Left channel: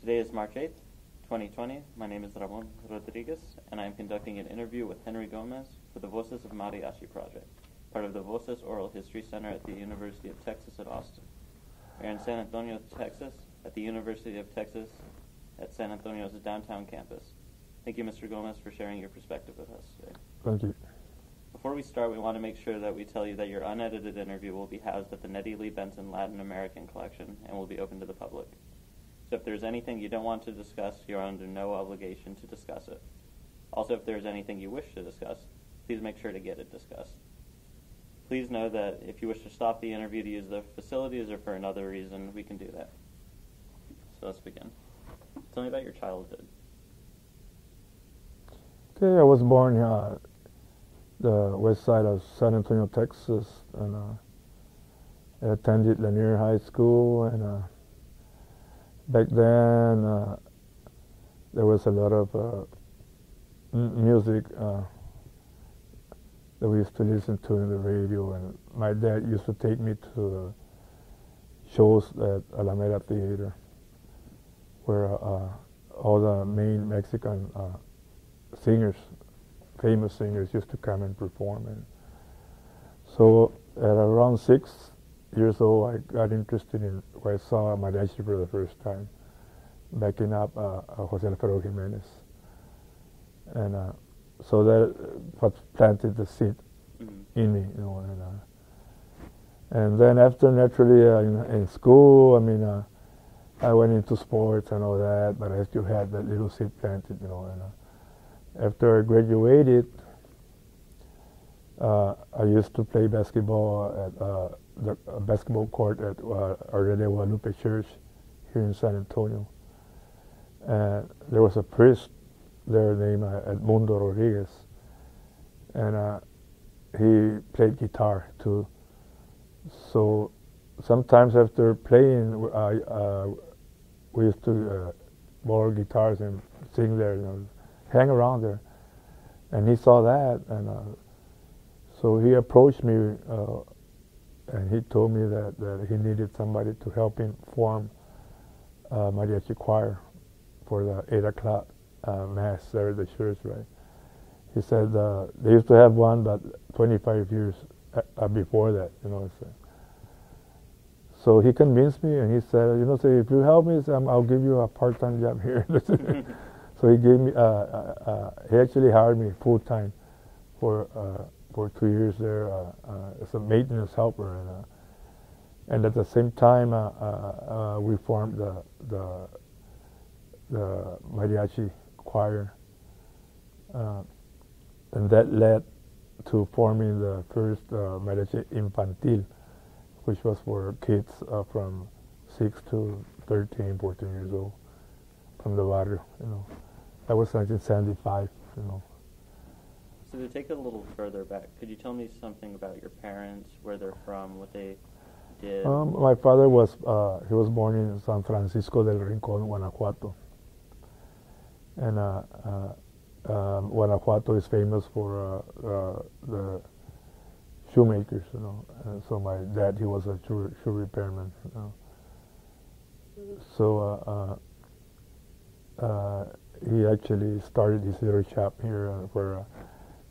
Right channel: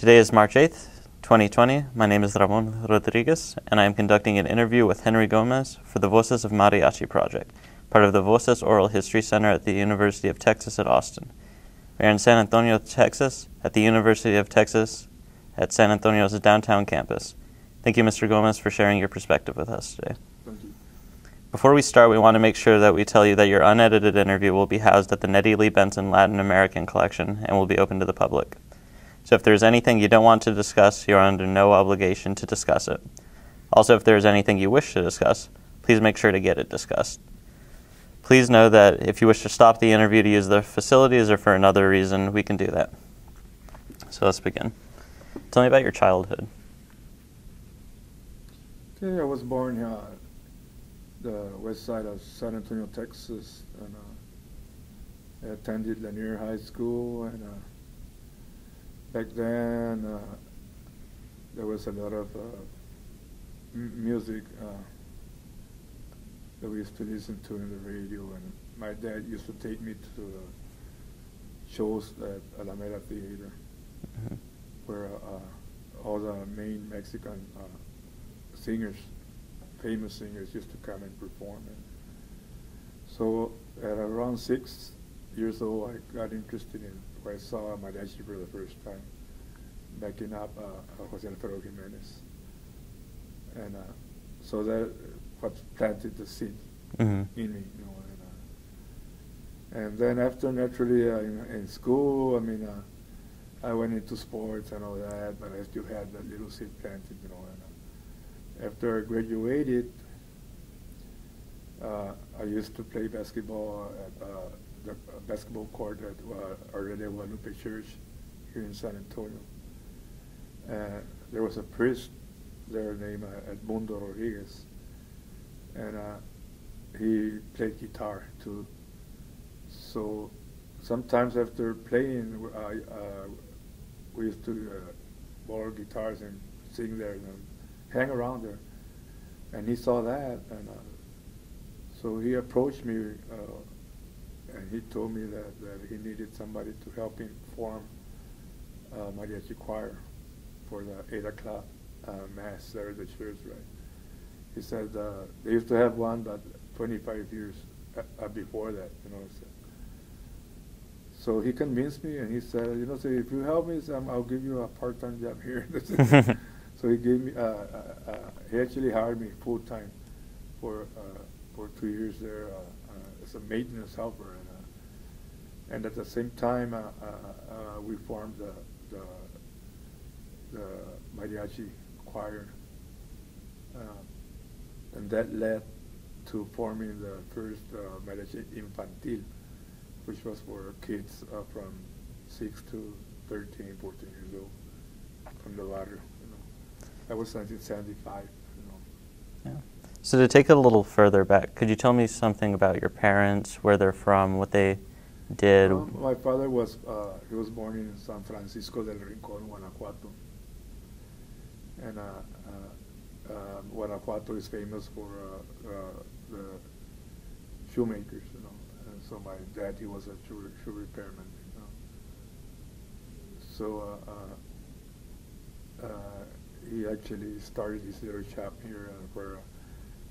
Today is March 8th, 2020. My name is Ramon Rodriguez, and I am conducting an interview with Henry Gómez for the Voces of Mariachi project, part of the Voces Oral History Center at the University of Texas at Austin. We are in San Antonio, Texas, at the University of Texas at San Antonio's downtown campus. Thank you, Mr. Gómez, for sharing your perspective with us today. Thank you. Before we start, we want to make sure that we tell you that your unedited interview will be housed at the Nettie Lee Benson Latin American Collection and will be open to the public. So if there's anything you don't want to discuss, you're under no obligation to discuss it. Also, if there's anything you wish to discuss, please make sure to get it discussed. Please know that if you wish to stop the interview to use the facilities or for another reason, we can do that. So let's begin. Tell me about your childhood. Okay, I was born the west side of San Antonio, Texas, and I attended Lanier High School, and back then there was a lot of music that we used to listen to in the radio, and my dad used to take me to shows at Alameda Theater, where all the main Mexican singers, famous singers, used to come and perform. And so at around 6 years old, I got interested in where I saw mariachi for the first time, backing up Jose Alfredo Jimenez. And so that what planted the seed in me, you know. And then after, naturally, in school, I mean, I went into sports and all that, but I still had that little seed planted, you know. And after I graduated, I used to play basketball at the basketball court at Our Lady of Guadalupe Church here in San Antonio. And there was a priest there named Edmundo Rodriguez, and he played guitar too. So sometimes after playing, we used to borrow guitars and sing there, you know, hang around there. And he saw that, and so he approached me, and he told me that he needed somebody to help him form a mariachi choir for the 8 o'clock mass there at the church, right? He said they used to have one, but 25 years before that, you know. So he convinced me, and he said, you know, so if you help me, I'll give you a part-time job here. So he gave me, he actually hired me full-time for 2 years there as a maintenance helper, and at the same time we formed the mariachi choir, and that led to forming the first mariachi infantil, which was for kids from 6 to 13, 14 years old, from the barrio, you know. That was 1975, you know. Yeah. So to take it a little further back, could you tell me something about your parents, where they're from, what they did? My father was, he was born in San Francisco del Rincón, Guanajuato. And Guanajuato is famous for the shoemakers, you know. So my dad, he was a shoe repairman, you know. So he actually started his little shop here where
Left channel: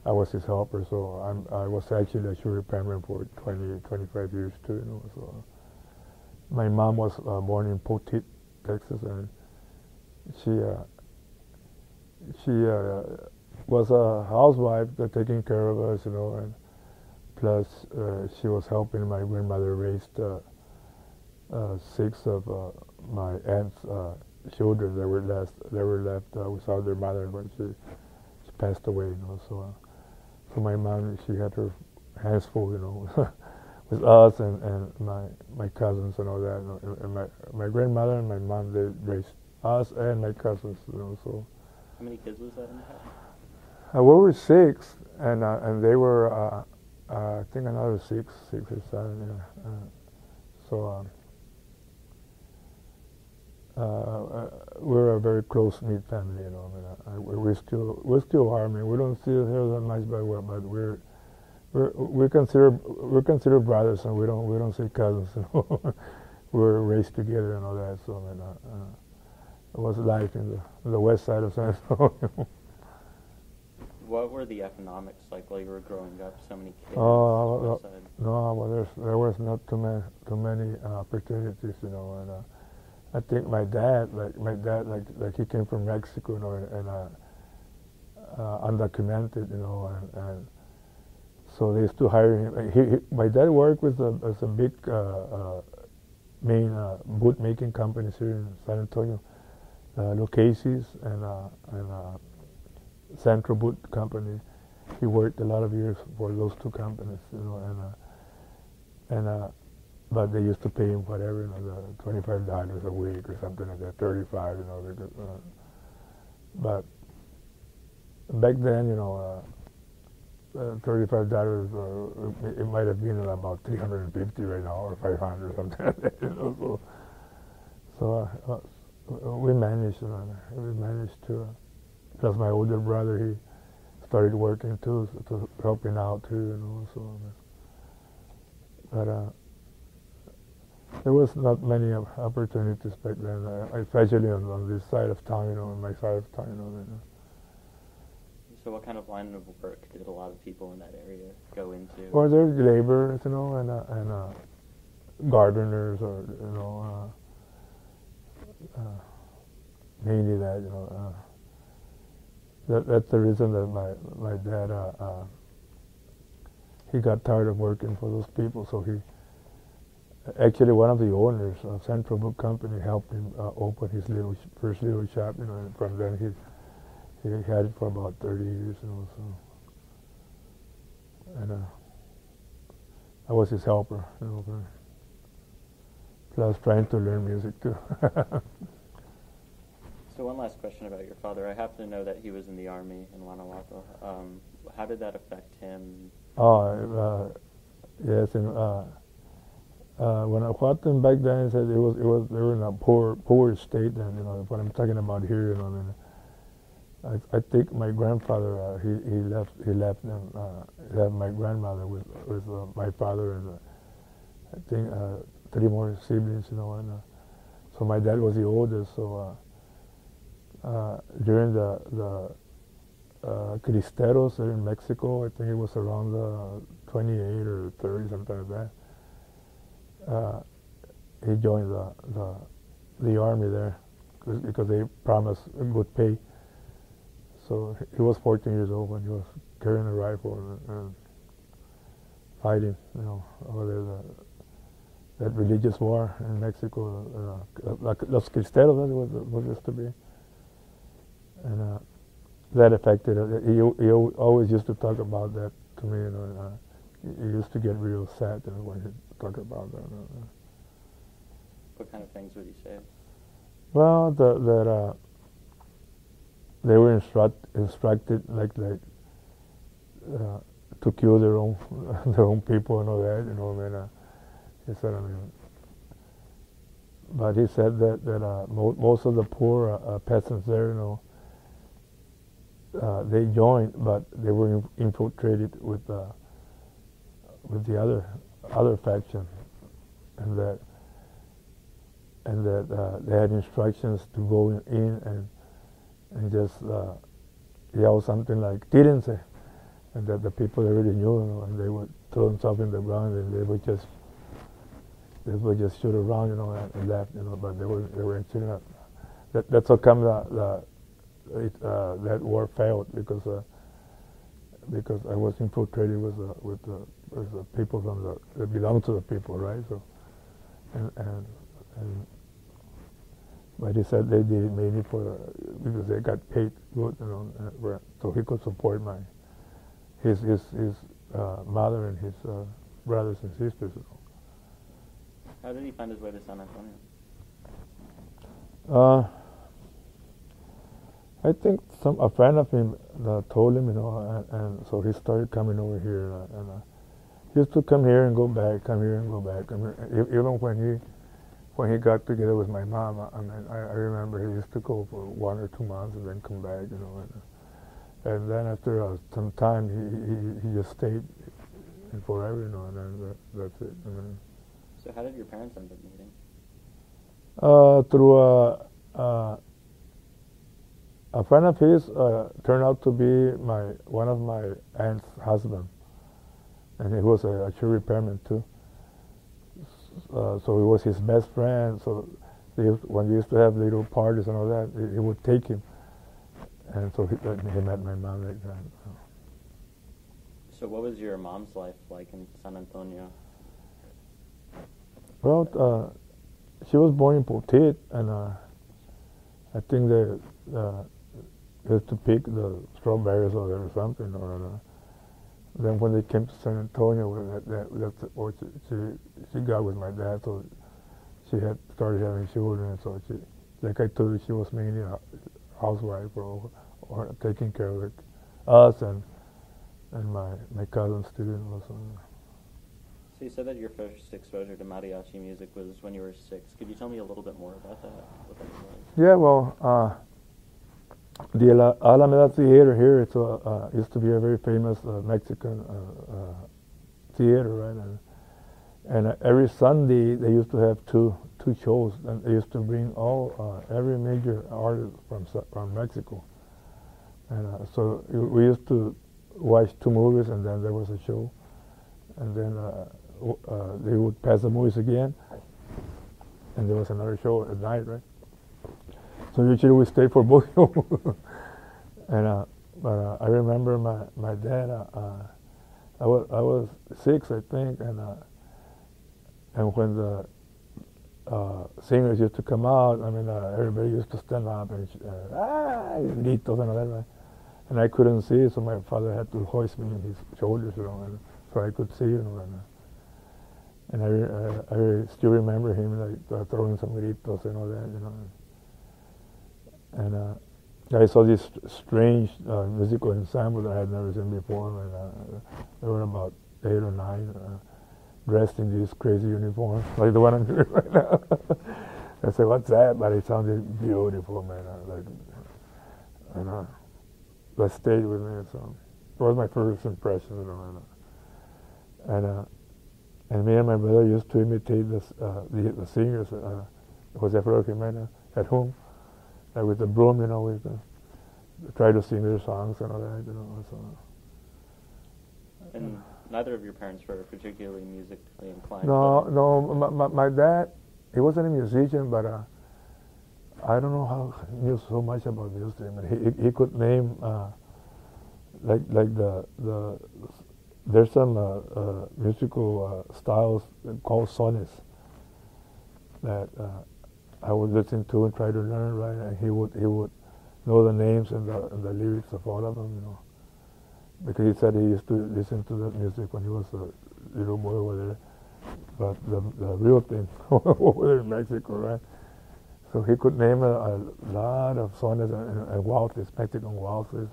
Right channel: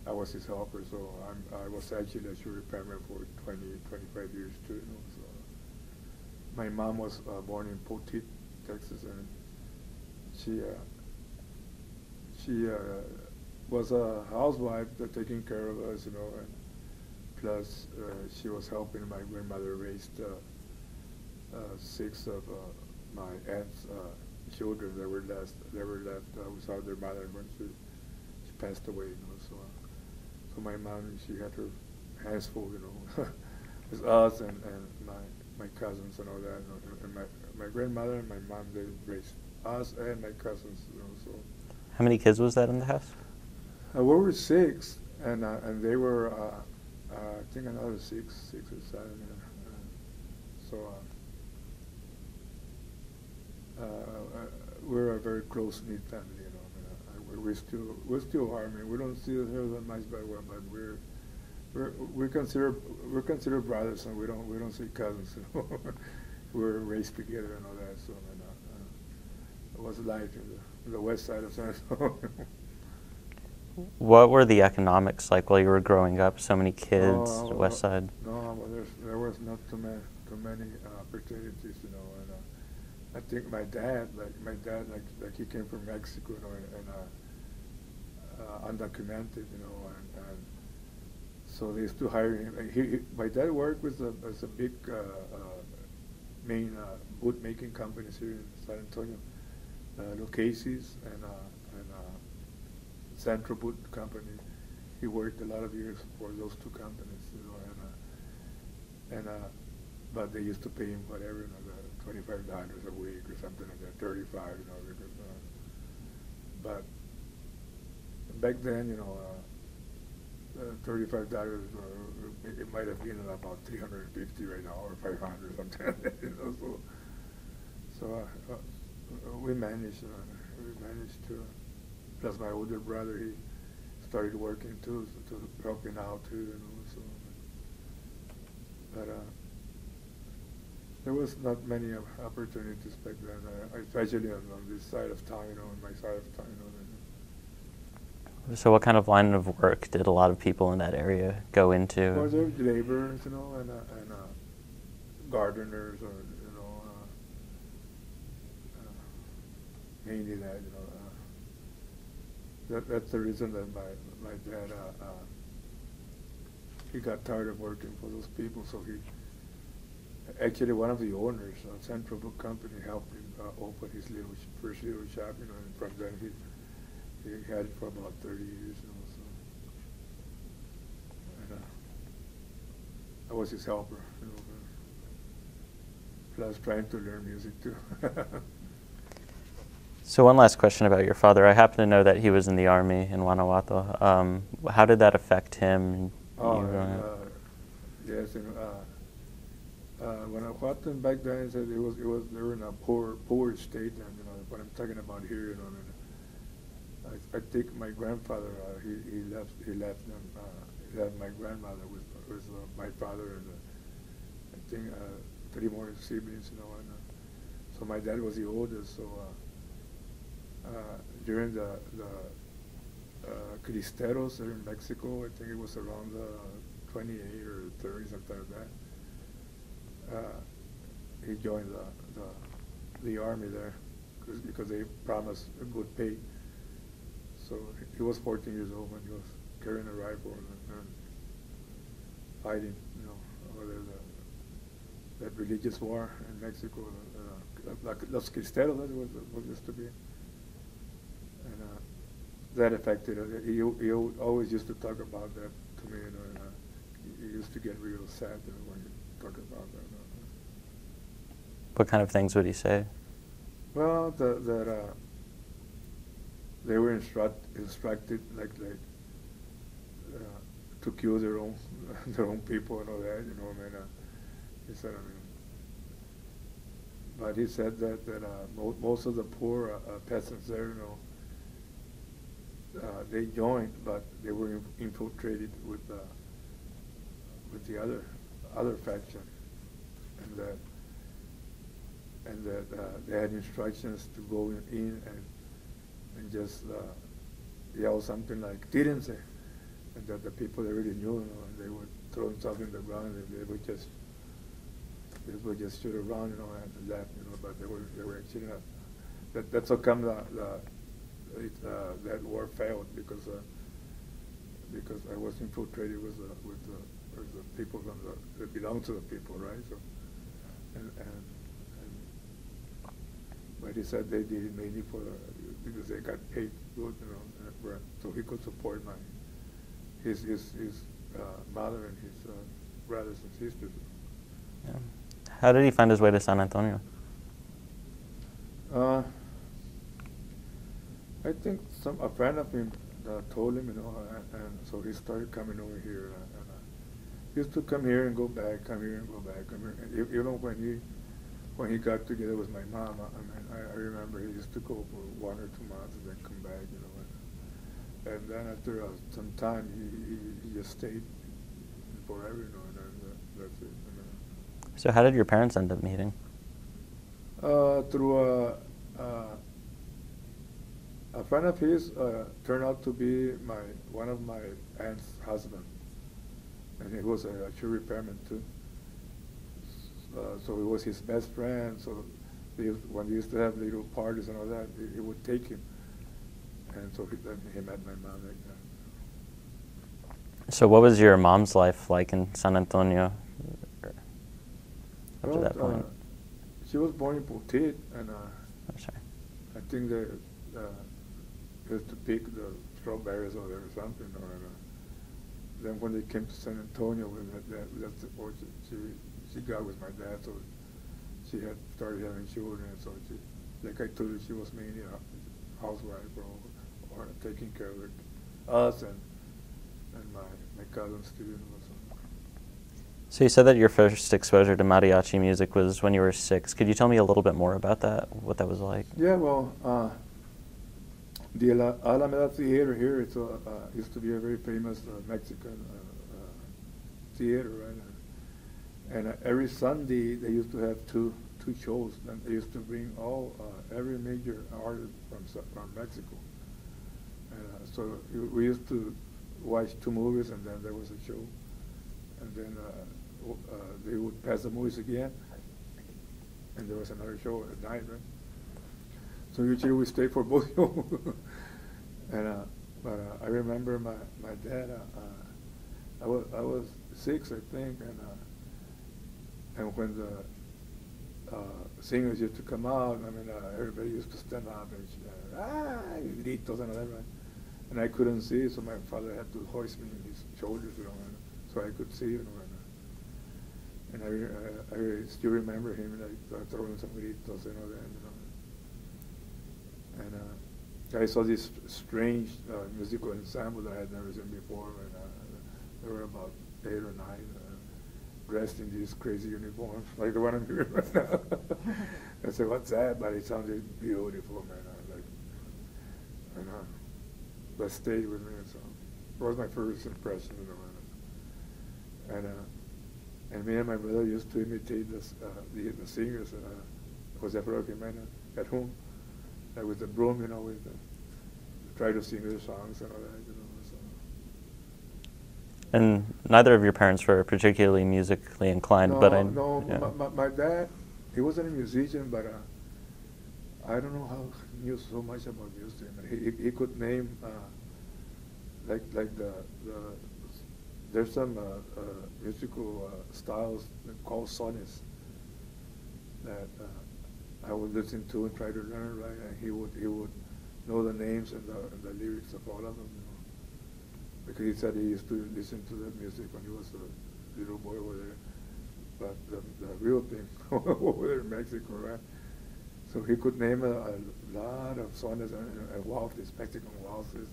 I was his helper. So I was actually a shoe repairman for 25 years too, you know. So my mom was born in Poteet, Texas, and she was a housewife taking care of us, you know, and plus she was helping my grandmother raise 6 of my aunt's children that were left without their mother when she passed away, you know. So my mom, she had her hands full, you know, with us and my cousins and all that, you know. And my grandmother and my mom, they raised us and my cousins, you know. So How many kids was that in the house? we were 6, and they were I think another 6 or 7. Yeah. So we're a very close-knit family, you know. I mean, we still are. I mean, we don't see ourselves that much, but we're considered brothers, and we don't say cousins. You know? We're raised together and all that. So I mean, was life in the west side of San Antonio. What were the economics like while you were growing up? So many kids, west side. No, well, there was not too many opportunities, you know. And I think my dad, like he came from Mexico, you know, and undocumented, you know, and so they used to hire him. My dad worked with a big main boot making companies here in San Antonio, Casey's and Central Boot Company. He worked a lot of years for those two companies, you know, but they used to pay him whatever, you know, $25 a week or something like that, 35, you know. Because, but back then, you know, $35, it might have been about $350 right now, or $500 or something like that, you know. So we managed, you know, we managed to. Plus, my older brother, he started working too, so helping out too, you know. So, but there was not many opportunities back then, especially on this side of town, you know, on my side of town, you know. So, what kind of line of work did a lot of people in that area go into? Well, there's laborers, you know, and gardeners, or you know, mainly that, you know. That's the reason that my dad he got tired of working for those people. So he actually, one of the owners of Central Book Company helped him open his first little shop. You know, and from then he had it for about 30 years. You know, so and I was his helper. You know, plus trying to learn music too. So one last question about your father. I happen to know that he was in the Army in Guanajuato. How did that affect him? Yes, and Guanajuato back then, said they were in a poor state, and you know what I'm talking about here. You know, and I think my grandfather he left them. He left my grandmother with my father and I think 3 more siblings. You know, and so my dad was the oldest. So. During the Cristeros there in Mexico, I think it was around 28 or 30, something like that. He joined the army there because they promised a good pay. So he was 14 years old when he was carrying a rifle and fighting, you know, over that religious war in Mexico, like Los Cristeros, that's what it used to be. And that affected it. He always used to talk about that to me, you know, and he used to get real sad, you know, when he talked about that. What kind of things would he say? Well, that they were instructed like to kill their own people and all that, you know. I mean, he said, but he said that most of the poor peasants there, you know, they joined, but they were infiltrated with the other faction, and that they had instructions to go in and just yell something like "Tírense," and that the people already knew, you know, and they would throw themselves in the ground, and they would just shoot around, you know, and left, you know. But they were actually not. That's how come that war failed, because I was infiltrated with the people that belong to the people, right? So, and but he said they did it mainly because they got paid good, you know, so he could support his mother and his brothers and sisters. Yeah. How did he find his way to San Antonio? I think a friend of him told him, you know, and so he started coming over here, and he used to come here and go back, come here and go back. Even when he got together with my mom, I remember he used to go for 1 or 2 months and then come back, you know, and then after some time he just stayed forever, you know, and then that's it. So how did your parents end up meeting? Through A friend of his turned out to be one of my aunt's husband, and he was a shoe repairman too. So he was his best friend. So when we used to have little parties and all that, he would take him, and so he met my mom like that. So what was your mom's life like in San Antonio? Well, she was born in Poteet, and I think they used to pick the strawberries or something. Then when they came to San Antonio, that's what she got with my dad. So she had started having children. So she, like I told you, she was mainly a housewife or taking care of us and my cousins too. So you said that your first exposure to mariachi music was when you were 6. Could you tell me a little bit more about that, what that was like? Yeah, well, the Alameda Theater here used to be a very famous Mexican theater, right? And every Sunday they used to have two shows, and they used to bring every major artist from Mexico. And so we used to watch 2 movies, and then there was a show, and then they would pass the movies again, and there was another show at night, right? So usually we stayed for both shows. And but I remember my dad. I was 6, I think, and when the singers used to come out, I mean, everybody used to stand up and gritos and all that, right? And I couldn't see, so my father had to hoist me on his shoulders, so I could see, And I still remember him like throwing some gritos and all that, And I saw this strange musical ensemble that I had never seen before, and there were about 8 or 9 dressed in these crazy uniforms, like the one I'm here right now. I said, "What's that?" But it sounded beautiful, man. That stayed with me. So it was my first impression, And me and my brother used to imitate the singers. Jose Jimenez at home, with the broom, we try to sing their songs and all that, So. And neither of your parents were particularly musically inclined. My dad, he wasn't a musician, but I don't know how he knew so much about music. I mean, he could name there's some musical styles called sones that I would listen to and try to learn, right? And he would know the names and the lyrics of all of them, because he said he used to listen to that music when he was a little boy over there. But the real thing over there in Mexico, right? So he could name a lot of sones and waltzes, Mexican waltzes,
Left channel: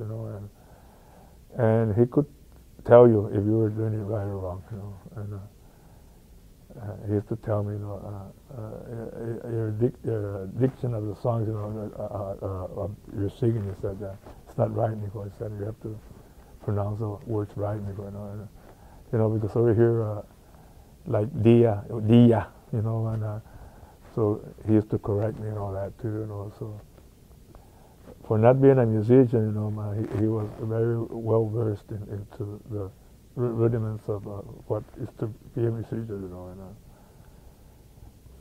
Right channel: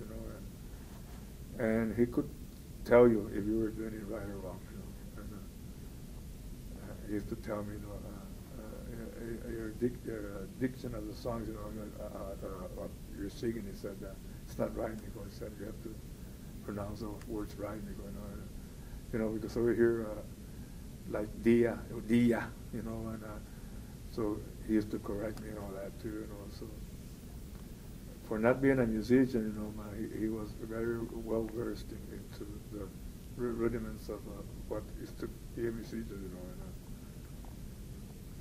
and he could tell you if you were doing it right or wrong, And he used to tell me, your diction of the songs, you're singing. He said that it's not right, Nico. He said you have to pronounce the words right, Nico. Because over here, like dia, and so he used to correct me and all that too, So for not being a musician, he was very well versed into the rudiments of what is to be a musician,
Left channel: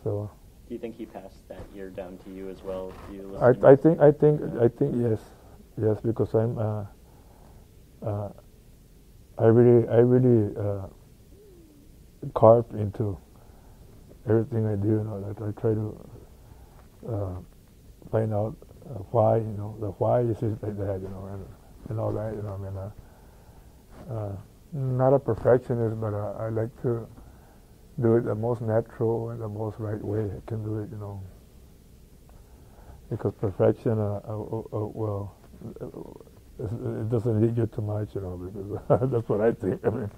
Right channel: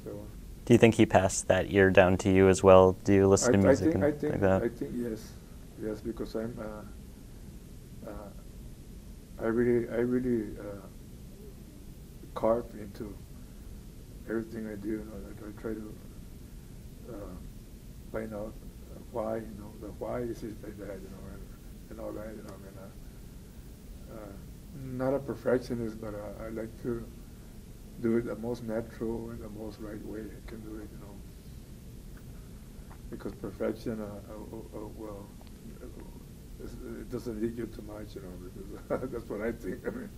So. Do you think he passed that ear down to you as well? Do you listen to music? I think yes, because I really carve into everything I do. I try to find out why, the why is it like that, and all that, not a perfectionist, but I like to do it the most natural and the most right way I can do it, Because perfection, well, it doesn't lead you too much, because that's what I think. I mean,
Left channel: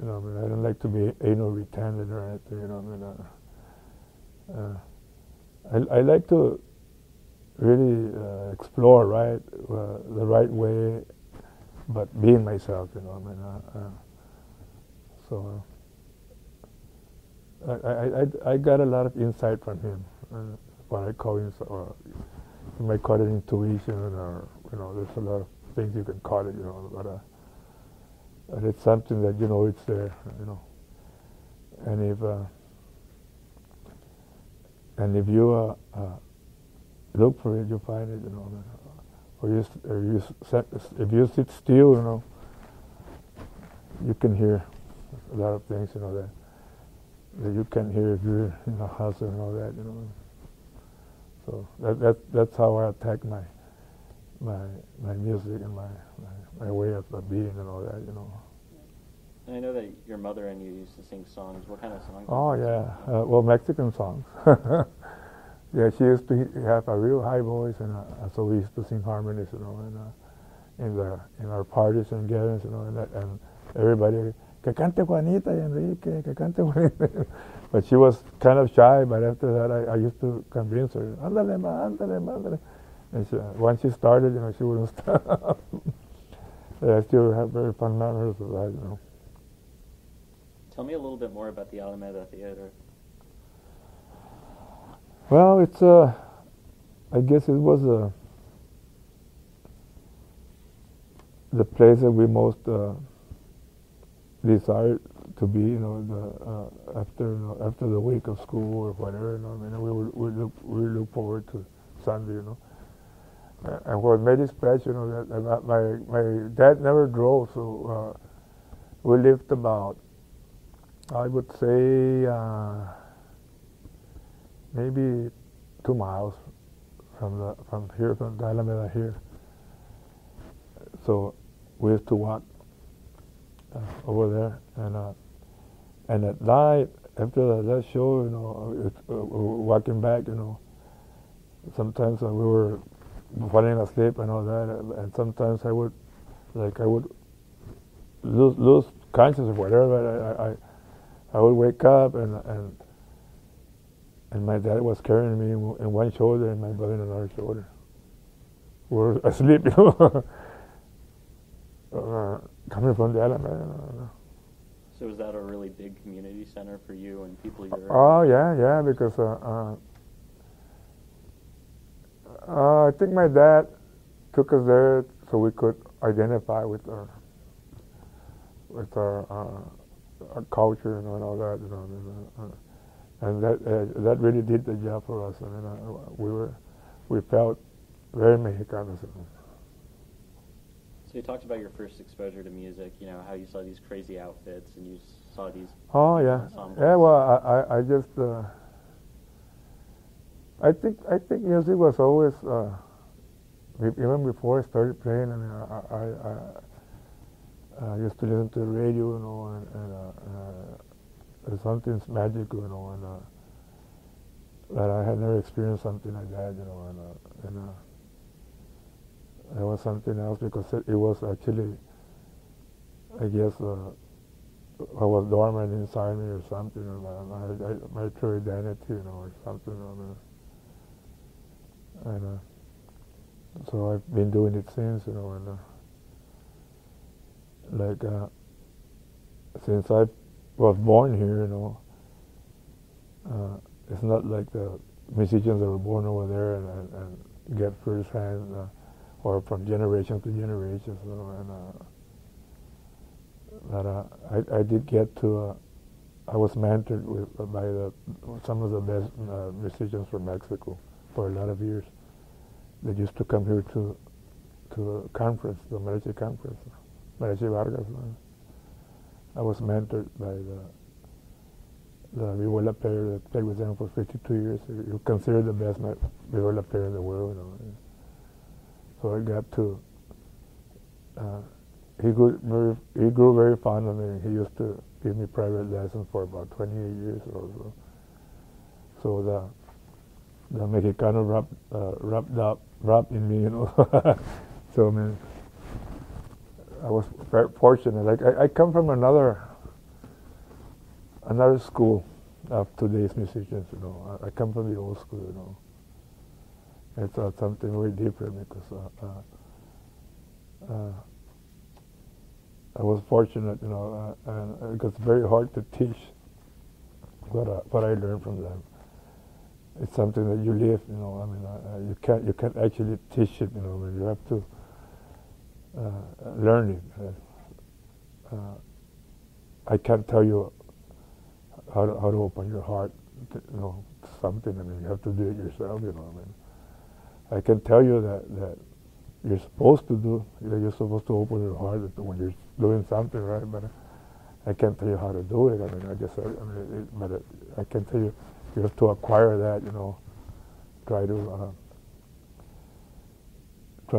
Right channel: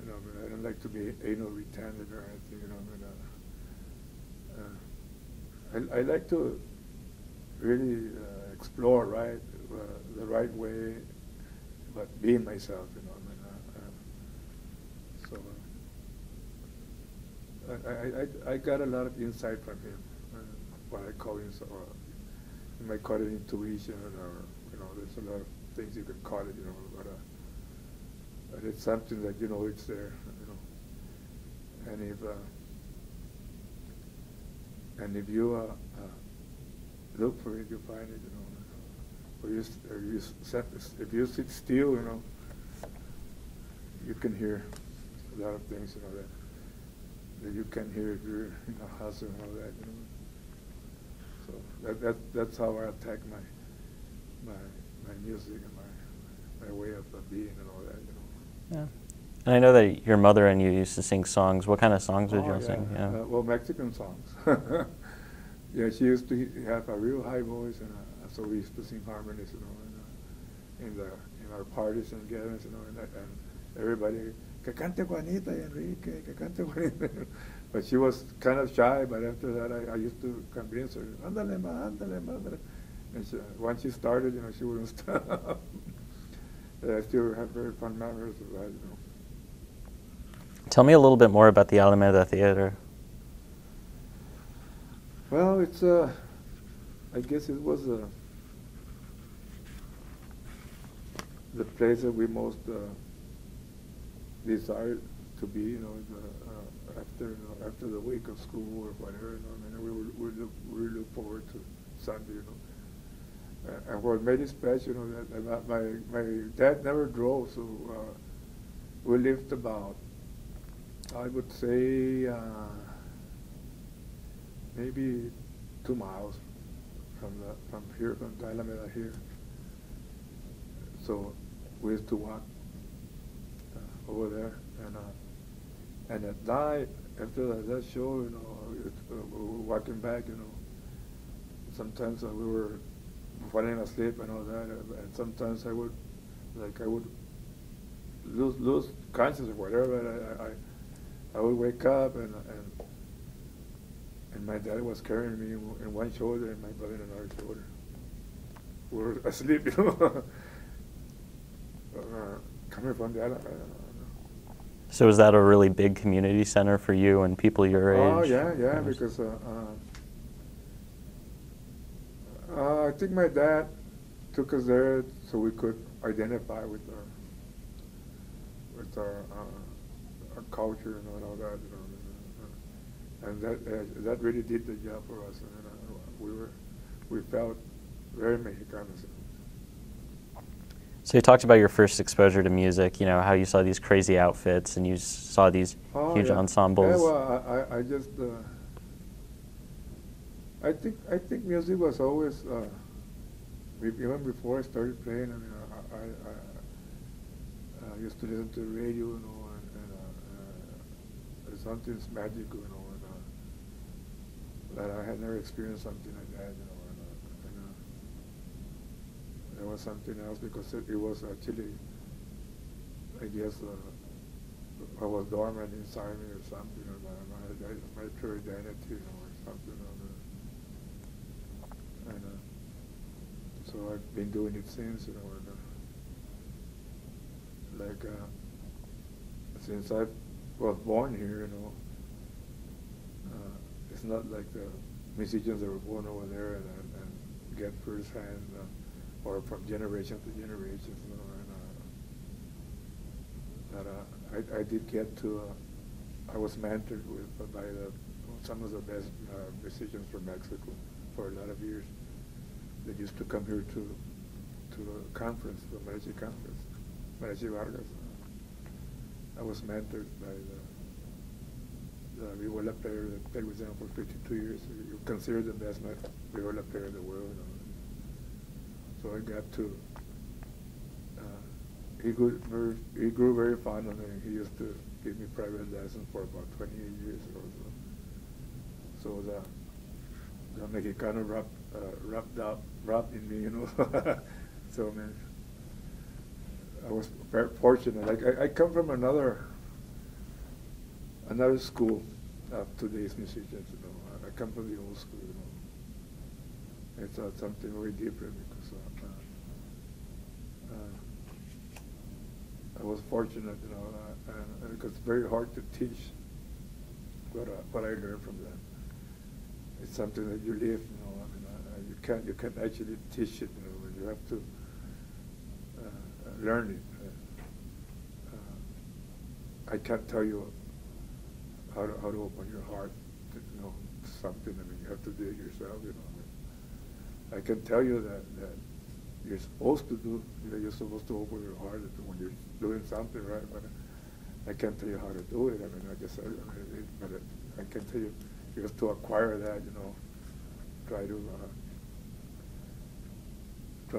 I don't like to be anal retentive or anything, I like to really explore, right, the right way, but being myself, so. I got a lot of insight from him, what I call you might call it intuition, or there's a lot of things you can call it, but it's something that it's there, and if you look for it, you find it, if you sit still, you can hear a lot of things, that you can hear if you're in a house and all that, So that's how I attack my music and my way of being and all that, Yeah. And I know that your mother and you used to sing songs. What kind of songs did you sing? Yeah. Well, Mexican songs. Yeah, she used to have a real high voice, and so we used to sing harmonies, in our parties and gatherings, and everybody, que cante Juanita y Enrique, que cante Juanita. But she was kind of shy, but after that I used to convince her, ándale ma, ándale ma, ándale. And once she started, she wouldn't stop. I still have very fond memories of that, Tell me a little bit more about the Alameda Theater. Well, it's I guess it was the place that we most desired to be, after the week of school or whatever, we look forward to Sunday, And what made it special, that my dad never drove, so we lived about, I would say, maybe 2 miles from the Alameda here. So we used to walk over there, and at night after that show, walking back, sometimes we were falling asleep and all that, and sometimes I would lose consciousness or whatever. I would wake up and my dad was carrying me in one shoulder and my brother in another shoulder. We were asleep, coming from the Alameda. So was that a really big community center for you and people your age? Oh yeah, because I think my dad took us there so we could identify with our culture and all that, and that really did the job for us. We felt very Mexicanos. So you talked about your first exposure to music. How you saw these crazy outfits and you saw these huge ensembles. Yeah, well, I just I think music was always even before I started playing. I used to listen to the radio, and something's magical, and that I had never experienced something like that, and it was something else because it was actually, I guess, I was dormant inside me or something, my true identity, or something, and so I've been doing it since, since I was born here, it's not like the musicians that were born over there and get first-hand or from generation to generation. I did get to. I was mentored by some of the best musicians from Mexico for a lot of years. They used to come here to a conference, the Mariachi conference, Mariachi Vargas. I was mentored by the viola player that played with them for 52 years. You consider the best viola player in the world. So I got to. He grew very fond of me. He used to give me private lessons for about 28 years or so. So the Mexicano rubbed in me, So I was very fortunate. I come from another school of today's musicians. I come from the old school. It's something very different because I was fortunate, because it's very hard to teach what I learned from them. it's something that you live. You know, I mean, you can't actually teach it. You know, I mean, you have to learn it. I can't tell you how to open your heart. To, you know, to something. I mean, you have to do it yourself. You know, I mean, I can tell you that you're supposed to do. That you're supposed to open your heart when you're doing something, right? But I can't tell you how to do it. I mean, I guess I can tell you have to acquire that. You know, try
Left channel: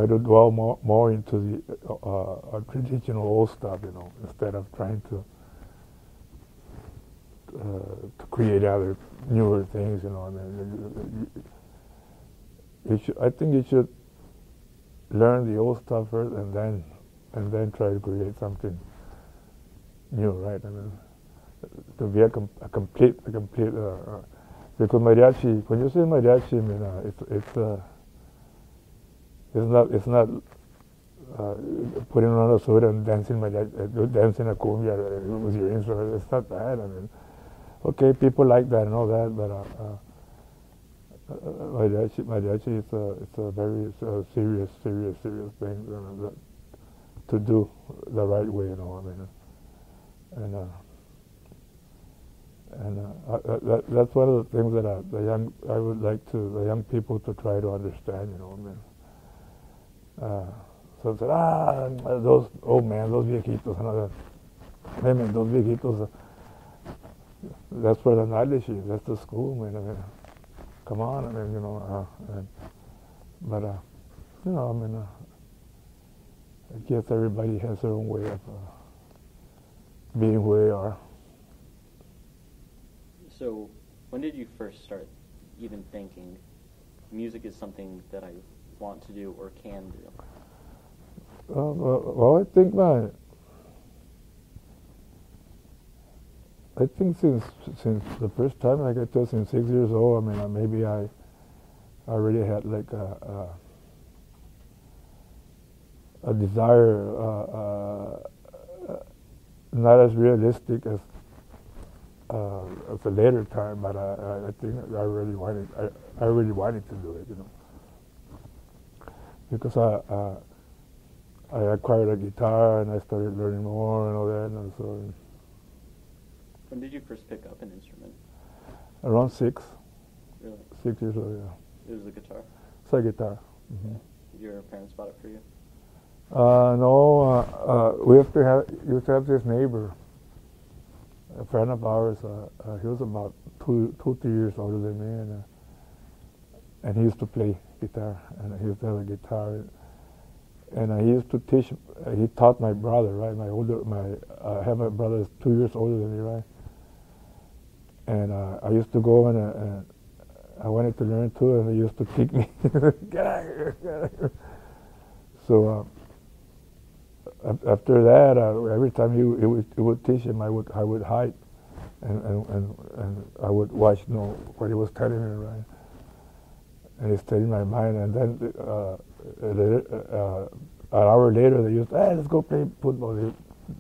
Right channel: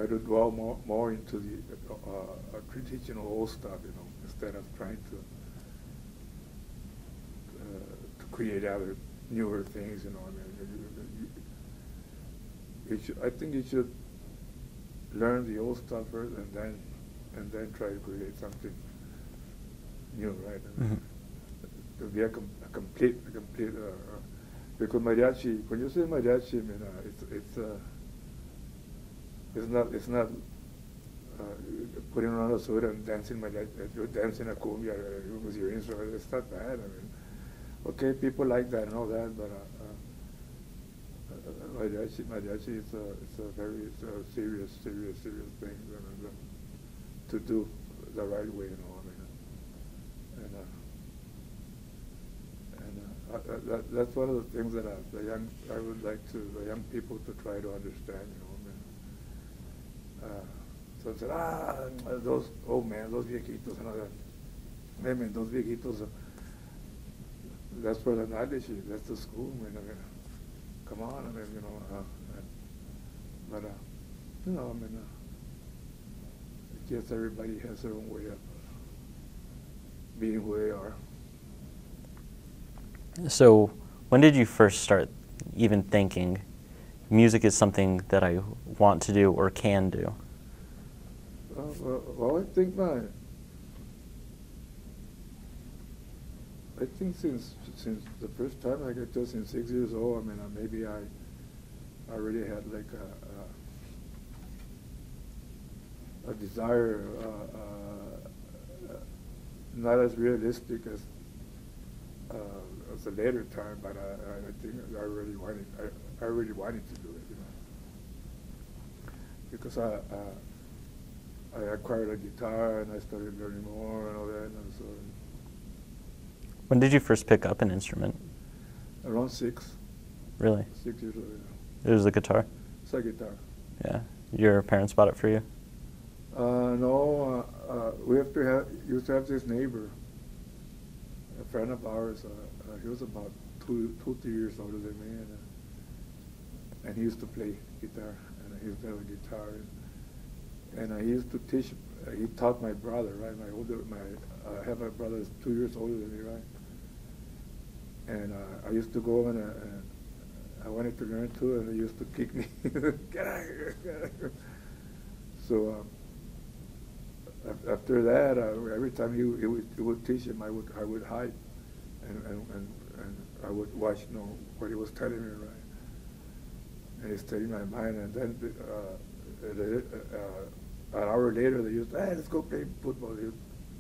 to dwell more into the traditional old stuff. You know, instead of trying to create other newer things. You know, I mean, I think you should learn the old stuff first, and then try to create something new, right? I mean, to be a complete because mariachi. When you say mariachi, I mean, it's not putting on a suit and dancing dancing a cumbia with your instrument. It's not that. I mean, okay, people like that and all that, but mariachi it's a very serious thing to do the right way, you know. I mean, and that's one of the things that I would like the young people to try to understand, you know. I mean, so I said, those old man, those viejitos, and all that. Hey man, those viejitos. That's where the knowledge is. That's the school, man. I mean, come on, I mean, you know. But you know, I mean, I guess everybody has their own way of being who they are. So, when did you first start even thinking music is something that I want to do or can do? Well, I think since the first time, like I told, since 6 years old, I mean, maybe I already had like a desire, not as realistic as a later time, but I think I really wanted to do it, you know, because I acquired a guitar and I started learning more and all that, and so. When did you first pick up an instrument? Around 6. Really? 6 years old, yeah. It was a guitar? It's a guitar. Yeah. Your parents bought it for you? No, we used to have this neighbor, a friend of ours. He was about 3 years older than me, and he used to play guitar, and he used to have a guitar, and he used to teach. He taught my brother, right? I have a brother that's 2 years older than me, right? And I used to go and I wanted to learn too, and he used to kick me. Get out of here! So after that, every time he would teach him, I would hide, and I would watch, you know, what he was telling me, right? And it stayed in my mind. And then an hour later, they used, let's go play football.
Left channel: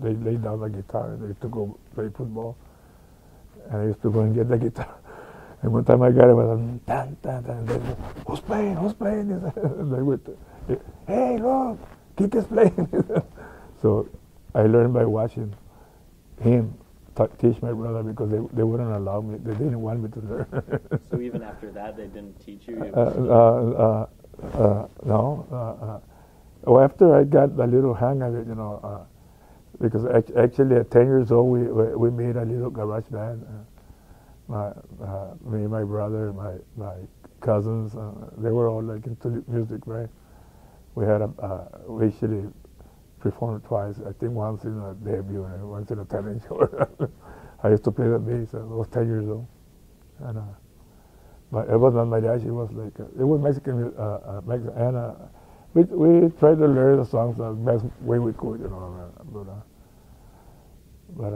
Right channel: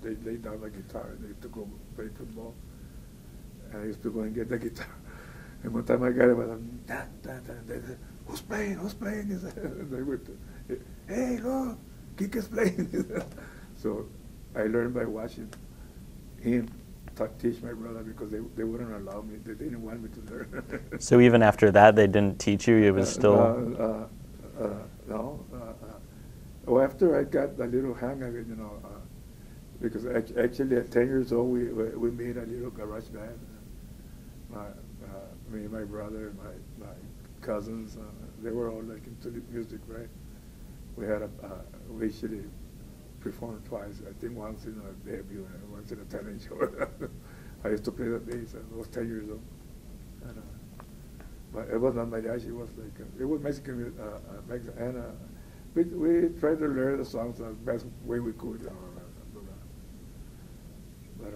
They laid down the guitar. They used to go play football, and I used to go and get the guitar. And one time I got it, I was tan tan tan. They said, who's playing? And they would, hey, look, Kike's playing. So I learned by watching him teach my brother, because they wouldn't allow me. They didn't want me to learn. So even after that, they didn't teach you? It was still... No. Well, after I got a little hang of it, you know, because actually at 10 years old, we made a little garage band. Me, my brother, my cousins, they were all like into music, right? We had we actually performed twice. I think once in a debut and once in a talent show. I used to play the bass. I was 10 years old, and but it was not mariachi. It was like it was Mexican, and we tried to learn the songs the best way we could, you know. But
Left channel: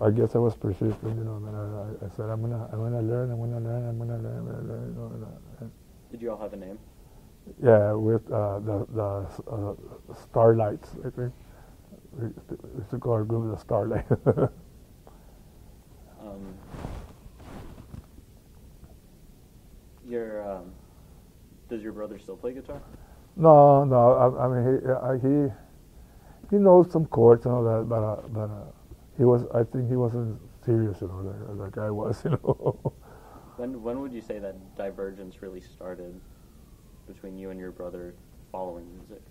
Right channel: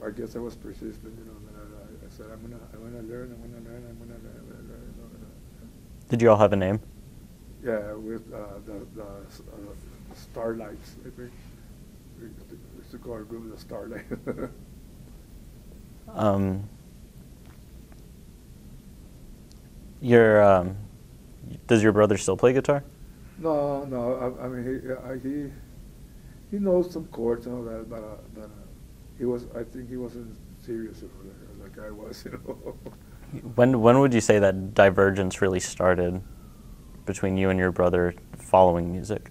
I guess I was persistent, you know. And I said, I'm gonna learn. You know, Did you all have a name? Yeah, with the Starlights, I think. We used to call our group the Starlight. Does your brother still play guitar? No, no. I mean, he knows some chords and all that, but he was. I think he wasn't serious, you know, like I was, you know. When would you say that divergence really started between you and your brother following music?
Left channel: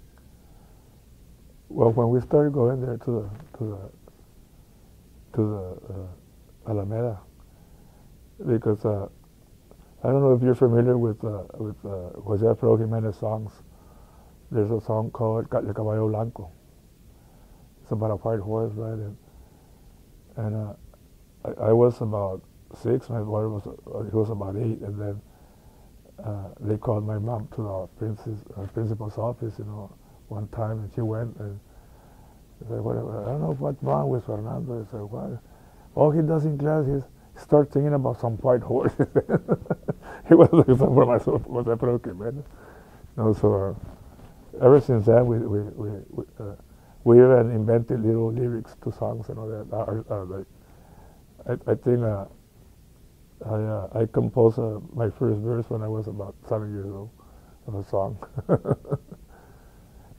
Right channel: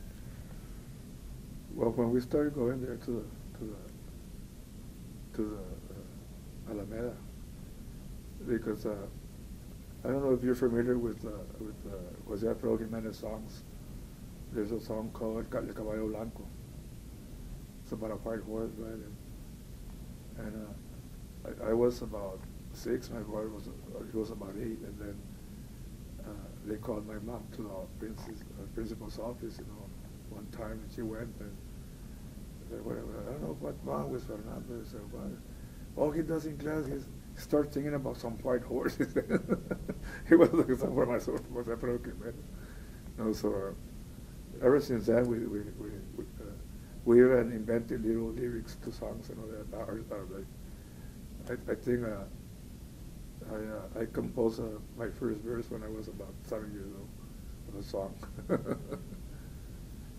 Well, when we started going there to the Alameda, because I don't know if you're familiar with Jose Auggie Meyers songs. There's a song called El Caballo Blanco. It's about a white horse, right? And I was about 6. My brother he was about 8, and then they called my mom to our principal's office, you know, one time, and she went and said, "Whatever, I don't know what's wrong with Fernando." I said, "What? All he does in class is start thinking about some white horses." He was looking for my broken man. No, so ever since then we even invented little lyrics to songs and all that. I think I composed my first verse when I was about 7 years old of a song.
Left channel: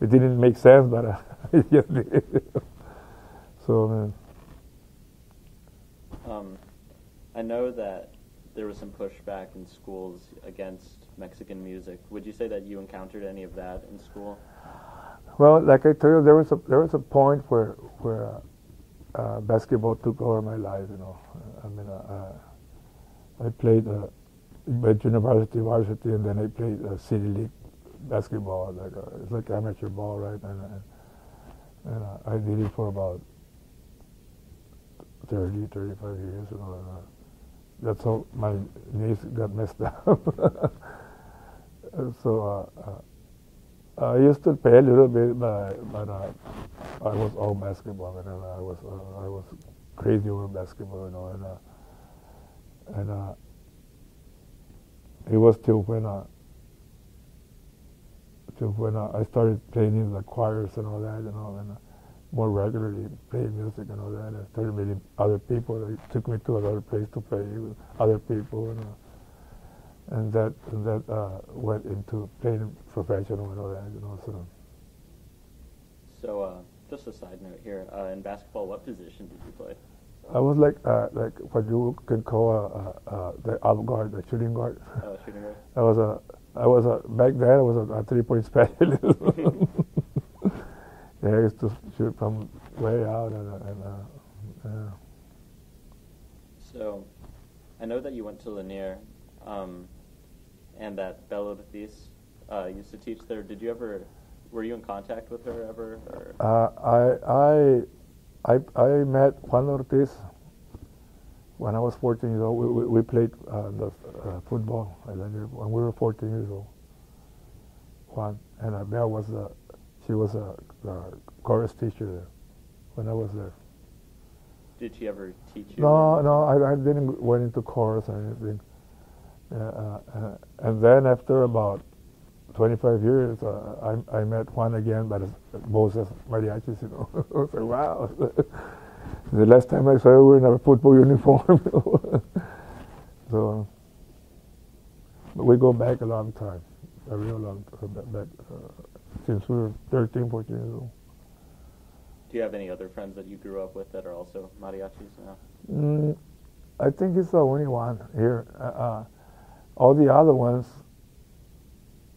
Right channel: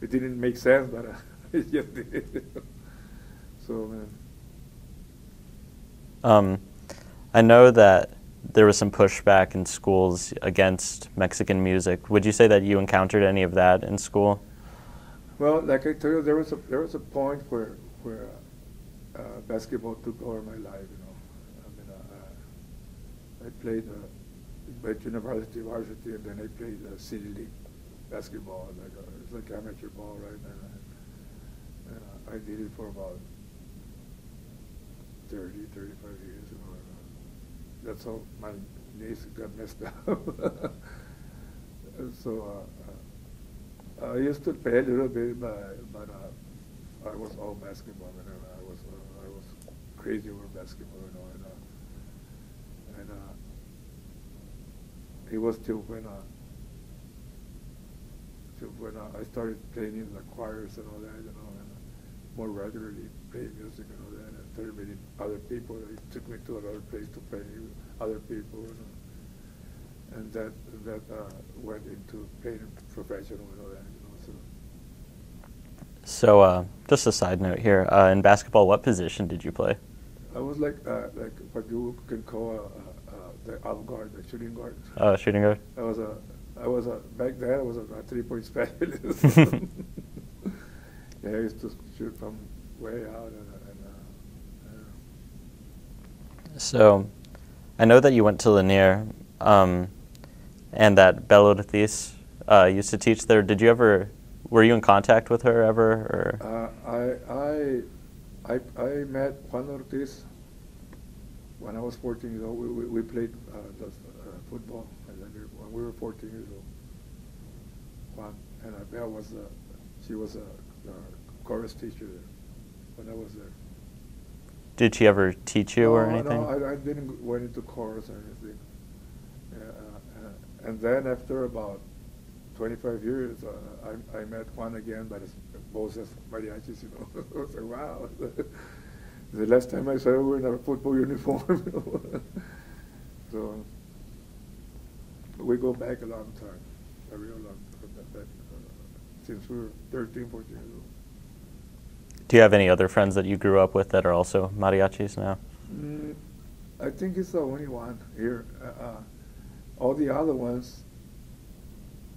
It didn't make sense, but it just did. So, I know that there was some pushback in schools against Mexican music. Would you say that you encountered any of that in school? well, like I told you, there was a point where basketball took over my life. You know, I mean, I played at university, varsity, and then I played city league basketball. It's like amateur ball, right? And I did it for about 35 years. You know, that's how my knees got messed up. So I used to play a little bit, but I was all basketball, and I was crazy over basketball, you know, and it was till when I started playing in the choirs and all that, you know, and more regularly playing music and all that. I started meeting other people. They took me to another place to play with other people, you know, and that went into playing professional and all that, you know. So, just a side note here. In basketball, what position did you play? I was like what you can call the out guard, the shooting guard. Shooting guard. I was back then. I was a 3-point specialist. Yeah, I used to shoot from way out, So, I know that you went to Lanier, and that Belle Ortiz used to teach there. Were you in contact with her ever? Or? I met Juan Ortiz when I was 14 years old. We played football at Lanier when we were 14 years old. Juan and Belle she was a chorus teacher there when I was there. Did she ever teach you no, or anything? No, I didn't went into chorus or anything. And then after about 25 years, I met Juan again, but Voces, Mariachis, you know. I was like, wow. The last time I saw her, we were in a football uniform. So we go back a long time, a real long time, since we were 13, 14 years old. Do you have any other friends that you grew up with that are also mariachis now? I think he's the only one here. All the other ones,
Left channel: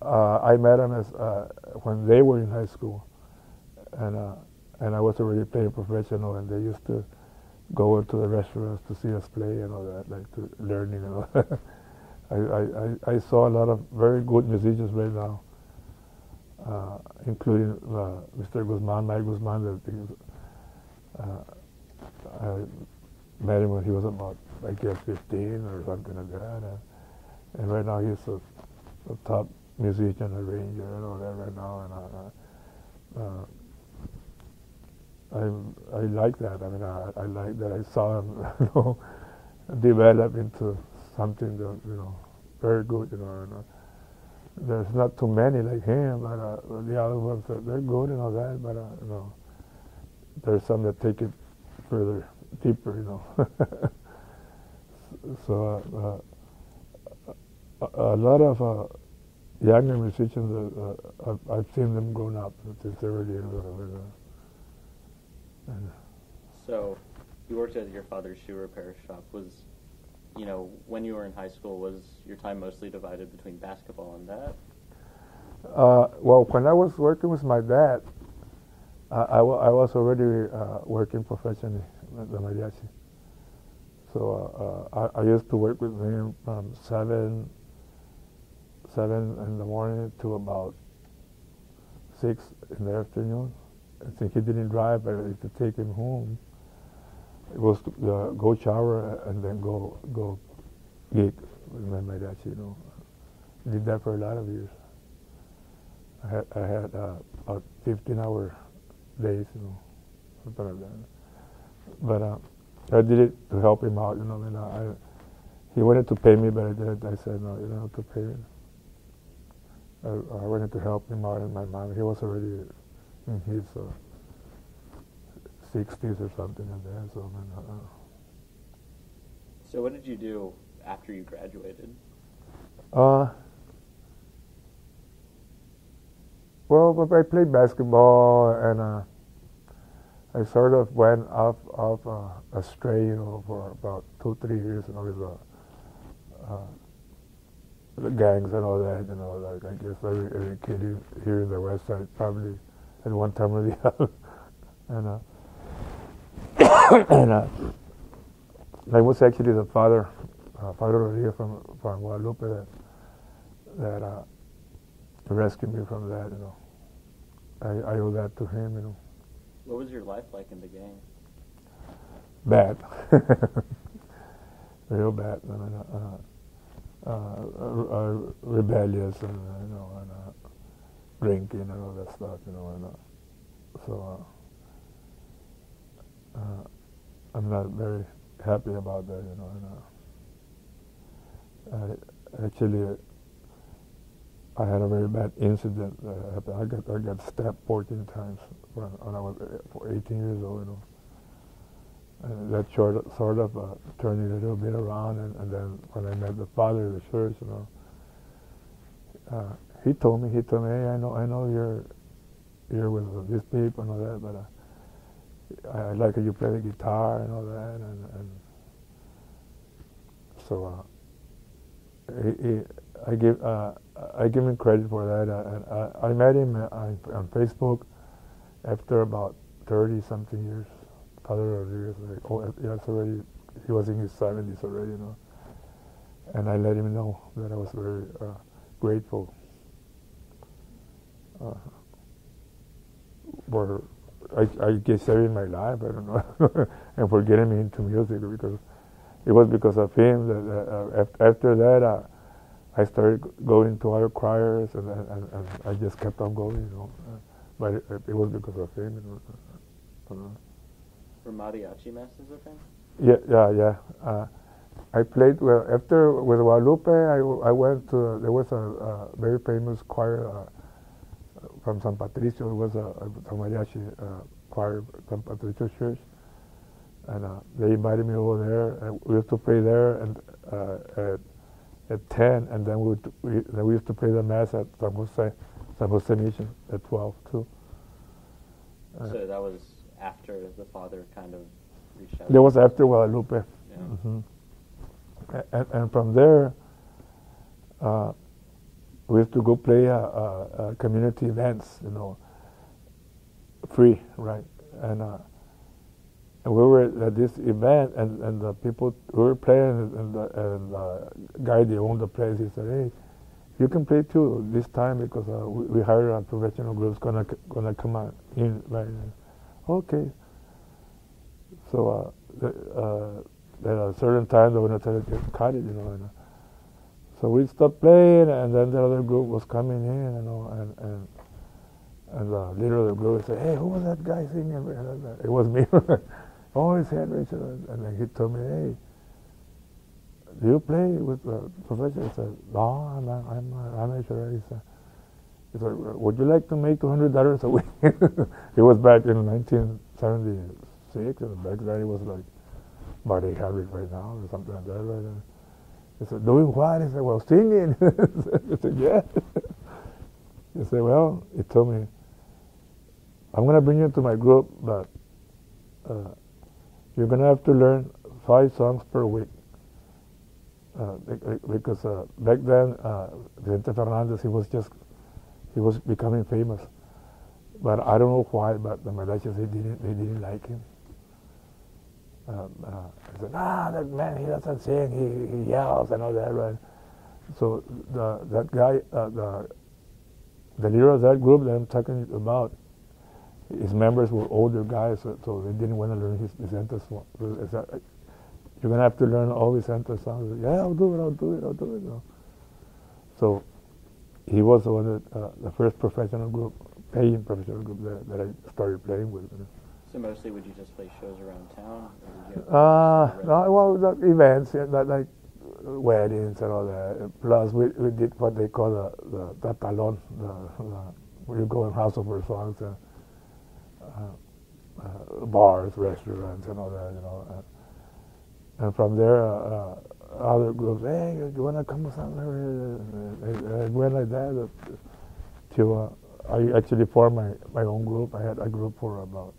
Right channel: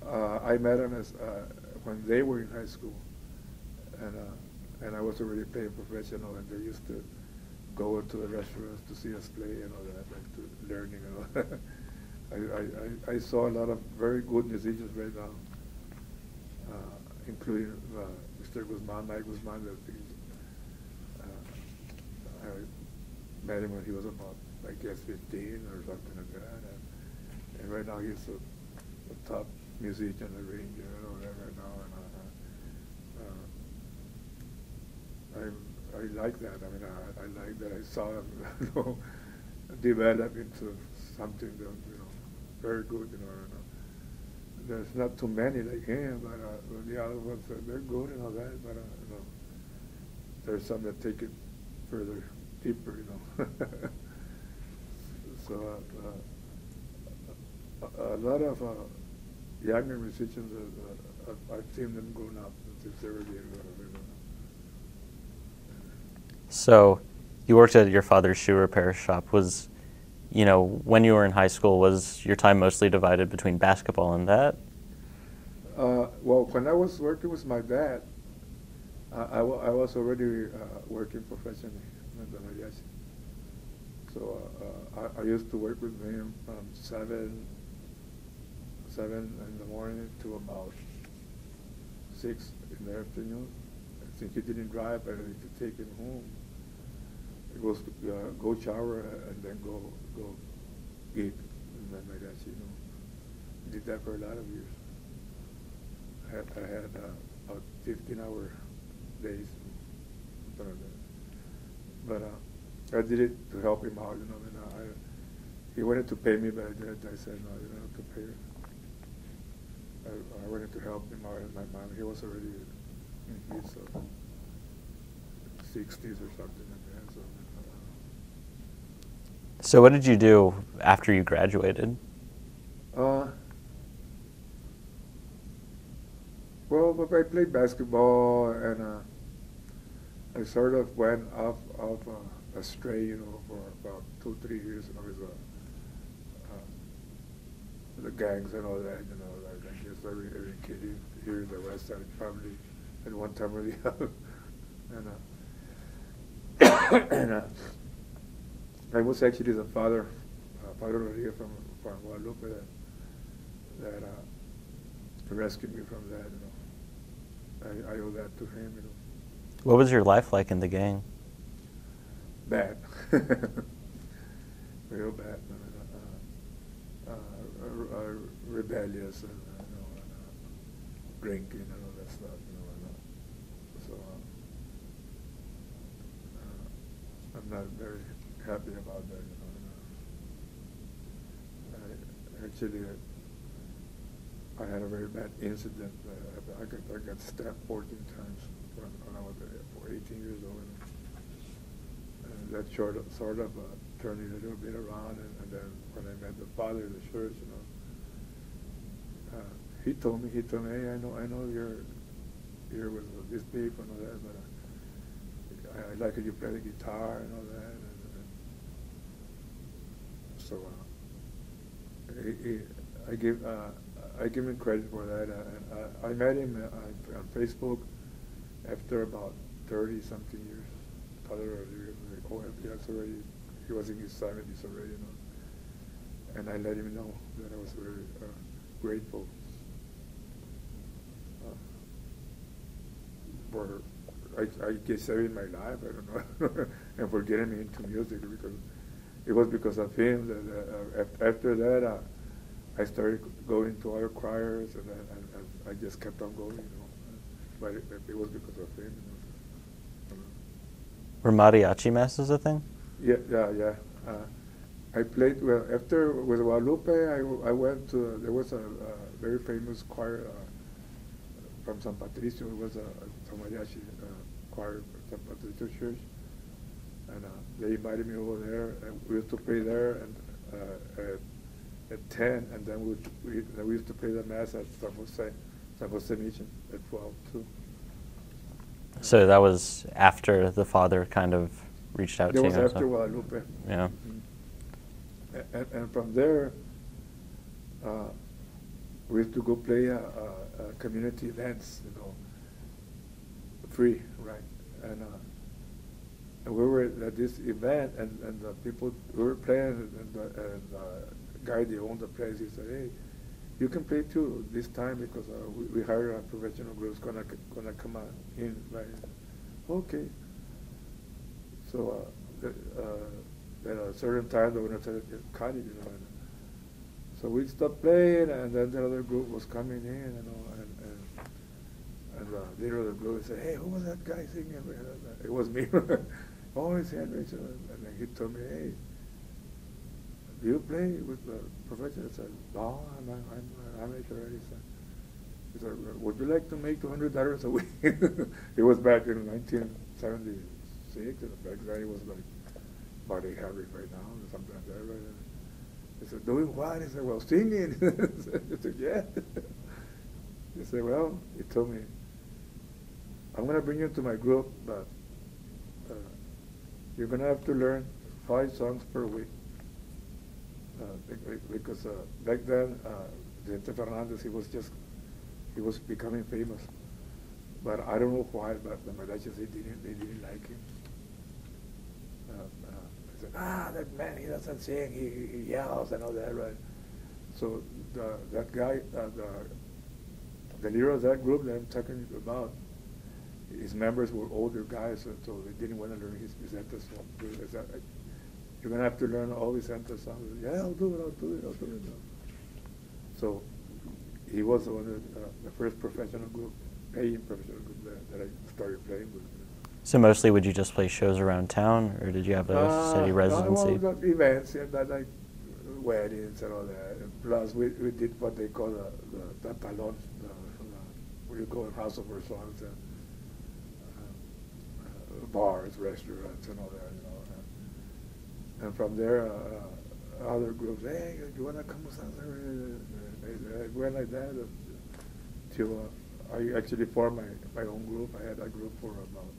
I met them when they were in high school, and I was already playing professional, and they used to go into the restaurants to see us play and all that, like to learning and all that. I saw a lot of very good musicians right now, including Mr. Guzman, Mike Guzman. I met him when he was about, I guess, 15 or something like that, and right now he's a top musician, arranger, and all that right now, and I like that. I mean, I like that I saw him, you know, develop into something that, you know, very good, you know. There's not too many like him, but the other ones they're good and all that, but you know, there's some that take it further, deeper, you know. So a lot of younger musicians, I've seen them grown up since they were little. So, you worked at your father's shoe repair shop. Was, when you were in high school, was your time mostly divided between basketball and that? Well, when I was working with my dad, I was already working professionally at the mariachi. So I used to work with him from 7 in the morning to about 6 in the afternoon. I think he didn't drive, but I used to take him home. It was to go shower and then go gig with my mariachi. Did that for a lot of years. I had 15-hour days, something like that. But I did it to help him out, he wanted to pay me, but I said, no, you don't have to pay me. I wanted to help him out, and my mom, he was already in his 60s or something like that. So what did you do after you graduated? Well, I played basketball, and I sort of went off astray, for about 2-3 years, with the gangs and all that, like I guess every kid here in the West Side probably at one time or the other. And I was actually the father Rodriguez from Guadalupe that rescued me from that. I owe that to him. What was your life like in the gang? Bad, real bad. Rebellious and drinking and all that stuff. So I'm not very happy about that. Actually, I had a very bad incident that happened. I got stabbed 14 times when I was 18 years old. And that sort of turned it a little bit around. And then when I met the father of the church, he told me, hey, I know you're with these people and all that, but I like how you play the guitar and all that. And so I give him credit for that. I met him on Facebook after about 30-something years. Father Rodriguez, he was in his 70s already, and I let him know that I was very grateful for, I guess, saving my life, I don't know, and for getting me into music, because it was because of him that after that I started going to other choirs, and I just kept on going, but it was because of him. Were mariachi masses a thing? Yeah. I played after with Guadalupe. I went to there was a very famous choir from San Patricio. It was a mariachi choir, San Patricio Church, and they invited me over there. And we used to play there and at 10, and then we used to play the mass at San Jose Mission at 12 too. So that was after the father kind of reached out to you? That was after Guadalupe. Yeah. Mm-hmm. And from there, we used to go play community events, free, right? And we were at this event, and the people we were playing, and the guy that owned the place, he said, "Hey, you can play too this time because we hired a professional group gonna come on in." Right? Okay. So at a certain time they were going to cut it, So we stopped playing, and then the other group was coming in, and the leader of the group said, "Hey, who was that guy singing?" And it was me. "Oh, it's Henry." And then he told me, "Hey, do you play with the professional?" I said, "No, I'm amateur." He said, "Would you like to make $200 a week?" It was back in 1976, and back then it was like about 800 right now, or something like that, right? He said, doing what? He said, well, singing. I said, yeah. He said, well, he told me, I'm going to bring you to my group, but you're going to have to learn 5 songs per week. Because back then, Vicente Fernandez, he was becoming famous. But I don't know why, but the Mariachis, they didn't like him. He said, that man, he doesn't sing, he yells and all that, right? So that guy, the leader of that group that I'm talking about, his members were older guys, so they didn't want to learn his Vicente song. You're going to have to learn all Vicente songs. Yeah, I'll do it. So he was the first professional group, paying professional group that I started playing with. So mostly would you just play shows around town, or did you have a city residency? No, well, events, like weddings and all that. Plus, we did what they call the tatalon, where you go and hustle for songs, bars, restaurants, and all that, you know. And from there, other groups, hey, you want to come with us? I went like that till I actually formed my own group. I had a group for about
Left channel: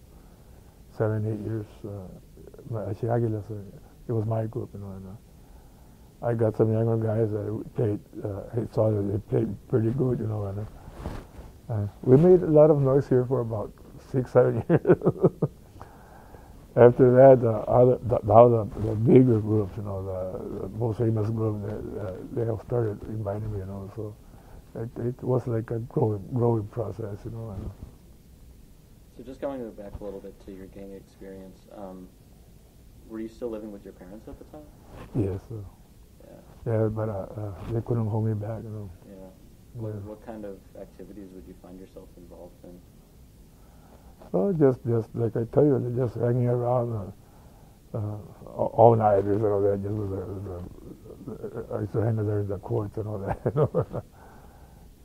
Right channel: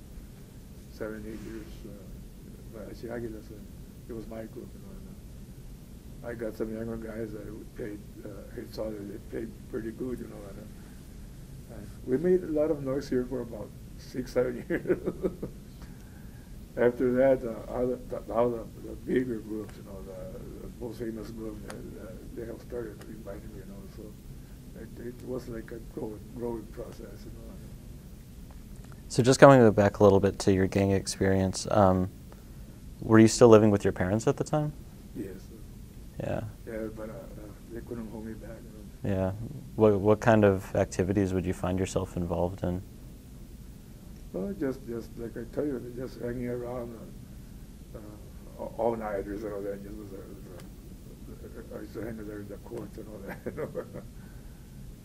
7, 8 years. Mariachi Águilas, it was my group, you know. And, I got some younger guys that played. I saw that they played pretty good, you know. And we made a lot of noise here for about 6, 7 years. After that, the bigger groups, you know, the most famous group, they have started inviting me, you know. So it was like a growing process, you know. So just going back a little bit to your gang experience, were you still living with your parents at the time? Yes. Yeah. Yeah, but they couldn't hold me back, you know. Yeah. What kind of activities would you find yourself involved in? Well, just like I tell you, just hanging around all nighters and all that. I used to hang there in the courts and all that. You know?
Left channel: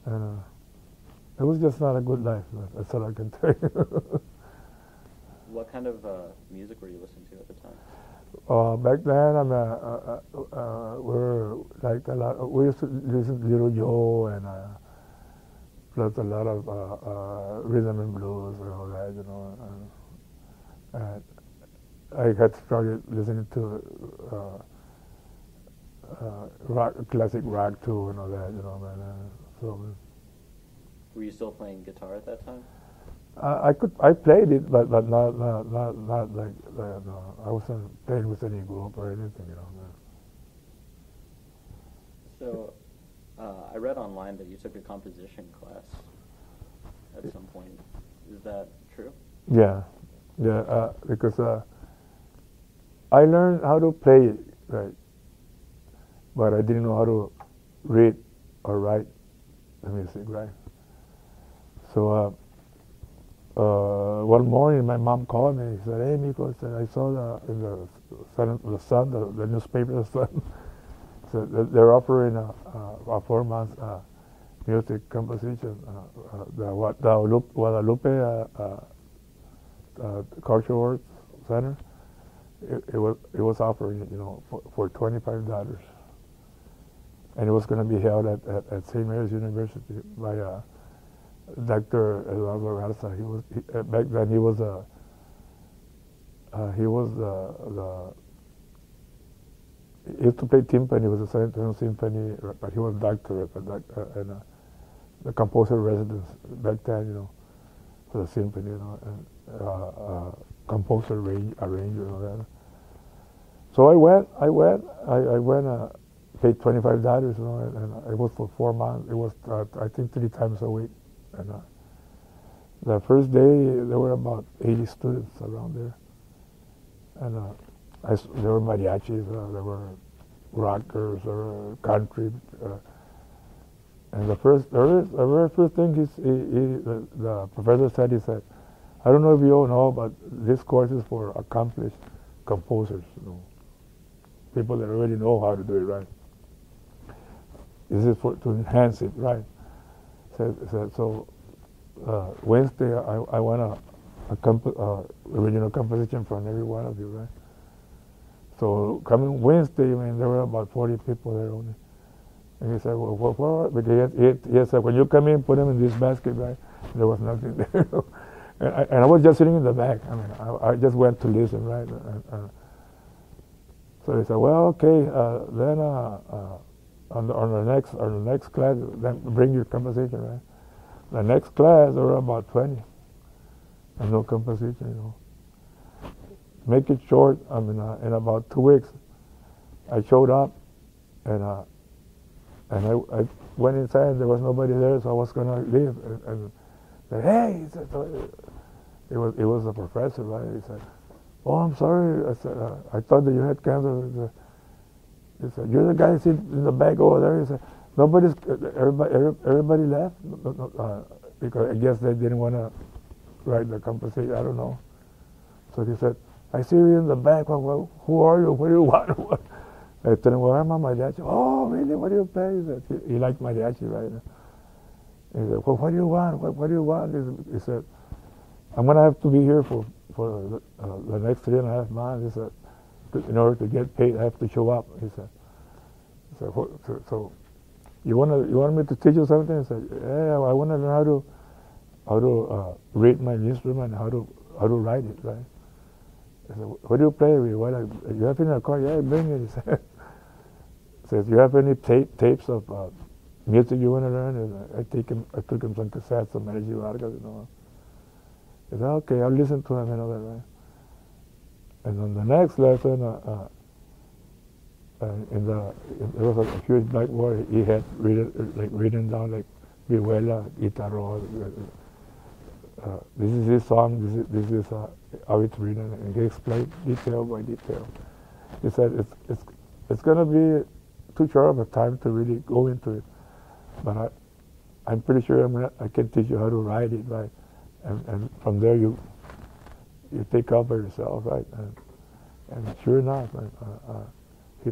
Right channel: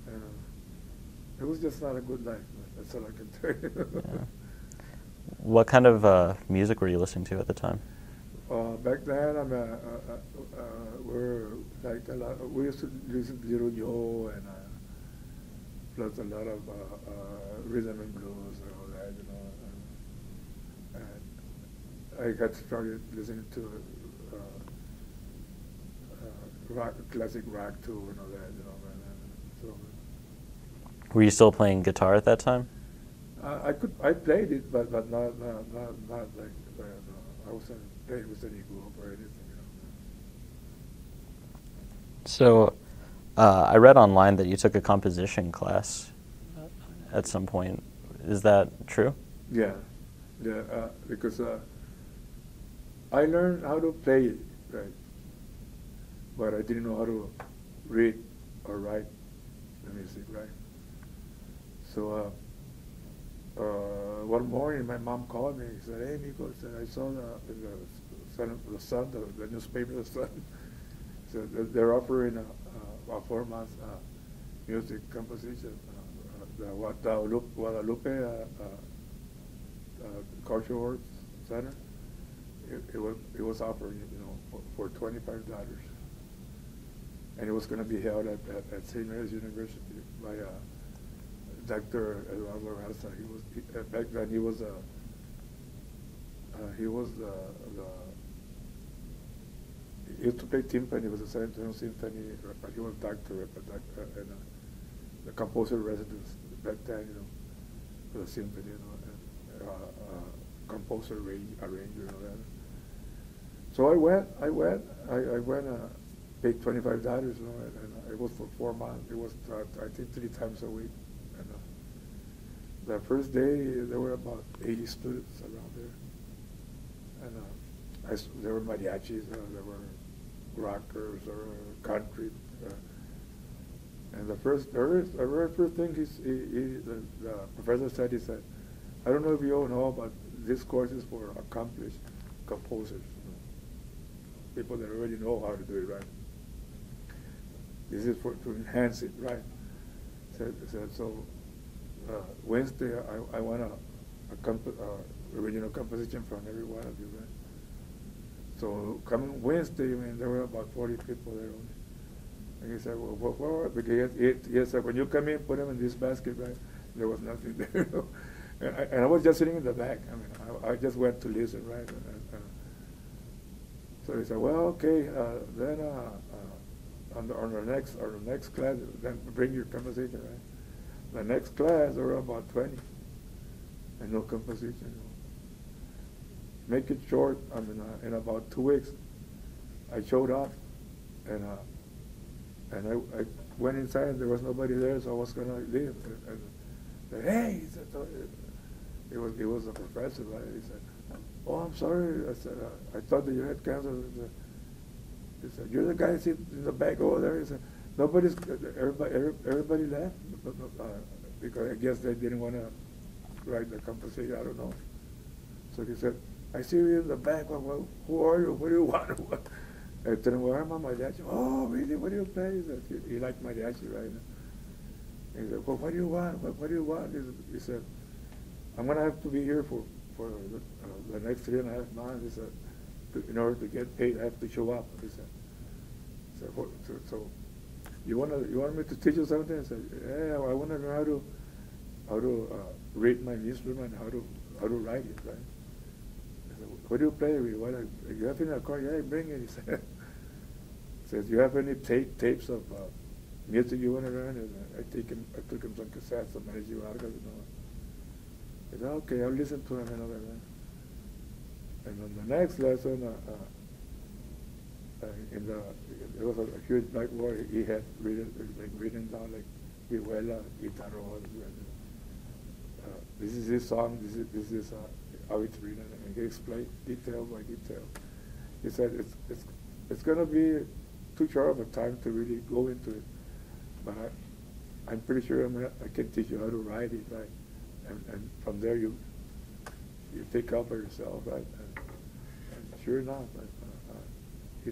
And it was just not a good life. That's all I can tell you. Yeah. What kind of music were you listening to at the time? Back then, we were like a lot. We used to listen to Little Joe and. Plus a lot of rhythm and blues and all that, you know. And I had started listening to rock, classic rock too, and all that, you know. So. Were you still playing guitar at that time? I played it, but not like I wasn't playing with any group or anything, you know. So. I read online that you took a composition class at some point. Is that true? Yeah, because I learned how to play it, right, but I didn't know how to read or write the music, right. So one morning my mom called me. She said, "Hey, Miko," I saw the Sun, the newspaper, the Sun. So they're offering a 4-month music composition. The Guadalupe Cultural Arts Center. It was offering it, you know, for $25, and it was going to be held at St. Mary's University by Dr. Eduardo Garza. Back then he was the he used to play timpani. He was a San Antonio Symphony, but he was a doctorate and the composer residence back then, you know, for the symphony, you know, and composer, arranger, and all that. So I went, paid $25, you know, and it was for 4 months. It was, I think, 3 times a week. And the first day, there were about 80 students around there. And there were mariachis, there were rockers, there were country, and the very first thing the professor said, he said, "I don't know if you all know, but this course is for accomplished composers, you know, people that already know how to do it right. This is to enhance it, right?" So Wednesday I want a original composition from every one of you, right? So coming Wednesday, I mean, there were about 40 people there only. And he said, well, what? Because he said, when you come in, put them in this basket, right? There was nothing there. And I was just sitting in the back. I mean, I just went to listen, right? So he said, well, okay, then on the next class, then bring your composition, right? The next class, there were about 20, and no composition, you know. Make it short, I mean, in about 2 weeks, I showed up, and I went inside. There was nobody there, so I was gonna leave. And said, "Hey," he said, it was a professor, right? He said, "Oh, I'm sorry." I said, "I thought that you had cancer." He said, "You're the guy sitting in the back over there." He said, everybody left because I guess they didn't want to write the composition. I don't know. So he said, "I see you in the back. Well, who are you? What do you want?" I told him, "Well, I'm a mariachi." "Oh, really? What do you play?" He said, he liked mariachi, right? He said, "Well, what do you want? What do you want?" He said, "I'm going to have to be here for the next 3.5 months." He said, "In order to get paid, I have to show up." He said, "So you want me to teach you something?" I said, "Yeah, I want to learn how to read my instrument, how to write it, right?" I said, "What do you play with? What you have in a car?" "Yeah, bring it." He said, "Says, you have any tapes of music you want to learn?" And I took him some cassettes of Mariachi Vargas, you know. He said, "Okay, I'll listen to him and all that, right?" And on the next lesson, there was a huge blackboard. He had written down like vihuela, guitarro. This is his song. This is how it's written, and he explained detail by detail. He said it's going to be too short of a time to really go into it, but I'm pretty sure I can teach you how to write it, right? And from there you take up by yourself, right? And sure enough, he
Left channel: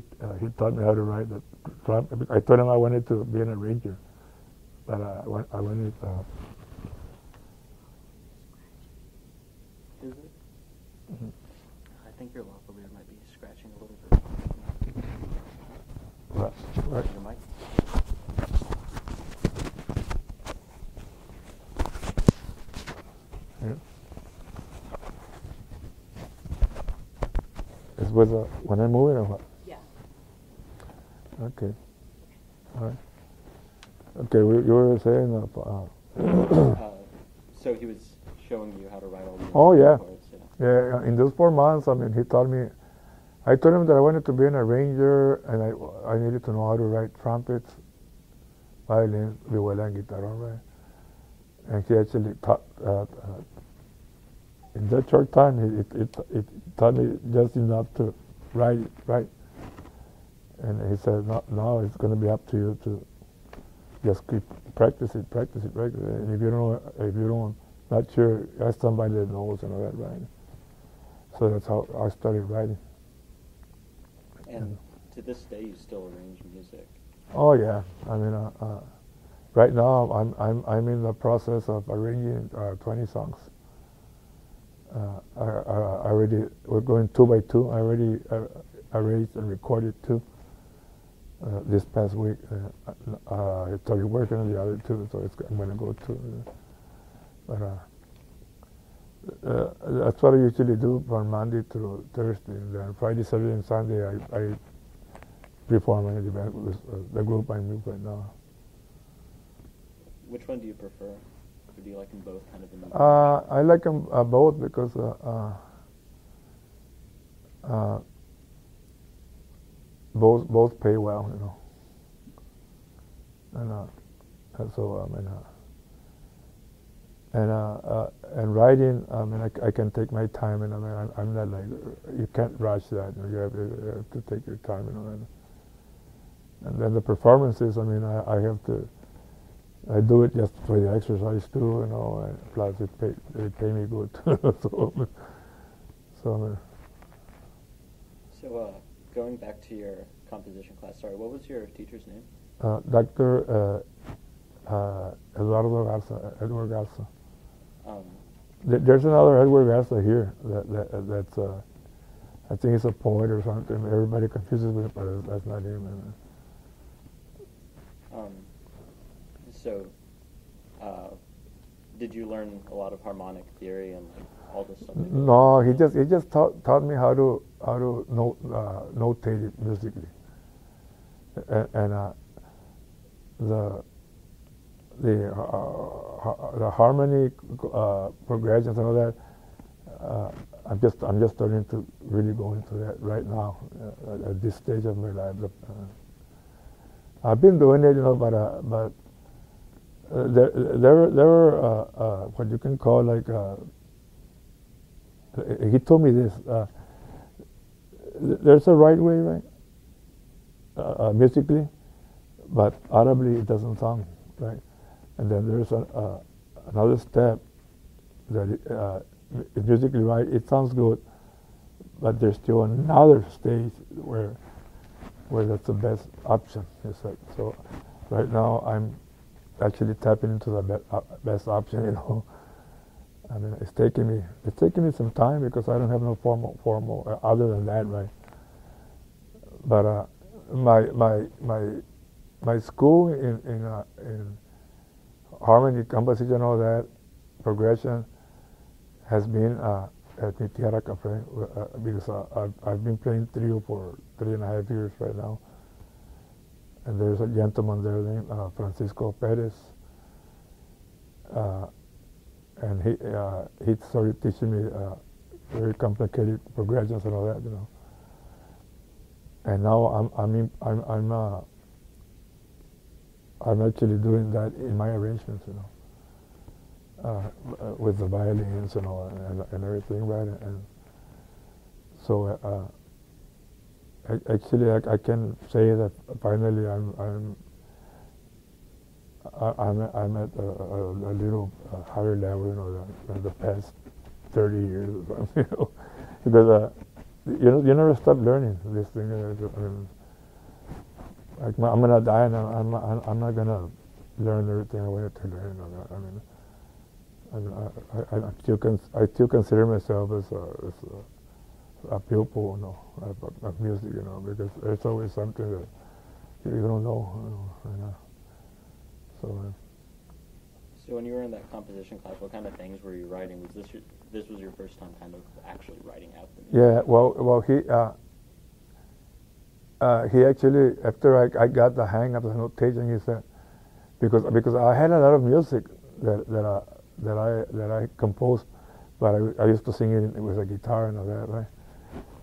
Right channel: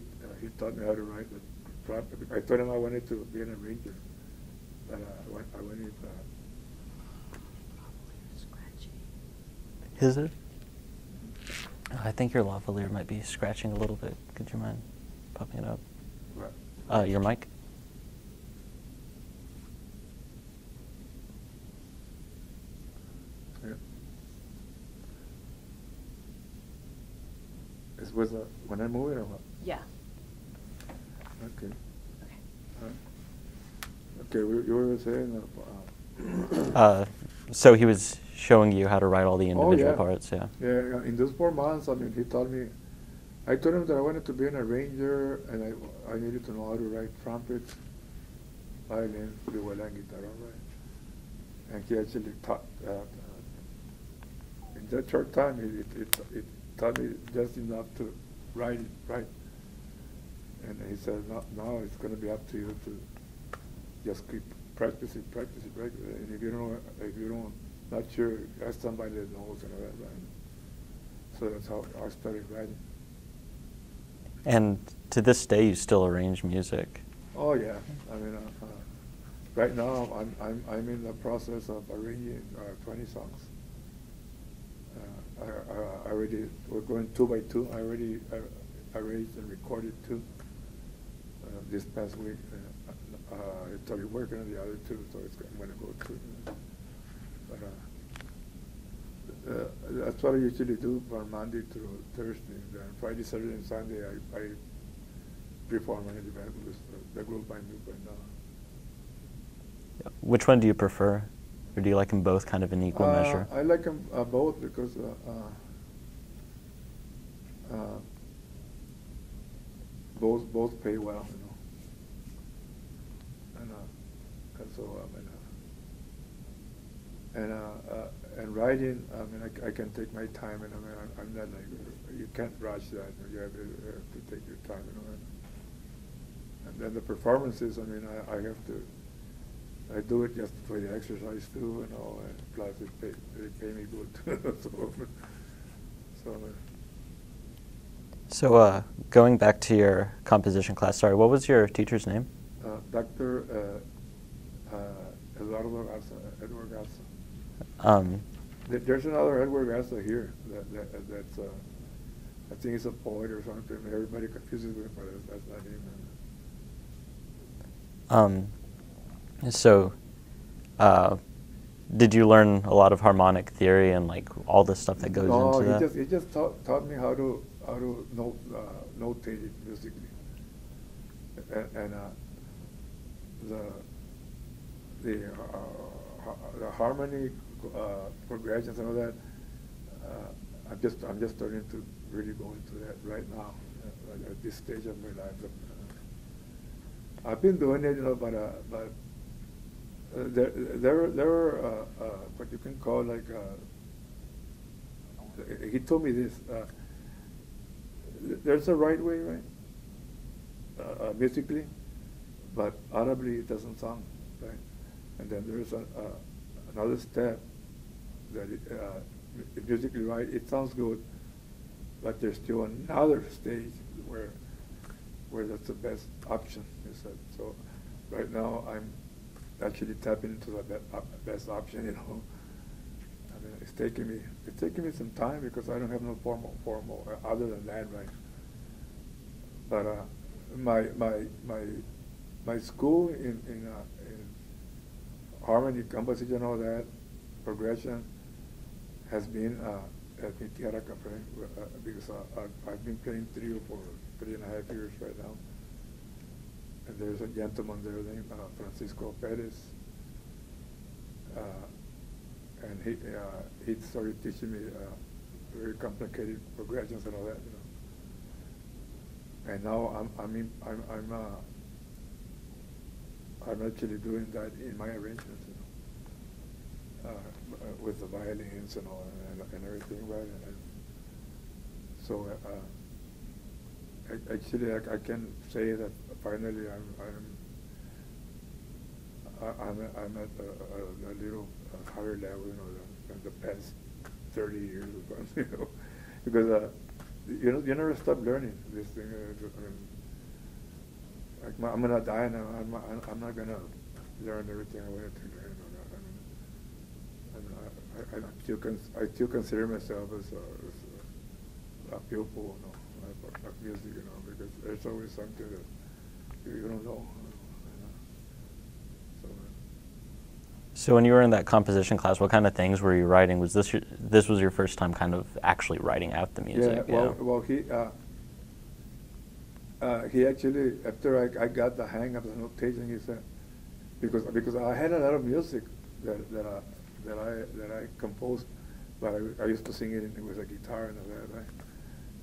taught me how to write the trumpet. I told him I wanted to be an arranger, but I wanted. Is it? I think your lavalier might be scratching a little bit. Would you mind popping it up? What? Your mic? Yeah. Is with when I move it or what? Yeah. Okay. All right. Okay, you were saying. So he was showing you how to write all the individual parts, yeah. Yeah, in those 4 months, I mean, he taught me. I told him that I wanted to be an arranger, and I needed to know how to write trumpets, violin, vihuela, and guitarron, right? And he actually taught. In that short time, it taught me just enough to write it, right? And he said, now it's going to be up to you to just keep practice it. And if you don't, not sure, ask somebody that knows and all that, right? So that's how I started writing. And to this day, you still arrange music? Oh yeah, I mean, right now I'm in the process of arranging 20 songs. We're going 2 by 2. I already arranged and recorded 2 this past week. I started working on the other 2, so I'm going to go to. But that's what I usually do from Monday through Thursday. And then Friday, Saturday, and Sunday, I perform an event with the group I'm with right now. Which one do you prefer? Or do you like them both kind of in equal measure? I like them both because both pay well, you know. And so and writing, I mean, I can take my time, and I mean, I'm not like, you can't rush that. You have to take your time, you know. And then the performances, I mean, I do it just for the exercise too, you know. And plus, they pay me good. So going back to your composition class, sorry, what was your teacher's name? Dr. Edward Garza. There's another Edward Garza here that's I think he's a poet or something. Everybody confuses with it, but that's not him. So, did you learn a lot of harmonic theory and like all the stuff that goes No, into that? he just taught me how to notate it musically, and the harmony progressions and all that. I'm just starting to really go into that right now at this stage of my life. I've been doing it, but there were what you can call like. He told me this. There's a right way, right? Musically, but audibly it doesn't sound right. And then there's another step that musically right, it sounds good, but there's still another stage where that's the best option. So right now I'm actually tapping into the best option. I mean, it's taking me some time because I don't have no formal other than that, right? But my school in harmony, composition, and all that progression has been at mi tierra cafe because I've been playing trio for 3.5 years right now, and there's a gentleman there named Francisco Perez, and he started teaching me very complicated progressions and all that, And now I'm actually doing that in my arrangements, with the violins and all and everything, right? And so actually I can say that finally I'm at a little higher level, than the past 30 years or something, because you never stop learning this thing. I'm gonna die, and I'm not gonna learn everything I wanted to learn. I still consider myself as a pupil, of music, because there's always something that you don't know. So when you were in that composition class, what kind of things were you writing? Was this was your first time kind of actually writing out the music? Yeah, well, he actually, after I got the hang of the notation, he said, because I had a lot of music that I composed, but I used to sing it with a guitar and all that, right?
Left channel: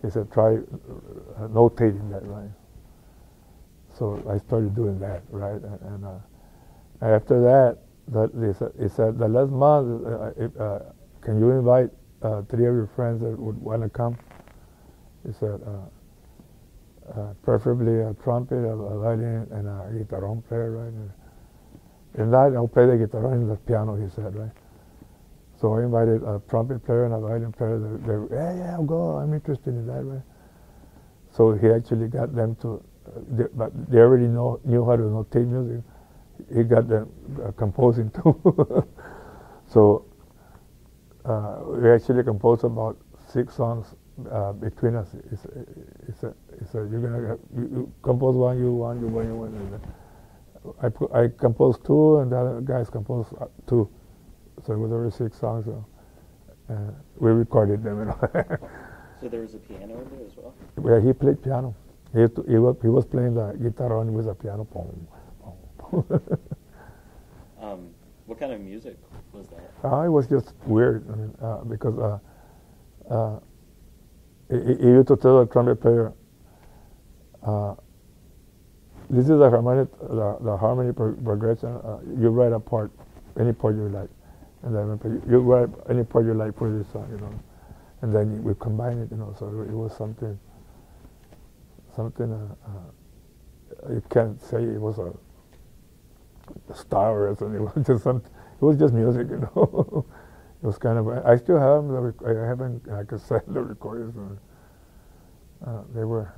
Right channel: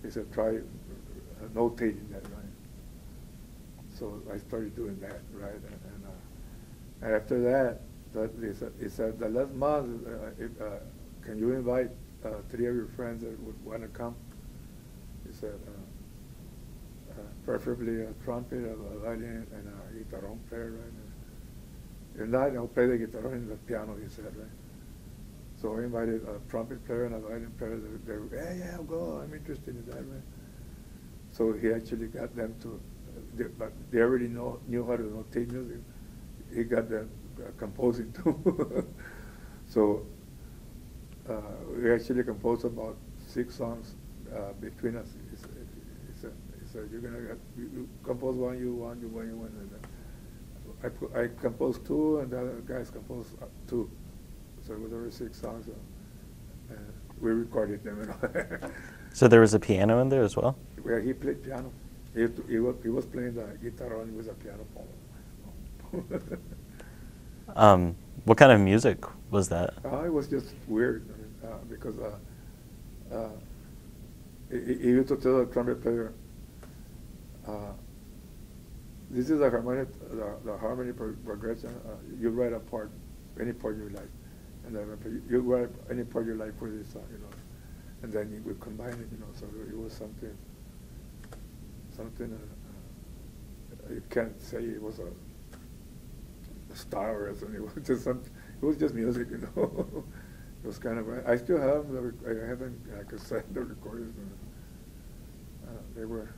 He said, try notating that, right? So I started doing that, right? And after that, he said, the last month, can you invite 3 of your friends that would want to come? He said, preferably a trumpet, a violin, and a guitarón player, right? And I'll play the guitar and the piano, he said, right? So I invited a trumpet player and a violin player. Yeah, I'll go. I'm interested in that, right? So he actually got them to, but they already knew how to notate music. He got them composing too. So we actually composed about 6 songs between us. He said, you compose one, you one. I composed 2, and the other guys composed 2. So it was over 6 songs. And we recorded them. So there was a piano in there as well? Well, he played piano. He was playing the guitar on with a piano. What kind of music was that? It was just weird, because he used to tell the trumpet player, this is the harmony progression. You write a part, any part you like, and then you write any part you like for this song, and then we combine it, So it was something. You can't say it was a star or something. It was just something. It was just music, It was kind of. I still have them. I haven't. I could sell the recordings. They were.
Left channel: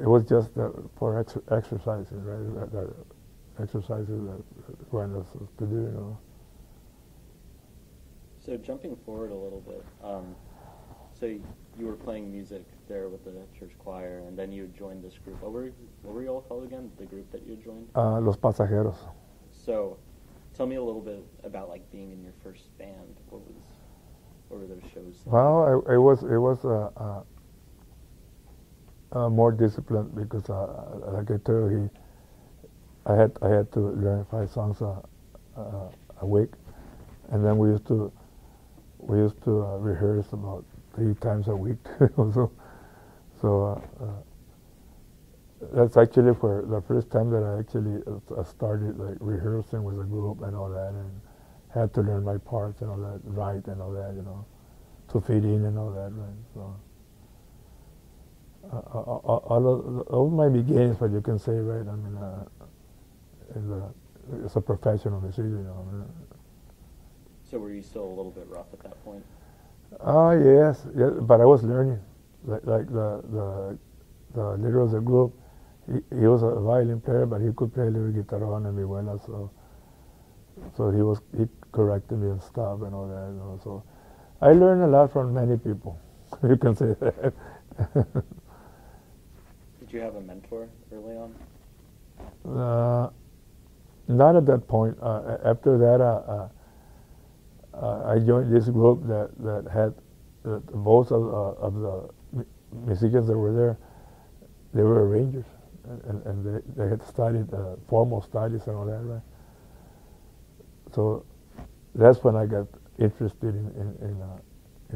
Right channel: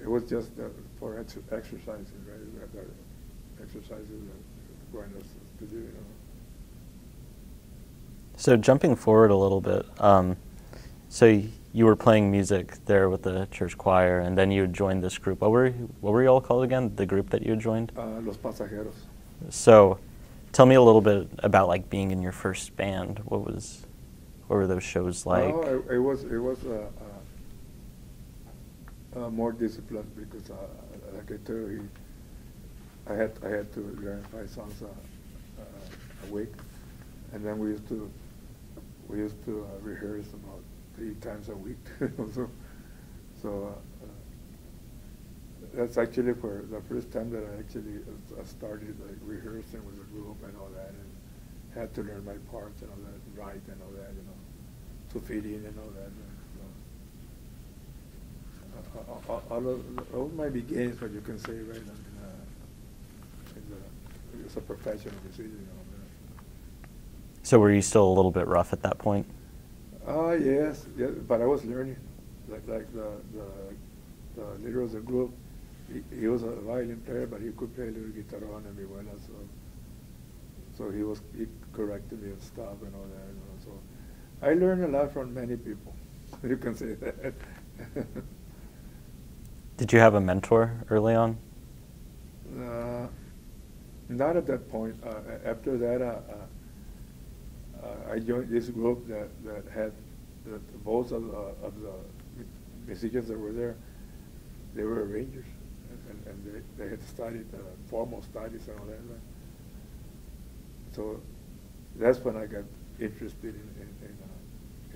It was just for exercises, right? That exercises that wanted us to do, So jumping forward a little bit, So you were playing music there with the church choir, and then you joined this group. What were you all called again? The group that you joined? Los Pasajeros. So, tell me a little bit about like being in your first band. What were those shows like? Well, it was more disciplined because, like I told you, I had to learn 5 songs a week, and then we used to rehearse about 3 times a week. So that's actually for the first time that I actually started like rehearsing with a group and all that, and had to learn my parts and all that, write and all that, you know, to fit in and all that. Right? So all my beginnings, what you can say, right? I mean, as a professional musician, you know. So were you still a little bit rough at that point? Yes, but I was learning. Like the leader of the group, he was a violin player, but he could play a little guitarón and vihuela, so he corrected me and stuff and all that, you know. So I learned a lot from many people. You can say that. Did you have a mentor early on? Not at that point. After that, I joined this group that had most of the musicians that were there. They were arrangers, and they had studied formal studies and all that, right? So that's when I got interested in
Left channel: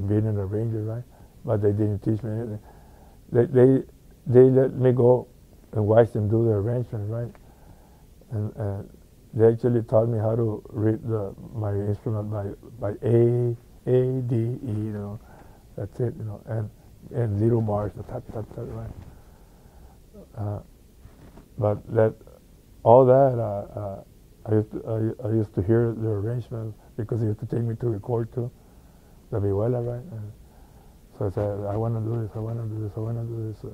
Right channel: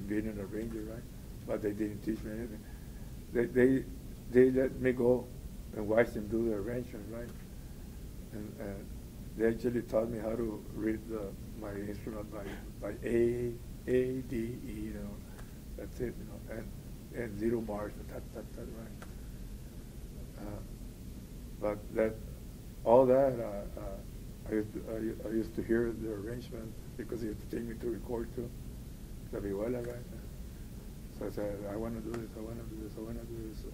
being an arranger, right? But they didn't teach me anything. They let me go and watch them do the arrangement, right? And they actually taught me how to read my instrument by A, D, E, you know. That's it, you know, and little bars, right? But all that, I used to hear the arrangement because they used to take me to record too, the vihuela, right? And so I said, I want to do this, I want to do this, I want to do this,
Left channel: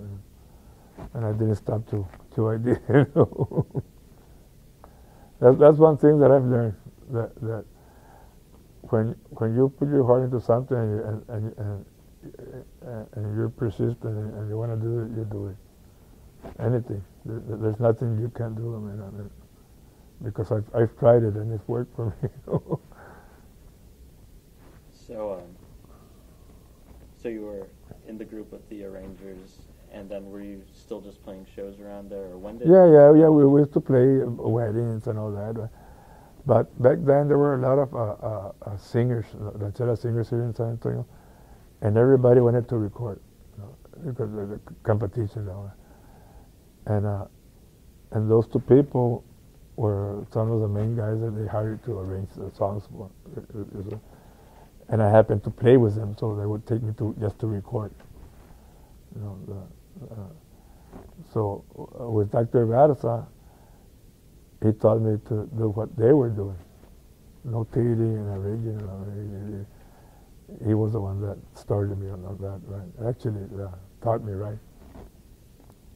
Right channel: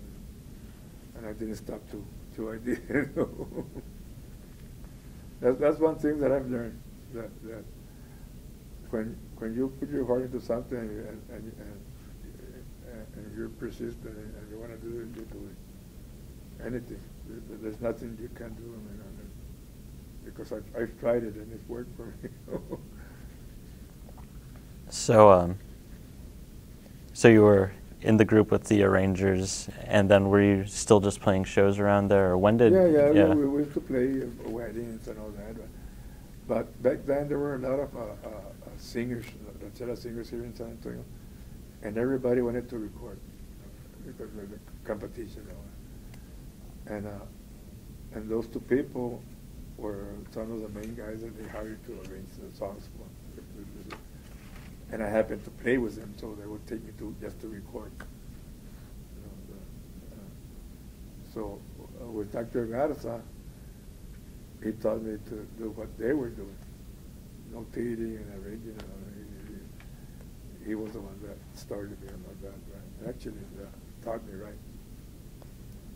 and I didn't stop till I did. You know? That's one thing that I've learned, that when you put your heart into something and you're persistent and you want to do it, you do it. Anything. There's nothing you can't do. I mean, because I've tried it and it's worked for me. So you were in the group with the arrangers, and then were you still just playing shows around there, or when did? Yeah. We used to play weddings and all that. Right? But back then there were a lot of singers, ranchera singers here in San Antonio, and everybody wanted to record, you know, because of the competition and all that. And those 2 people were some of the main guys that they hired to arrange the songs for. And I happened to play with them, so they would take me just to record. You know, so with Dr. Garza, he taught me to do what they were doing, notating and arranging. He was the one that started me on that, right? Actually, taught me, right?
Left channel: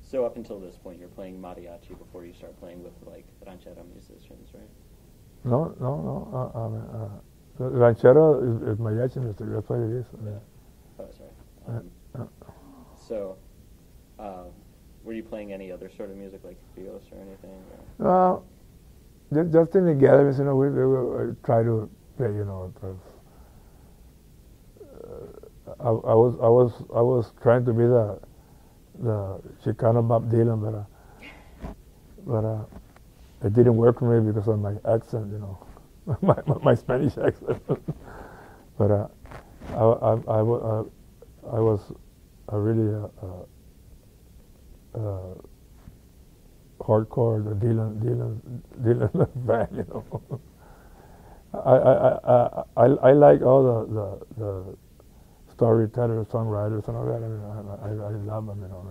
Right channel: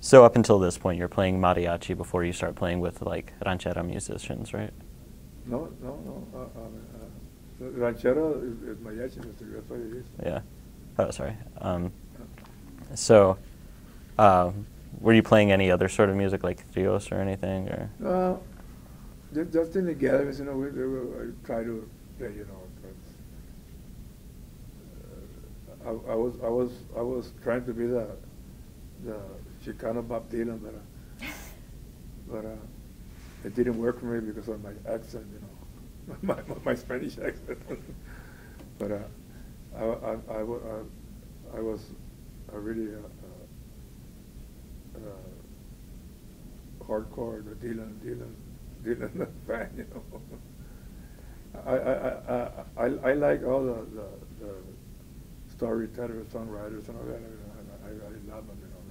So up until this point, you're playing mariachi before you start playing with like ranchera musicians, right? No. Ranchero is mariachi music. That's what it is. Yeah. Oh, sorry. So, were you playing any other sort of music, like trios or anything, or? Just in the gatherings, you know, we try to play, you know. I was trying to be the Chicano Bob Dylan, but it didn't work for me because of my accent, you know. my Spanish accent. But I was a really hardcore Dylan fan, you know. I like all the storytellers, songwriters, and all that. I mean, I love them, you know.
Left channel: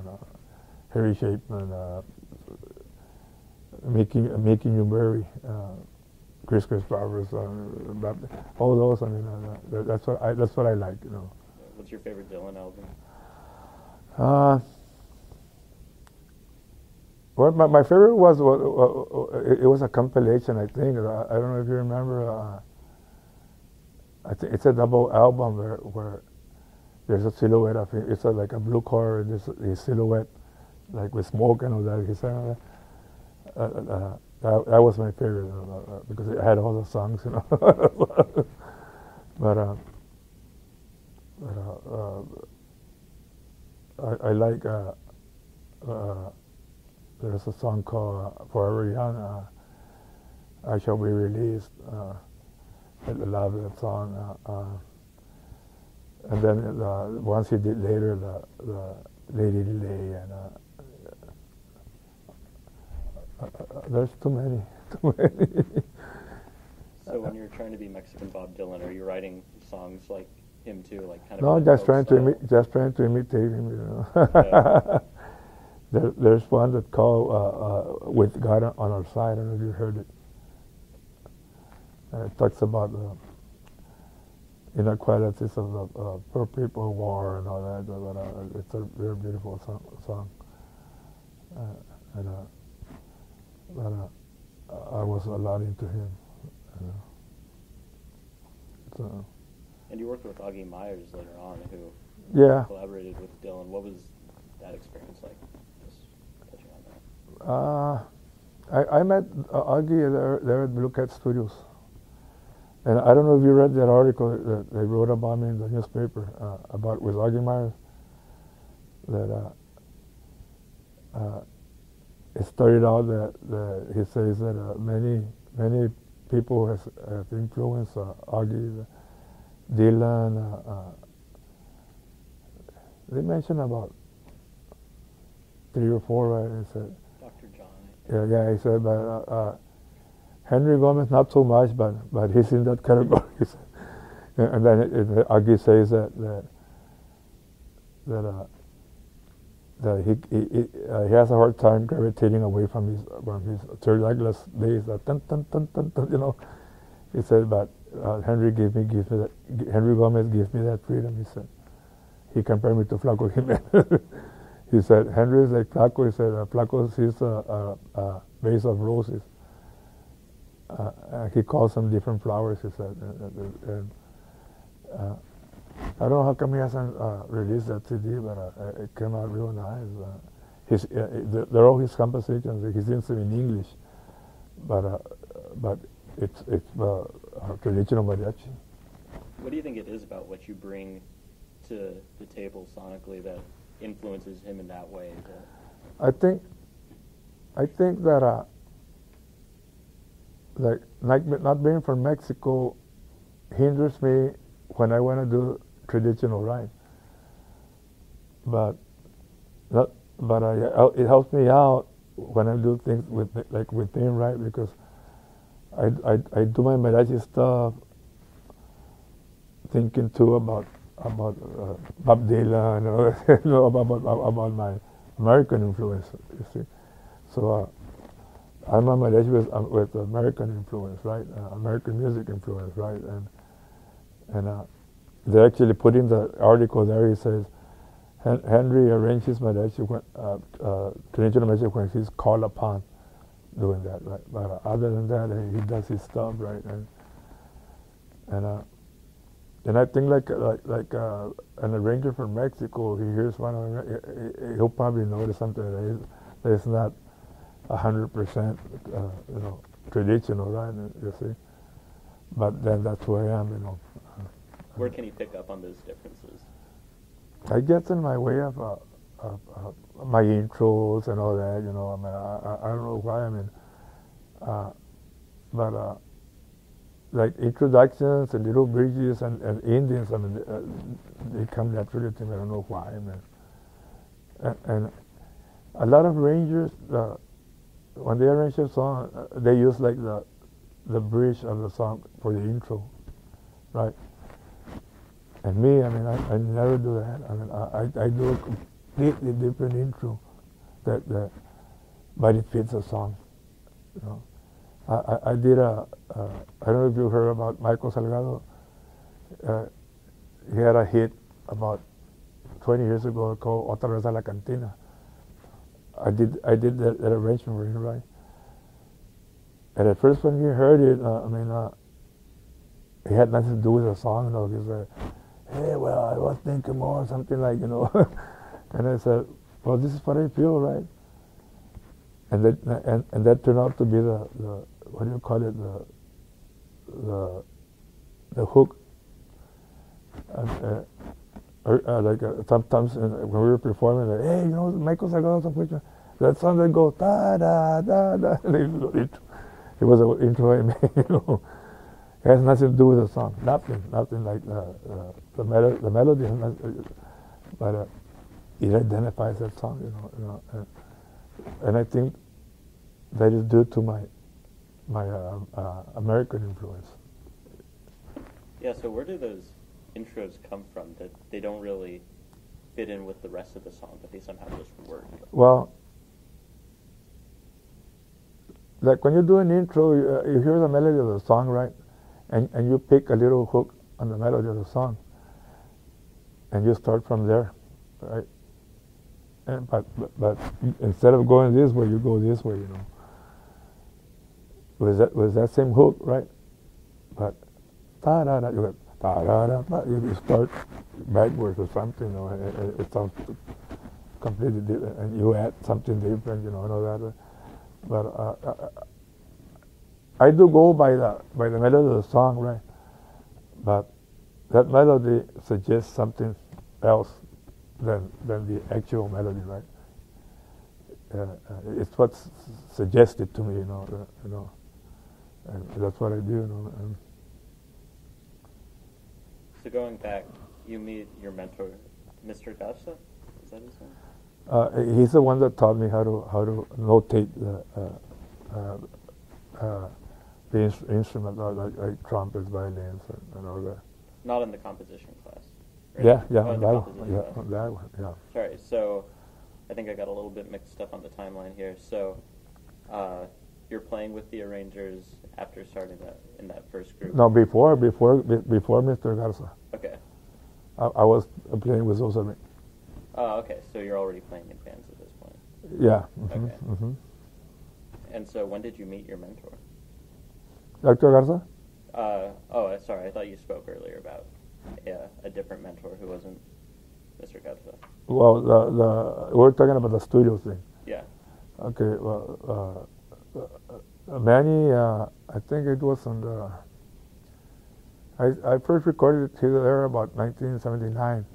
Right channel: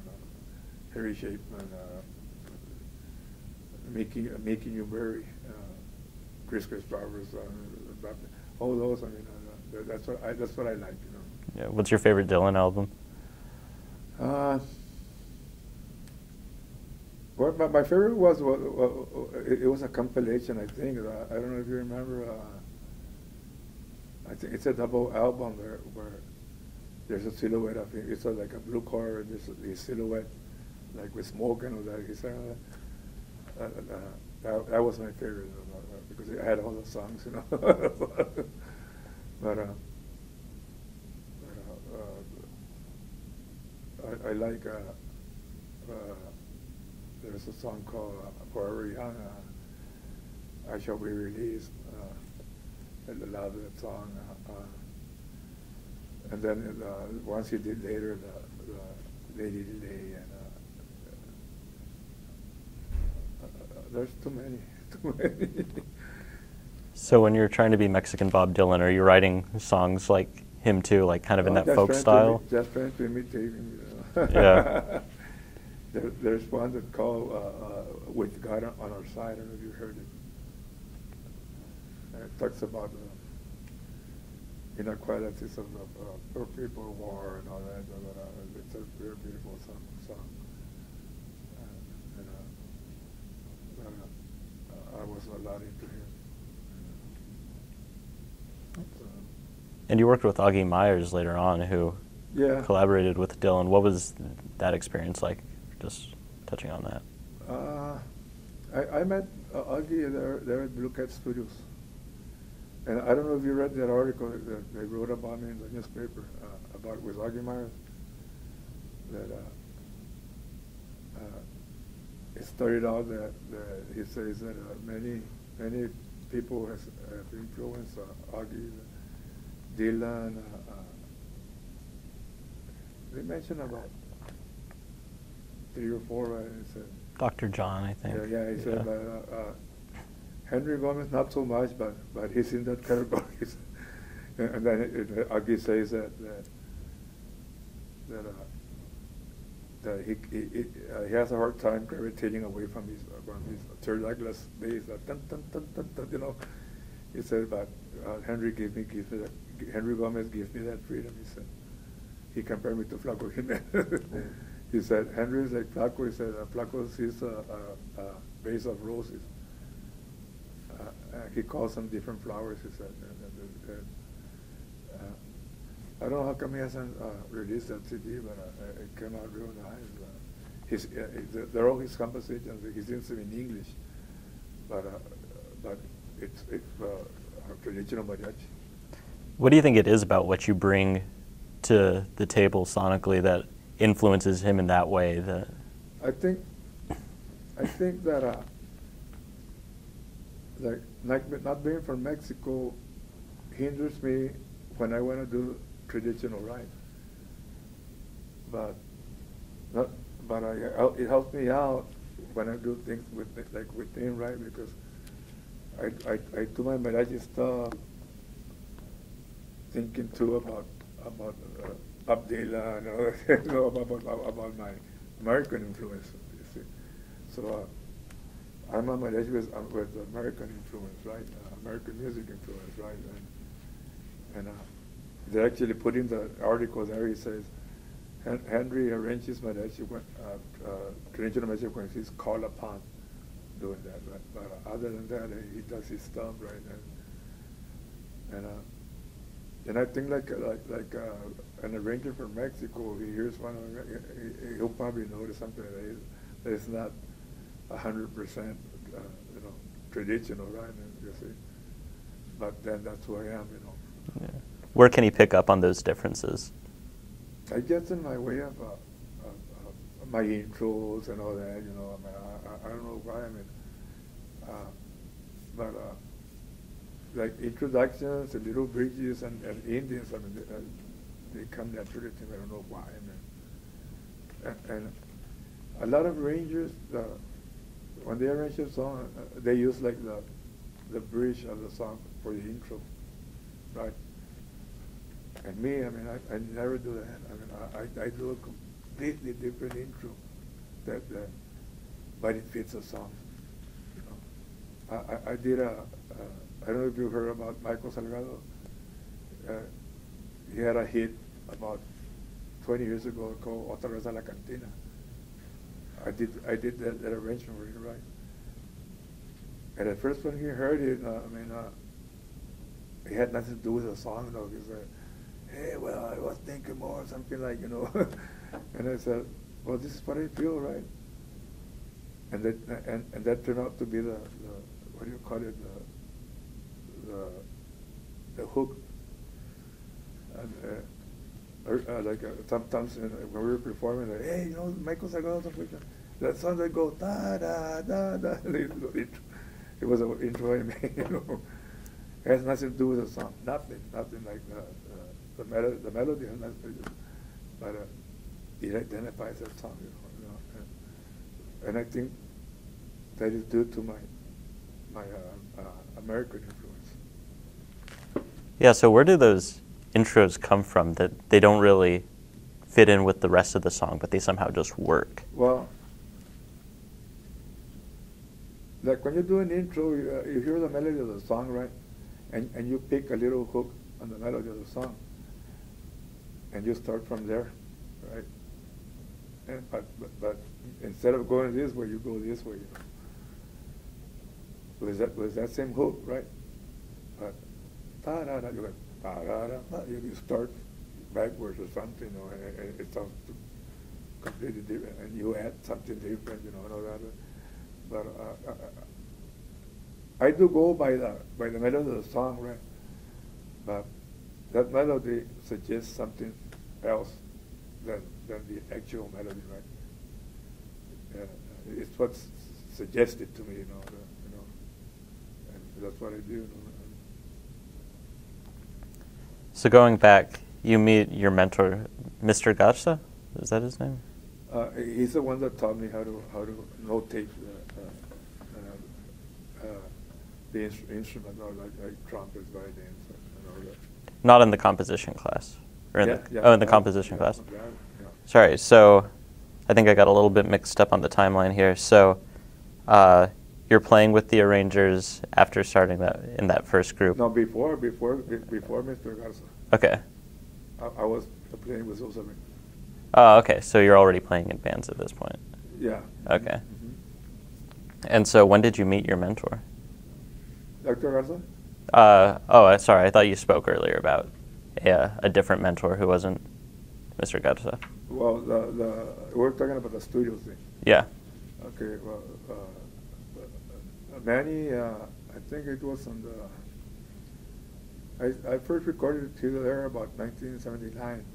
Harry Chapman, Making You Merry. Chris Barbers, all those. I mean, that's what I like, you know. Yeah. What's your favorite Dylan album? Well, my favorite was it was a compilation, I think. I don't know if you remember. I think it's a double album where there's a silhouette of him. It's like a blue car. There's his silhouette, like with smoke and all that. He said, that was my favorite because it had all the songs, you know. but I like. There's a song called "Forever Young." I Shall Be Released. I love that song. And then once he did later the Lady Delay, and there's too many. So when you're trying to be Mexican Bob Dylan, are you writing songs like him too, like kind of in that folk style? Just trying to imitate him, you know. Yeah. There's one that called "With God on Our Side." I don't know if you heard it. It talks about inequalities of the poor people, war, and all that. But it's a very beautiful song. I was a lot into him. And you worked with Auggie Meyers later on, who collaborated with Dylan. What was that experience like? Just touching on that. I met Auggie there at Blue Cat Studios. And I don't know if you read that article that they wrote about me in the newspaper about with Auggie Meyers. That it started out that he says that many people have influenced Auggie, Dylan. They mentioned about 3 or 4, right? He said, Dr. John, I think. Yeah. He said, but Henry Gómez not so much, but he's in that category. And then Auggie says that he has a hard time gravitating away from his third legless bass, dun, dun, dun, dun, dun, you know. He said, but Henry Gómez gives me that freedom. He said, he compared me to Flaco Jimenez. He said, Henry is like Flaco. He said, Flaco sees a vase of roses. He calls them different flowers, he said. I don't know how come he hasn't released that CD, but it came out real nice. They're all his compositions. He sings them in English, but it's traditional mariachi. What do you think it is about what you bring to the table sonically that influences him in that way? I think that like not being from Mexico hinders me when I want to do traditional right. But it helps me out when I do things with him, right? Because I do my mariachi stuff thinking too about Bob Dylan and all that, you know, about my American influence, you see. So I'm a mariachi with American influence, right? American music influence, right? And they actually put in the article there. He says Henry arranges mariachi traditional mariachi when he's called upon doing that, right? But other than that, he does his stuff, right? And I think like an arranger from Mexico, he hears one of them, he'll probably notice something that is not 100% you know, traditional, right? You see, but then that's who I am, you know. Yeah. Where can he pick up on those differences? I guess in my way of my intros and all that, you know. I mean, I don't know why. I mean, but like introductions and little bridges and Indians, I mean, they come naturally to me. I don't know why. I mean, and a lot of arrangers, when they arrange a song, they use like the bridge of the song for the intro, right? And me, I mean, I never do that. I mean, I do a completely different intro but it fits the song, you know. I did I don't know if you heard about Michael Salgado. He had a hit about 20 years ago called Otra vez a la cantina. I did that arrangement for him, right? And at first when he heard it, I mean, it had nothing to do with the song, you know, because hey, well, I was thinking more, something like, and I said, well, this is what I feel, right? And that turned out to be the what do you call it, the hook. Sometimes when we were performing, like, hey, Michael Salgado's picture, that song that goes da da da da. It was an intro I made. It has nothing to do with the song. Nothing like the melody, has nothing, but it identifies that song. And I think that is due to my American influence. Yeah. So where do those intros come from that they don't really fit in with the rest of the song, but they somehow just work? Well, like when you do an intro, you hear the melody of the song, right? And you pick a little hook on the melody of the song, and you start from there, right? And but instead of going this way, you go this way, With that same hook, right? But da da da, you go da da da. You start backwards or something, and it sounds completely different, and you add something different, and all that. But I do go by the melody of the song, right? But that melody suggests something else than the actual melody, right? It's what's suggested to me, and that's what I do. So going back, you meet your mentor, Mr. Garza. Is that his name? He's the one that taught me how to notate the instrument, like trumpets, violins, and all that. Not in the composition class. Yeah. Oh, in the composition class. That one, yeah. Sorry. So, I think I got a little bit mixed up on the timeline here. So, you're playing with the arrangers after starting in that first group. No, before Mr. Garza. Okay. I was playing with those. Oh, okay. So you're already playing in bands at this point. Yeah. Okay. Mm-hmm. And so when did you meet your mentor? Dr. Garza? Sorry. I thought you spoke earlier about a different mentor who wasn't Mr. Garza. Well, we're talking about the studio thing. Yeah. Okay. Well, Manny, I think it was on the. I first recorded it there about 1979,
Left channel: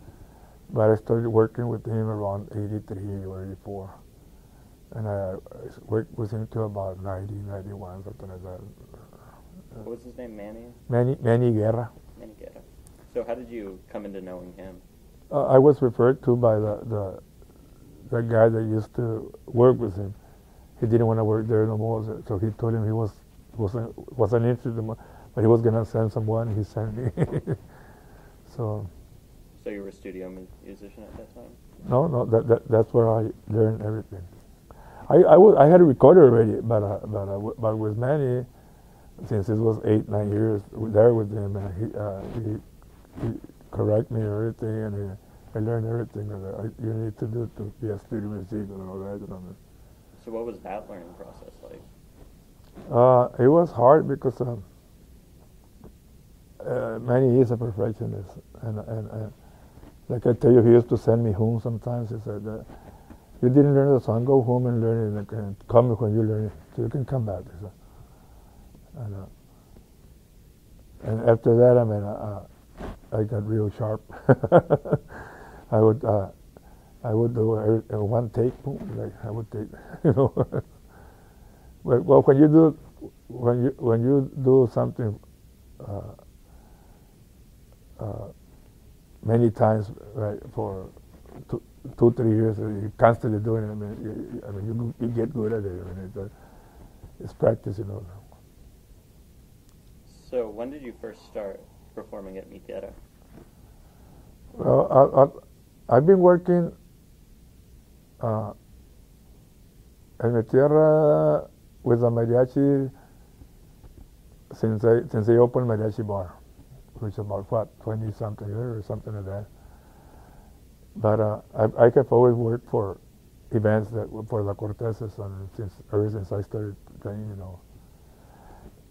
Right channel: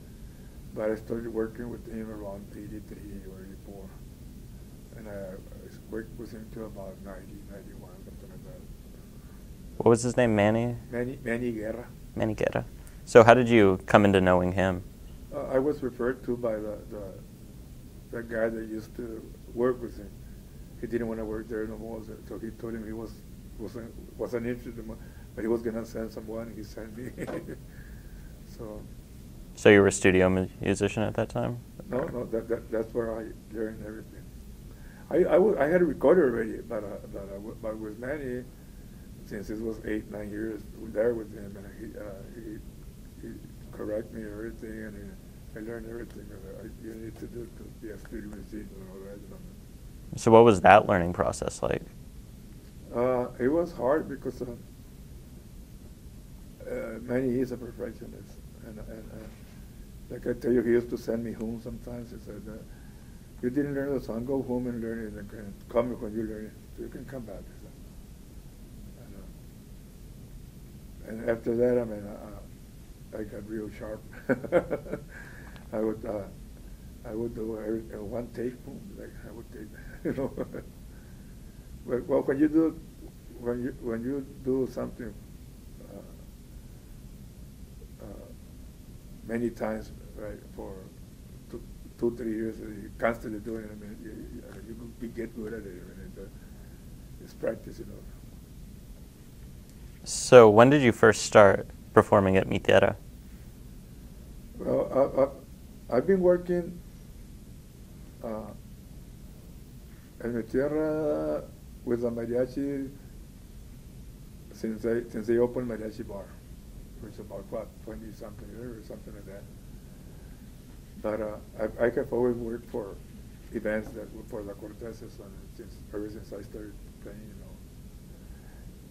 but I started working with him around 83 or 84. And I worked with him till about 90, 91, something like that. What was his name, Manny? Manny Guerra. Manny Guerra. So how did you come into knowing him? I was referred to by the guy that used to work with him. He didn't want to work there no more, so he told him he wasn't interested, but he was gonna send someone. He sent me. So you were a studio musician at that time? No, that's where I learned everything. I had a recorder already, but with Manny, since it was 8-9 years there with him, he correct me everything, and I learned everything that you need to do to be a studio musician and all that. So what was that learning process like? It was hard because Manny is a perfectionist, and like I tell you, he used to send me home sometimes. He said, "You didn't learn the song, go home and learn it, and come when you learn it, so you can come back." He said. And after that, I got real sharp. I would do one take, boom, like I would take, But well, when you do something many times, right, for 2-3 years, you're constantly doing it. You get good at it. It's practice, So when did you first start performing at Mi Tierra? Well, I've been working at Mi Tierra with the mariachi since they opened Mariachi Bar, which is about 20-something years or something like that. But I have always worked for events for the Corteses ever since I started playing,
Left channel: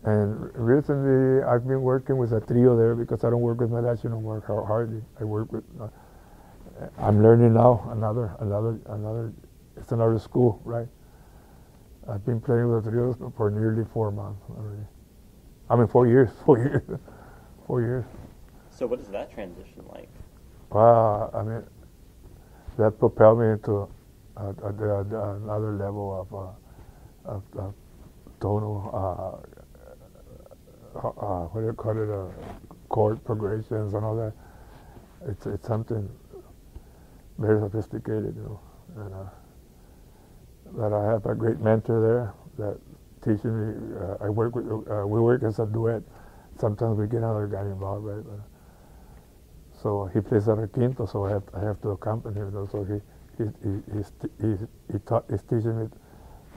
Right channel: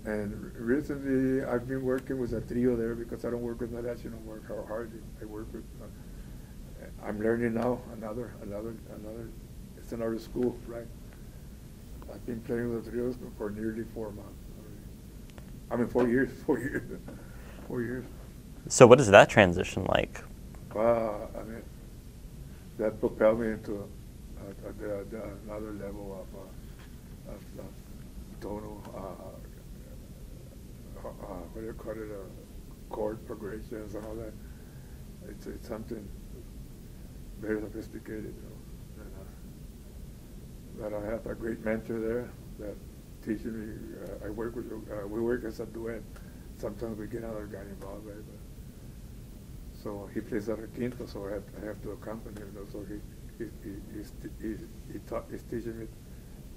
And recently, I've been working with a trio there because I don't work with mariachi no more. Hardly. I work with. I'm learning now another. It's another school, right? I've been playing with the trios for nearly 4 months already. I mean, 4 years. 4 years. 4 years. So what is that transition like? I mean, that propelled me into another level of tonal. What do you call it? Chord progressions and all that. It's something very sophisticated, you know. And, that I have a great mentor there that teaches me. I work with. We work as a duet. Sometimes we get another guy involved, right? So he plays at a quinto, so I have to accompany him. So he's teaching me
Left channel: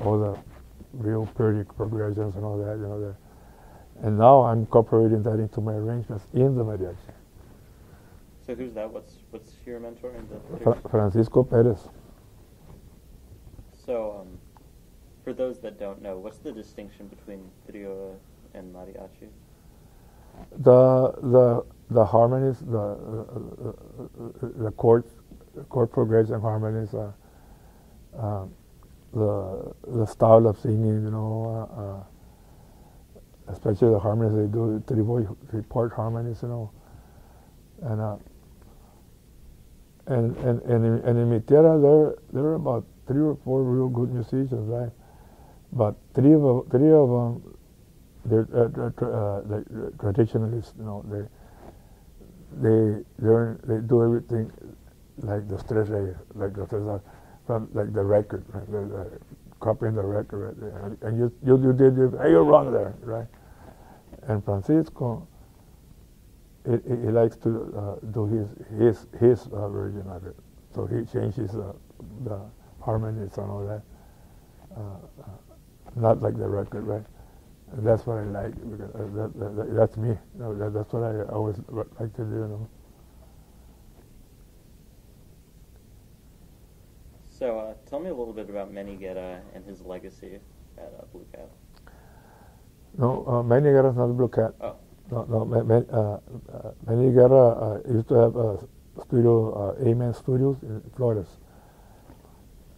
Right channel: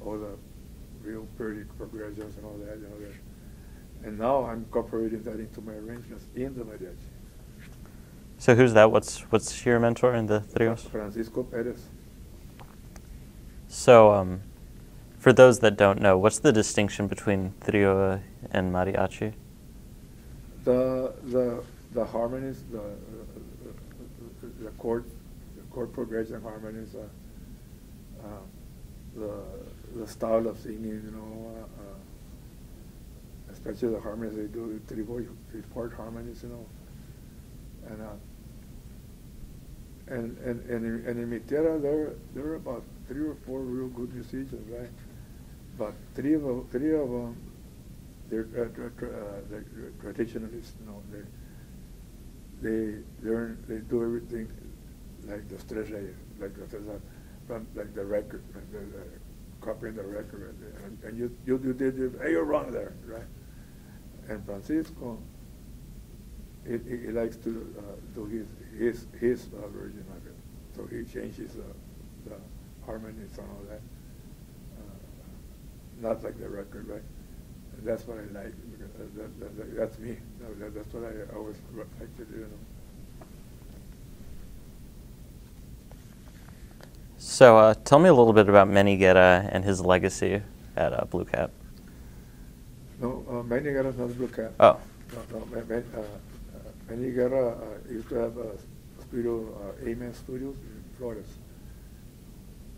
all the real pretty progressions and all that, you know. And now I'm incorporating that into my arrangements in the mariachi. So who's that? What's your mentor in the trios? Francisco Perez. So, for those that don't know, what's the distinction between trio and mariachi? The harmonies, the chord progression harmonies, the style of singing, you know, especially the harmonies they do, three-part harmonies, you know, and in mi tierra there are about 3 or 4 real good musicians, right? But three of them, they're traditionalists, you know. They do everything like the Tres Reyes, from like the record, right? Copying the record, right? And you did it. Hey, you're wrong there, right? And Francisco, he likes to do his version of it. So he changes the harmonies and all that. Not like the record, right? And that's what I like. Because that's me. That's what I always like to do. You know? So tell me a little bit about Manny Guerra and his legacy at Blue Cat. No, Manny Guerra is not Blue Cat. Oh. No, Manny Guerra used to have a studio, Amen Studios in Flores.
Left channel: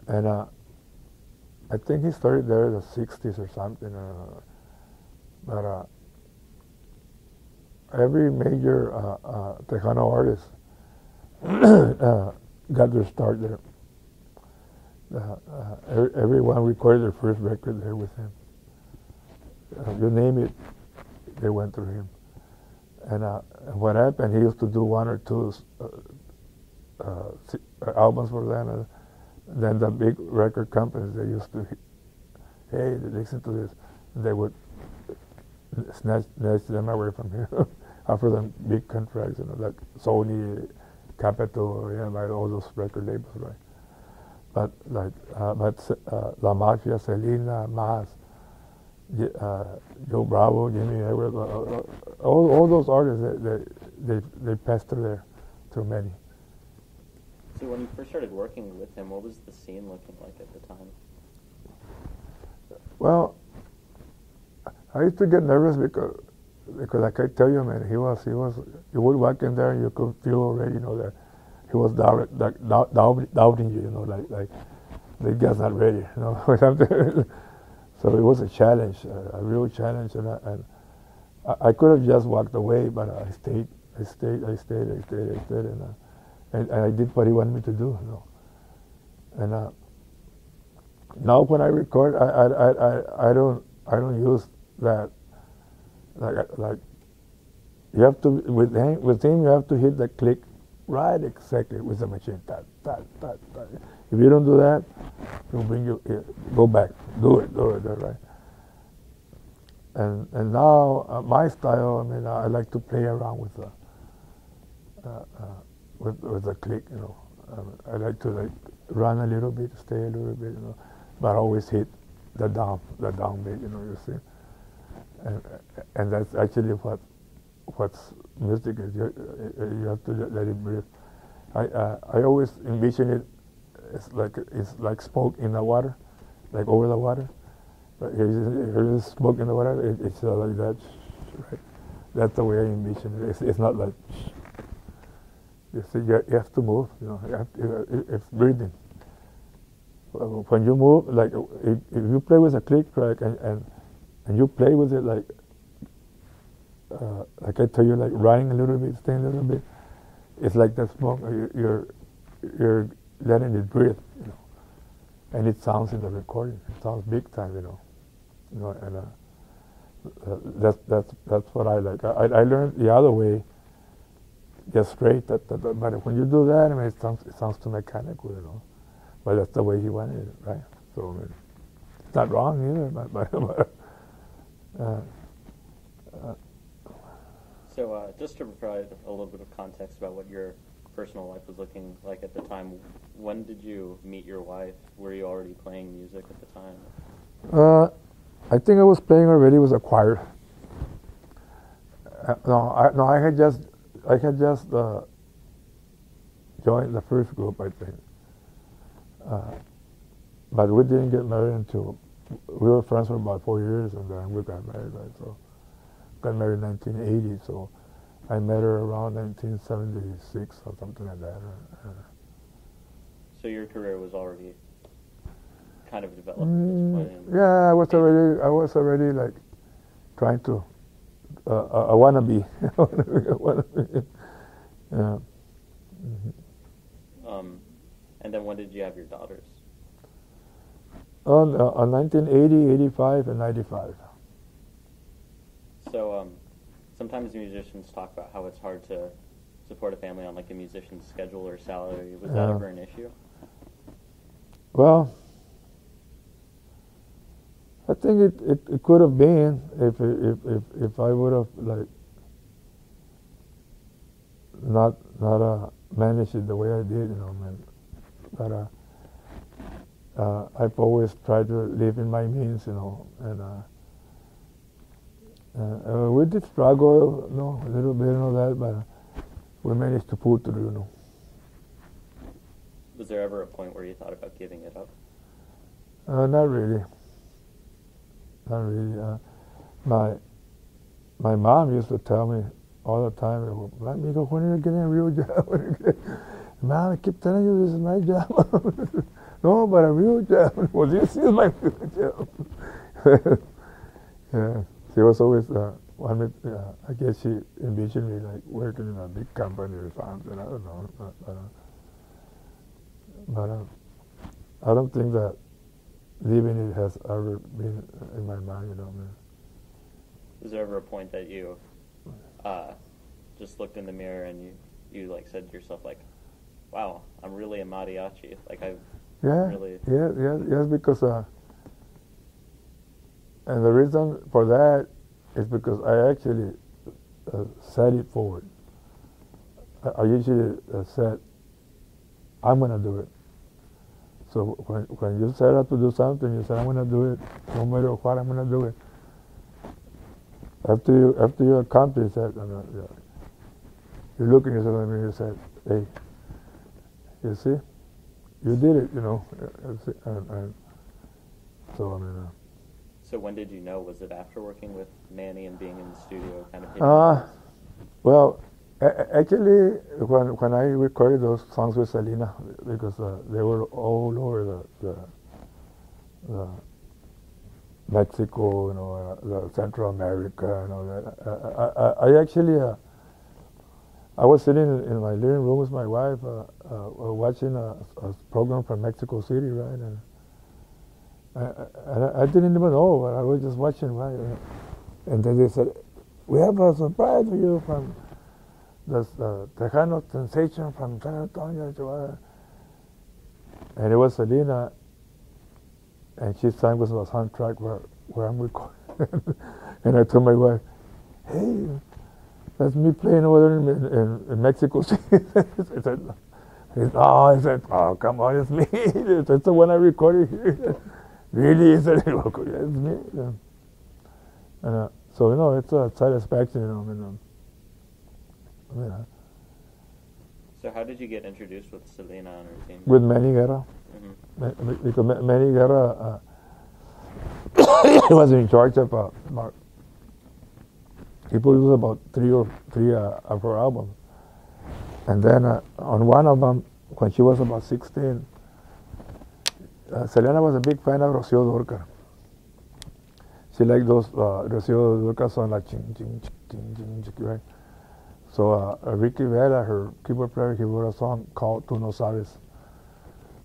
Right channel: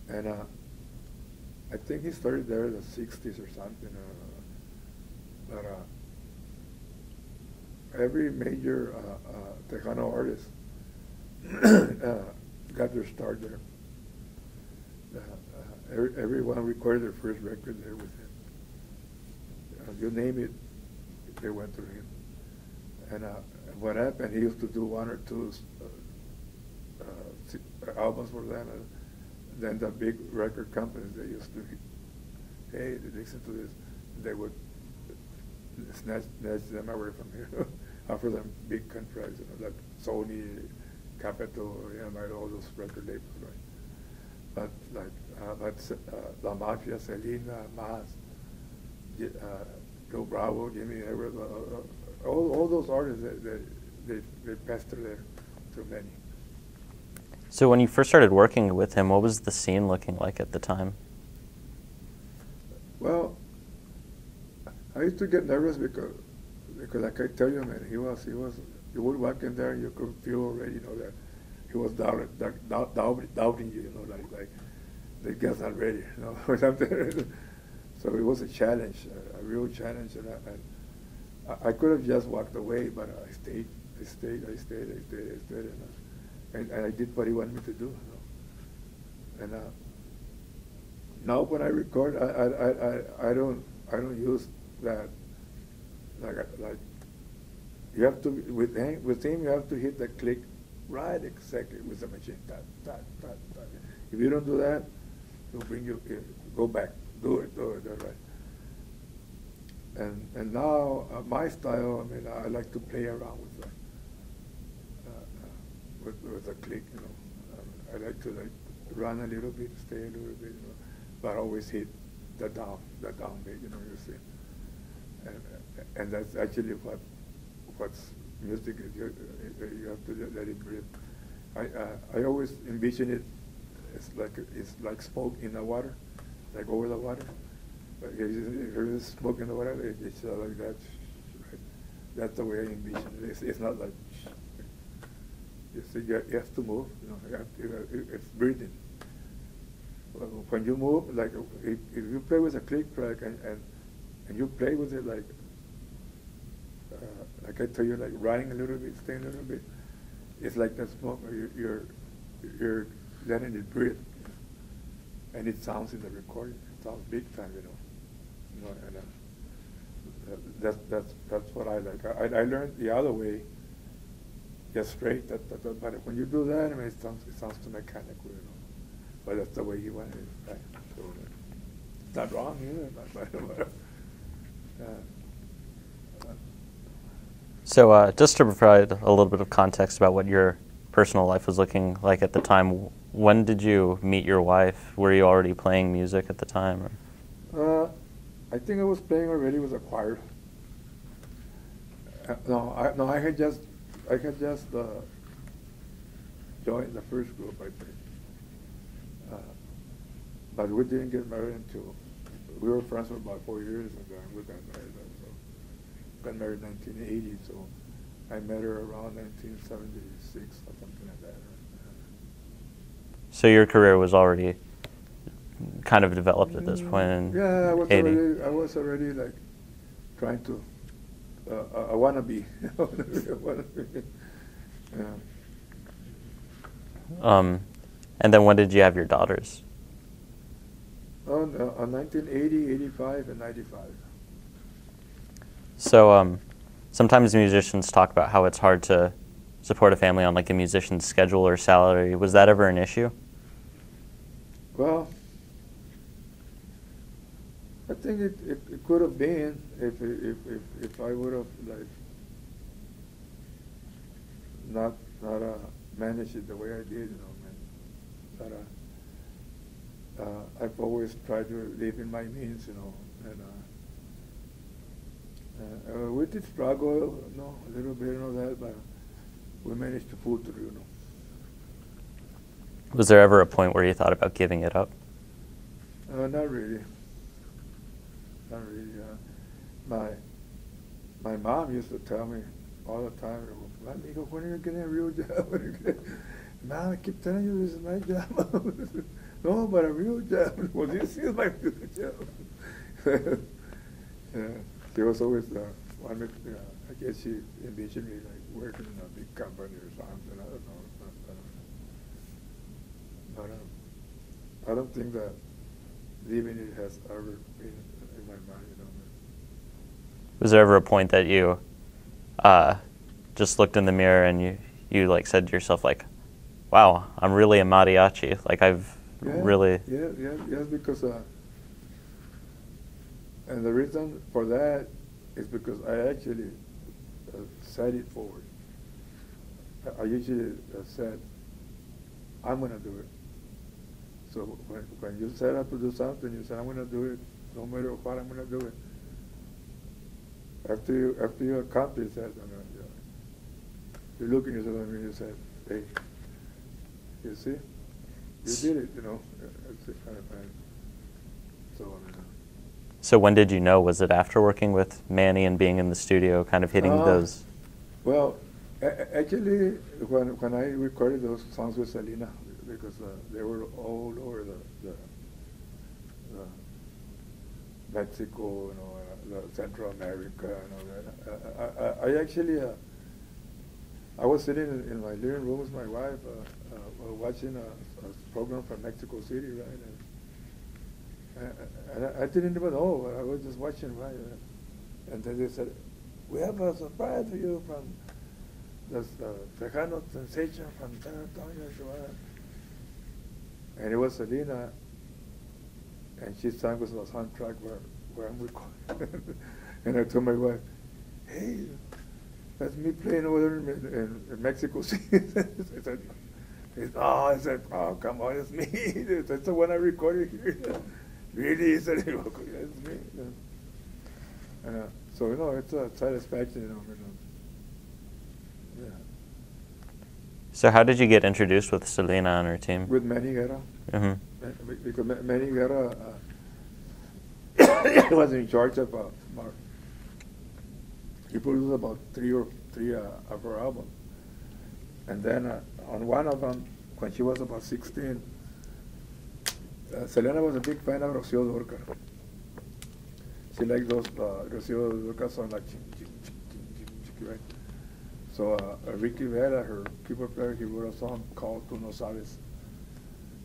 And I think he started there in the 60s or something. But every major Tejano artist got their start there. Everyone recorded their first record there with him. You name it, they went through him. And what happened, he used to do 1 or 2 albums for them. And then the big record companies, they used to, hey, listen to this. They would snatch them away from here, offer them big contracts, you know, like Sony, Capitol, you know, like all those record labels, right? But like, La Mafia, Selena, Mas, Joe Bravo, Jimmy Edwards, all those artists, they passed through there, through many. So when you first started working with him, what was the scene looking like at the time? Well, I used to get nervous because like I tell you, man, he was. You would walk in there and you could feel already, you know, that he was doubting you, you know, like the guy's not ready, you know, or something. So it was a challenge, a real challenge, and I could have just walked away, but I stayed, and I did what he wanted me to do, you know. And now when I record, I don't use that like you have to with him you have to hit the click right exactly with the machine. If you don't do that, it'll bring you go back, do it right. And now my style, I mean, I like to play around with the click, you know. I like to like run a little bit, stay a little bit, you know, but always hit the down beat, you know, you see. And that's actually what's music is. You have to let it breathe. I always envision it. It's like smoke in the water, like over the water, But he's smoking or whatever. It's like that. Right? That's the way I envision it. It's not like you see. You have to move. You know, it's breathing. When you move, like if you play with a click track and you play with it like I tell you, like running a little bit, staying a little bit, it's like that smoke. You're letting it breathe, you know, and it sounds in the recording. It sounds big time, you know, and that's what I like. I learned the other way, just straight. But when you do that, I mean, it sounds too mechanical, you know. But that's the way he wanted it, right? So it's not wrong either. So just to provide a little bit of context about what your personal life was looking like at the time, when did you meet your wife? Were you already playing music at the time? Or? I think I was playing already with a choir. I had just joined the first group, I think. But we didn't get married until we were friends for about 4 years, and then we got married. Right? So got married in 1980. So I met her around 1976 or something like that. So your career was already kind of developed at this point. Yeah, I was already like trying to. I wanna be. Yeah. And then when did you have your daughters? On 1980, 85, and 95. So sometimes musicians talk about how it's hard to support a family on like a musician's schedule or salary. Was that ever an issue? Well, I think it could have been if I would have like not managed it the way I did, you know, man. But I've always tried to live in my means, you know, and we did struggle, you know, a little bit and all that, but we managed to pull through, you know. Was there ever a point where you thought about giving it up? Not really. Not really. My mom used to tell me all the time, "Amigo, when are you getting a real job?" Mom, I keep telling you this is my job. No, but a real job. Well, this is my real job. Yeah, she was always I guess she envisioned me like working in a big company or something. I don't know, but I don't think that leaving it has ever been in my mind, you know, man. Was there ever a point that you just looked in the mirror and you like said to yourself like, wow, I'm really a mariachi. Like really. Yes, because and the reason for that is because I actually set it forward. I usually said, I'm going to do it. So when you set out to do something, you say, I'm going to do it, no matter what, I'm going to do it. After you accomplish that, you look at yourself in the mirror and say, hey, you see, you did it, you know. So when did you know? Was it after working with Manny and being in the studio, kind of hitting those? Well, actually, when I recorded those songs with Selena, because they were all over the Mexico, you know, the Central America, and all that. I actually, I was sitting in my living room with my wife, watching a program from Mexico City, right? And I didn't even know. I was just watching, right? And then they said, "We have a surprise for you from the Tejano sensation from San Antonio." And it was Selena, and she sang with the soundtrack where I'm recording. And I told my wife, "Hey, that's me playing over there in Mexico City." I said, "Oh, come on, it's me. That's the one I recorded here." Really? He said, "Yeah, it's me." Yeah. And so, you know, it's a satisfaction, you know. Yeah. So how did you get introduced with Selena on her team? With Manny Guerra. Mm-hmm. Because Manny Guerra he was in charge of about, he produced about three of her albums. And then on one of them, when she was about 16, Selena was a big fan of Rocío Dúrcal. She liked those Rocío Dúrcal songs like ching, ching, ching, ching, ching, right? So Ricky Vera, her keyboard player, he wrote a song called Tú No Sabes.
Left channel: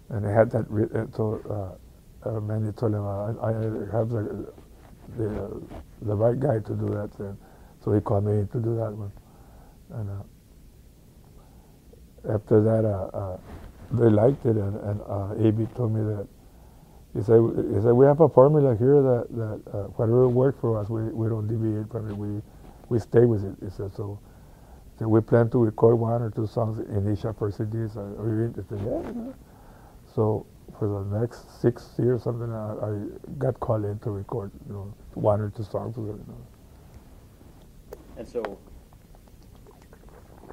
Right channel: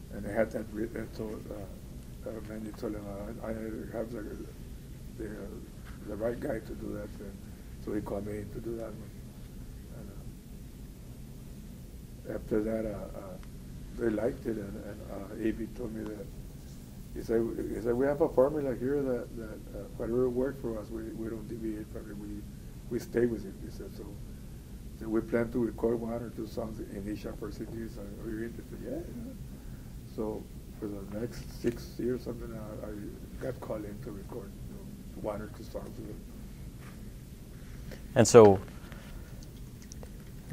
And they had that written, so Mandy told him, I have the right guy to do that. So he called me to do that one. And after that, they liked it, and A.B. told me that, he said, we have a formula here that whatever works for us, we don't deviate from it, we stay with it. He said, so we plan to record 1 or 2 songs in each of our CDs. Are you interested? Yeah. So for the next 6 years, something, I got called in to record, 1 or 2 songs with it. And so,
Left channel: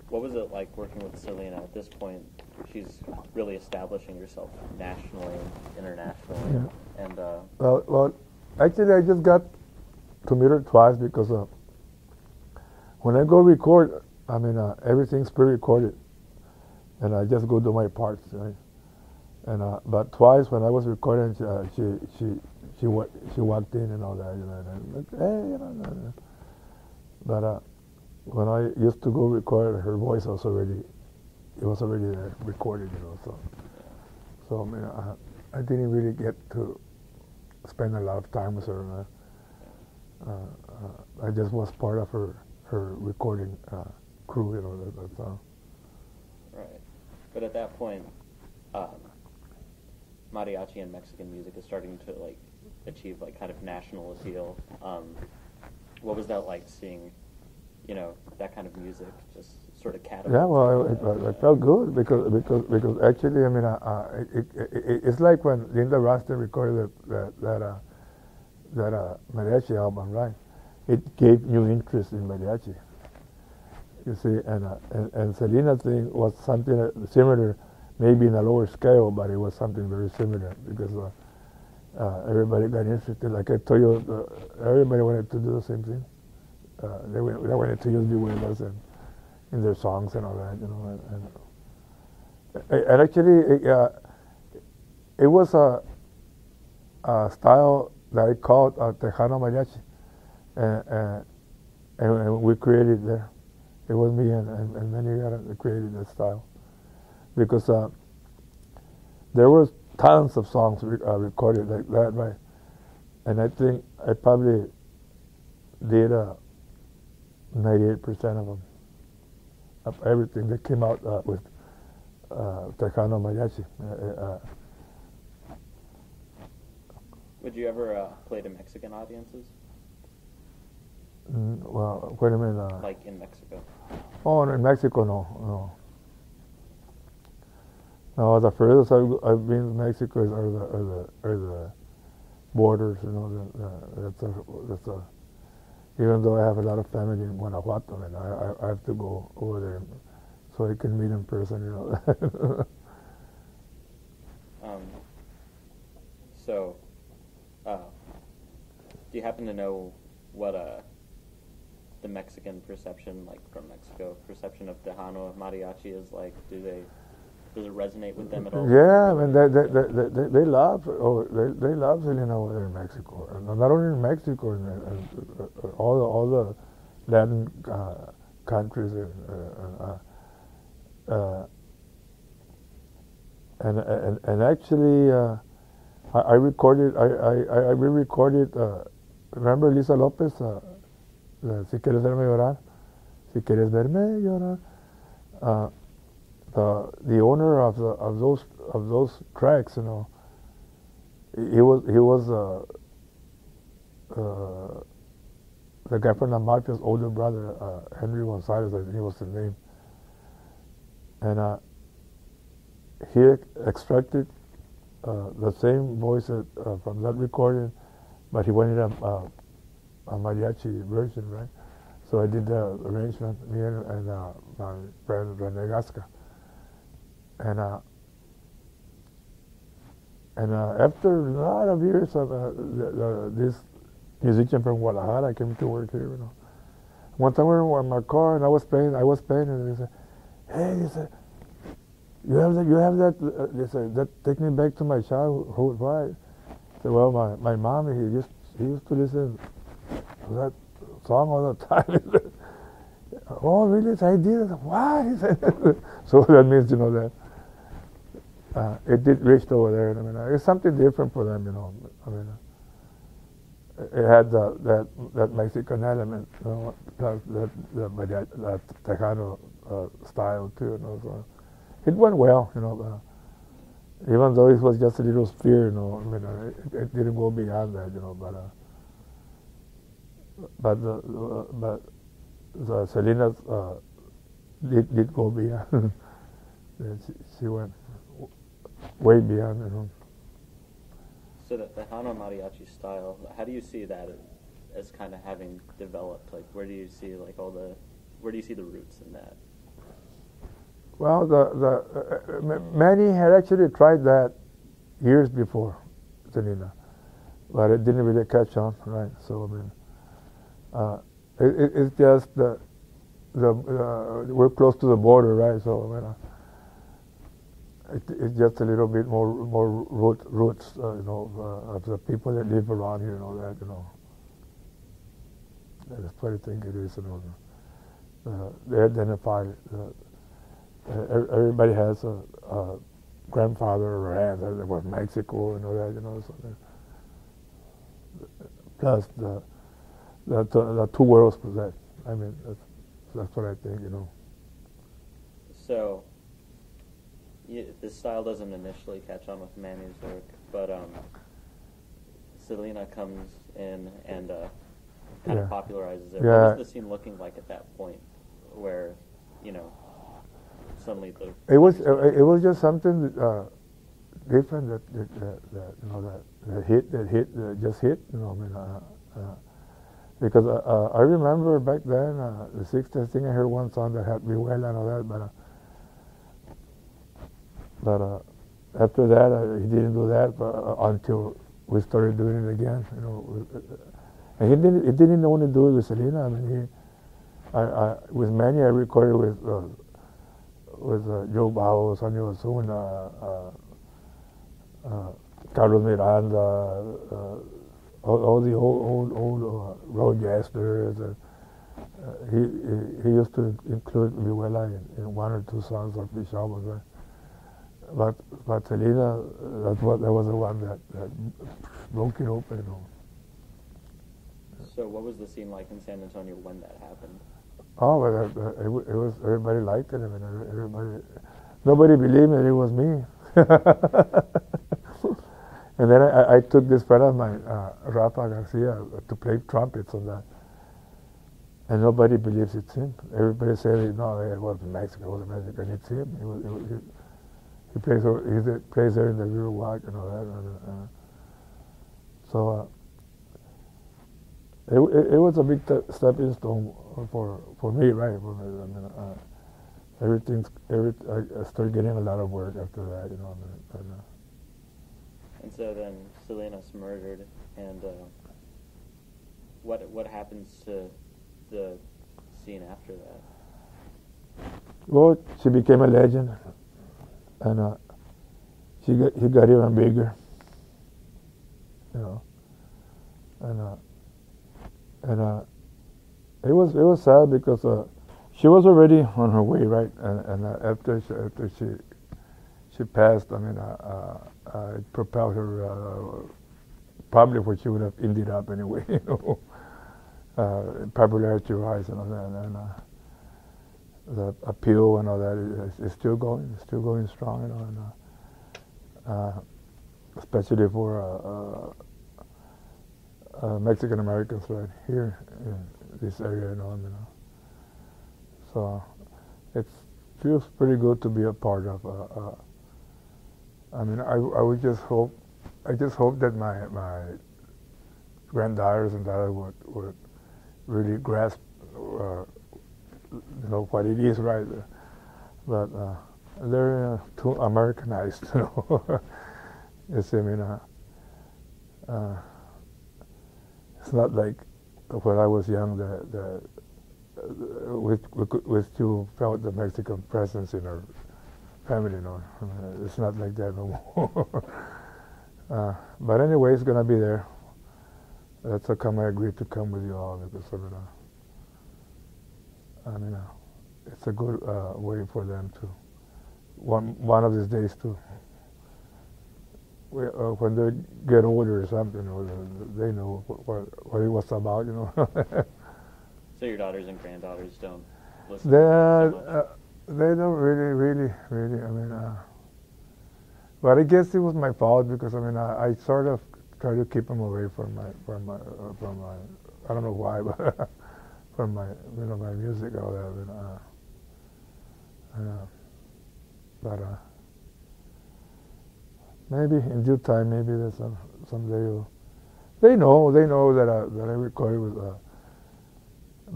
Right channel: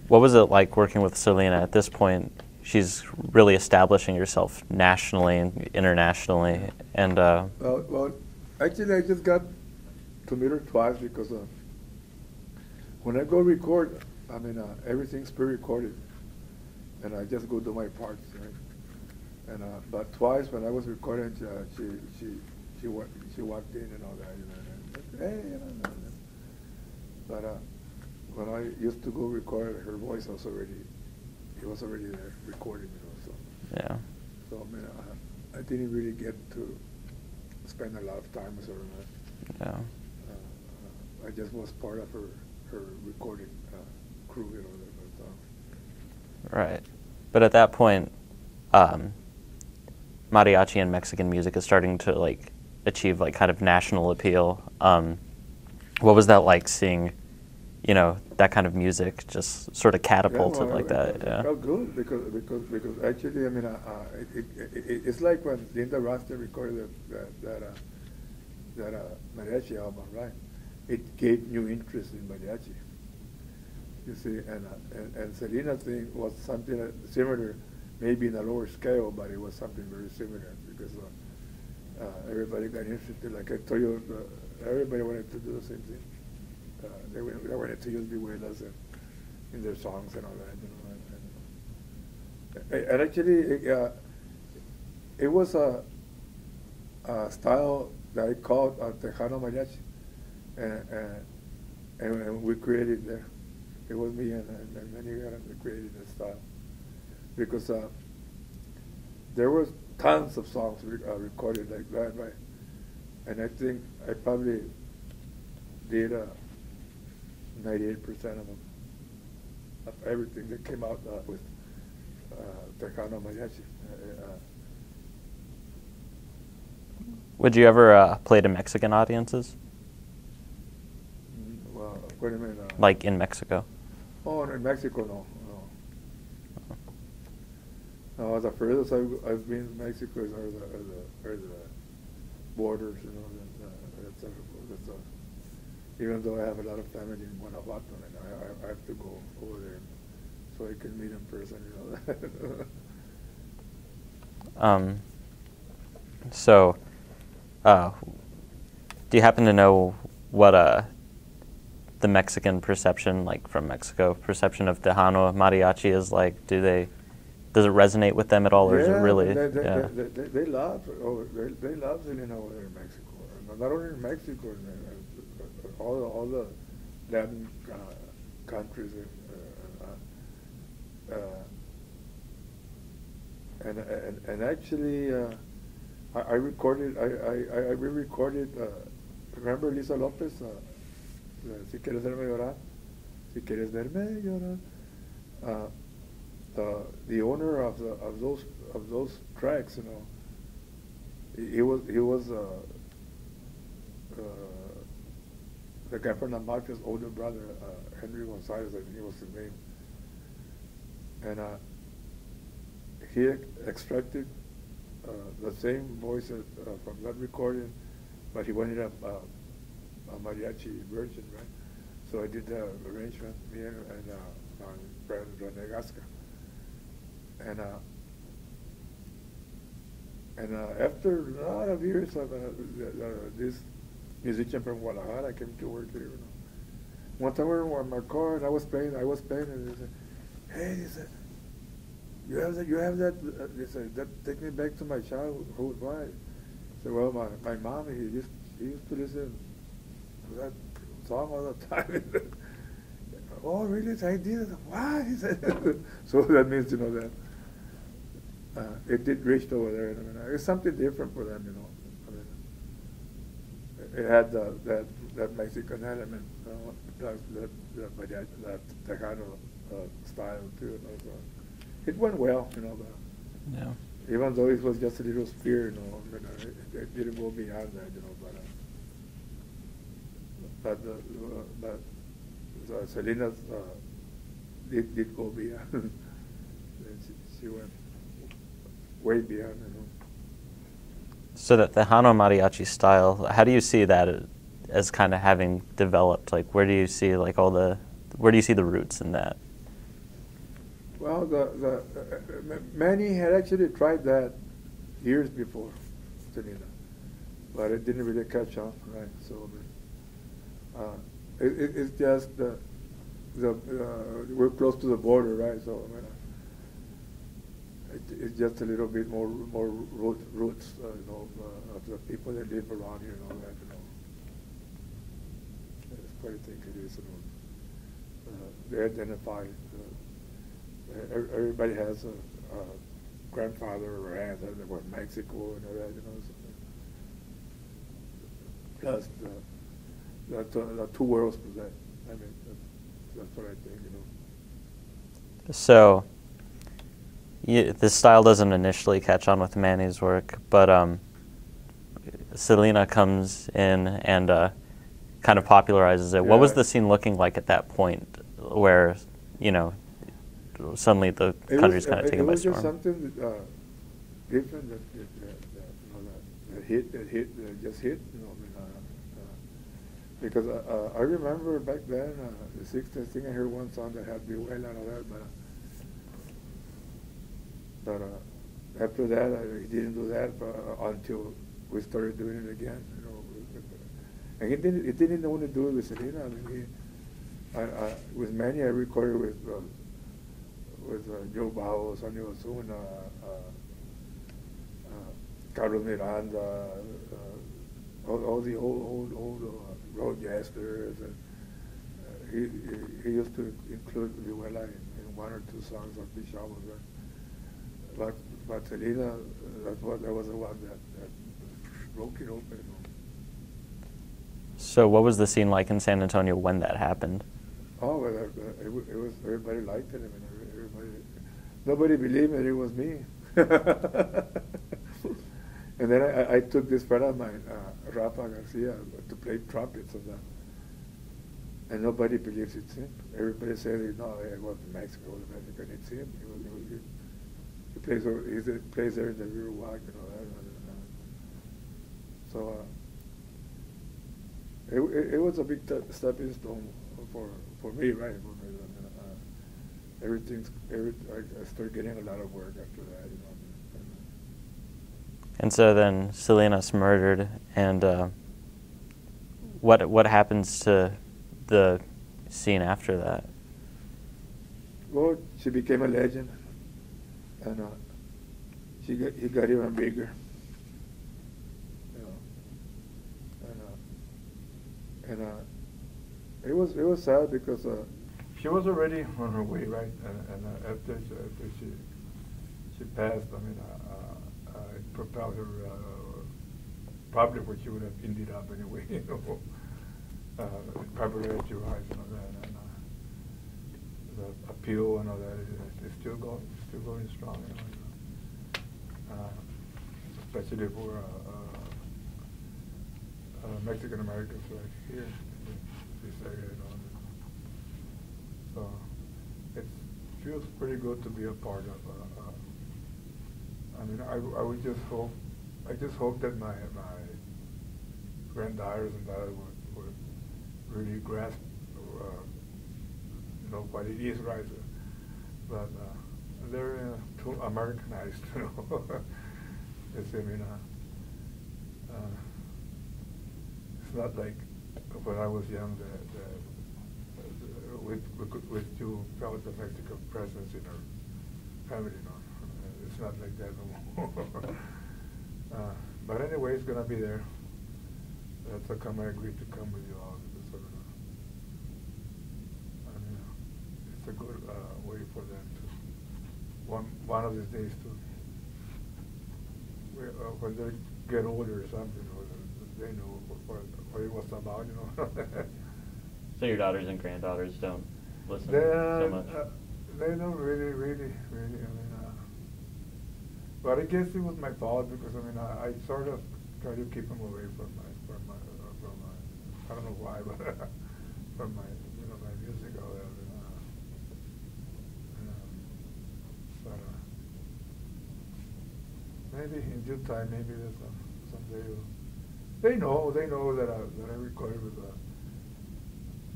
what was it like working with Selena at this point? She's really establishing herself nationally and internationally. Yeah. And well, actually, I just got to meet her twice because when I go record, I mean, everything's pre-recorded, and I just go do my parts, right? And but twice when I was recording, she walked in and all that, and like, hey, But when I used to go record, her voice was already there, recorded, So yeah. So I mean, I didn't really get to spend a lot of time with her. Yeah. I just was part of her recording crew, That's all. Right. But at that point, mariachi and Mexican music is starting to achieve kind of national appeal. What was that like, seeing, that kind of music just sort of catapulted that? It felt good because actually, I mean, it's like when Linda Ronstadt recorded that mariachi album, right? It gave new interest in mariachi. You see, and Selena's thing was something similar, maybe in a lower scale, but it was something very similar because everybody got interested. Like I told you, everybody wanted to do the same thing. They wanted to use vihuelas in their songs and all that, And actually, it was a style that I called Tejano Mariachi, and we created there. It was me and many others that created that style, because there was tons of songs recorded like that, right? And I think I probably did 98% of them, of everything that came out with Tejano Mariachi. Would you ever play to Mexican audiences? Well, wait a minute. Like in Mexico? Oh, in Mexico, no. No, the furthest I've been to Mexico are the borders, that's even though I have a lot of family in Guanajuato, and I have to go over there so I can meet in person, So, do you happen to know what the Mexican perception, from Mexico, perception of Tejano mariachi is like? Does it resonate with them at all? Or is it really, they love Selena over there in Mexico. Not only in Mexico, all the Latin countries, and actually, I recorded. I re-recorded. Remember Lisa Lopez? Si quieres verme llorar, si quieres verme llorar. The owner of those tracks, he was the guy from the Mafia's older brother, Henry Gonzalez, I think he was his name, and he extracted the same voices from that recording, but he wanted a mariachi version, right? So I did the arrangement, me and my friend Rene Gasca. And after a lot of years, this musician from Guadalajara came to work here. You know. One time we were in my car and I was playing, and he said, "Hey," he said, "you have that." They said, "That take me back to my childhood." Why? I said, "Well, my mom, he used to listen to that song all the time." "Oh, really?" I did. I said, "Why?" He said. So that means, you know, that it did reach over there. I mean, it's something different for them, you know. I mean, it had that Mexican element, you know, plus that Tejano style too. You know, so it went well, you know. Yeah. Even though it was just a little sphere, you know, I mean, it didn't go beyond that, you know. But Selena's did go beyond. She went way beyond, you know. So that the Tejano mariachi style, how do you see that as kind of having developed? Like, where do you see like where do you see the roots in that? Well, Manny had actually tried that years before Selena, but it didn't really catch on, right? So I mean, it's just we're close to the border, right? So I mean, it's just a little bit more roots, you know, of the people that live around here and all that, you know. That's what I think it is, you know. They identify. Everybody has a grandfather or aunt that was Mexico and all that, you know. So plus the two worlds possess. I mean, that's what I think, you know. So. This style doesn't initially catch on with Manny's work, but Selena comes in and kind of popularizes it. Yeah. What was the scene looking like at that point, where, you know, suddenly the country's kind of taking it was just something different that you know that just hit, you know. I mean, because I remember back then the '60s. I think I heard one song that had Vihuela and all that, but after that, he didn't do that until we started doing it again. You know, and he didn't only do it with Selena. I mean, with Manny, I recorded with Joe Bajo, Sonia Osuna, Carlos Miranda, all the old road jazzers. He used to include Vihuela in one or two songs of the albums, right? But Selena, that was the one that broke it open, you know. So what was the scene like in San Antonio when that happened? Oh, but it was, everybody liked it. I mean, nobody believed me, it was me. And then I took this friend of mine, Rafa Garcia, to play trumpets on that. And nobody believes it's him. Everybody said, no, it was Mexico, it's him. He plays there in the River Walk and all that. So it was a big stepping stone for me, right? I started getting a lot of work after that, you know. And so then Selena's murdered, and what happens to the scene after that? Well, she became a legend. And he got even bigger, you know, and it was sad because she was already on her way, right, and after she passed, I mean, it propelled her probably where she would have ended up anyway, you know, popularity rise and all that, and the appeal and all that is still going strong, you know, and especially for Mexican Americans right here in this area, you know. So it feels pretty good to be a part of. I mean, I would just hope that my granddaughters and daughters would really grasp. You know what it is, right? But they're too Americanized, you know. You see, I mean, it's not like when I was young that we still felt the Mexican presence in our family, you know. I mean, it's not like that no more. But anyway, it's gonna be there. That's how come I agreed to come with you all, because I mean, it's a good way for them to one of these days to when they get older or something, they know what it was about, you know. So your daughters and granddaughters don't listen They so much? they don't really. I mean, but I guess it was my fault, because I mean I sort of try to keep them away from my I don't know why, but from my my music or whatever. But maybe in due time, maybe there's someday they know that I recorded with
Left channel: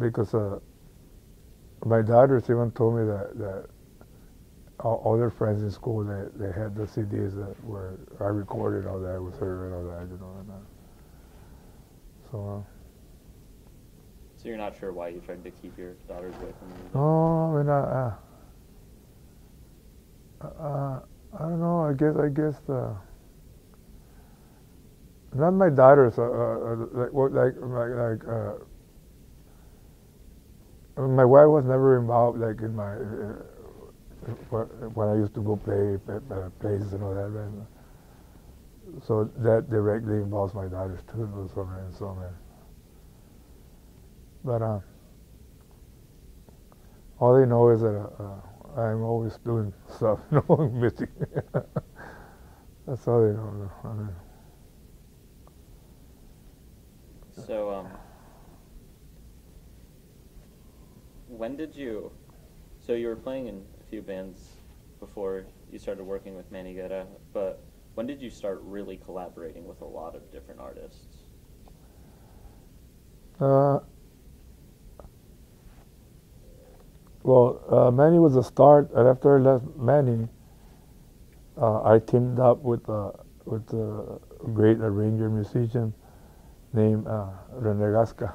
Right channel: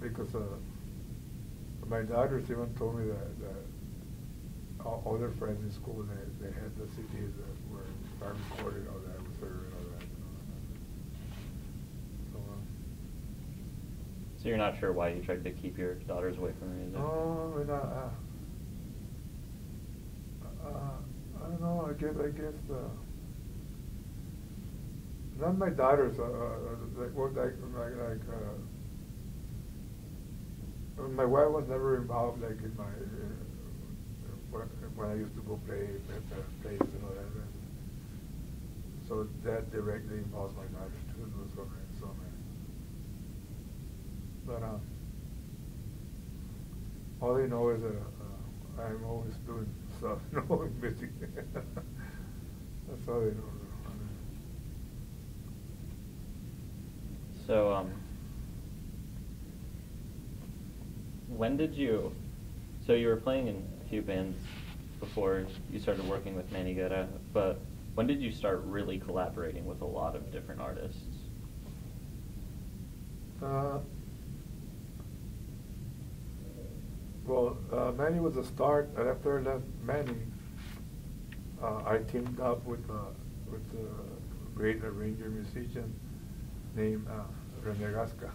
because my daughters even told me that all their friends in school, they had the CDs that where I recorded all that with her and all that, you know. So So you're not sure why you tried to keep your daughters away from the music? no, I mean I don't know. I guess not my daughters. My wife was never involved, like in my when I used to go play plays and all that. And so that directly involves my daughters too, so man. But all they know is that I'm always doing stuff, music. That's all they know. So, when did you? So you were playing in a few bands before you started working with Manny Guerra, but when did you start really collaborating with a lot of different artists? Well, Manny was a start, and after I left Manny, I teamed up with a great arranger musician named Renegasca.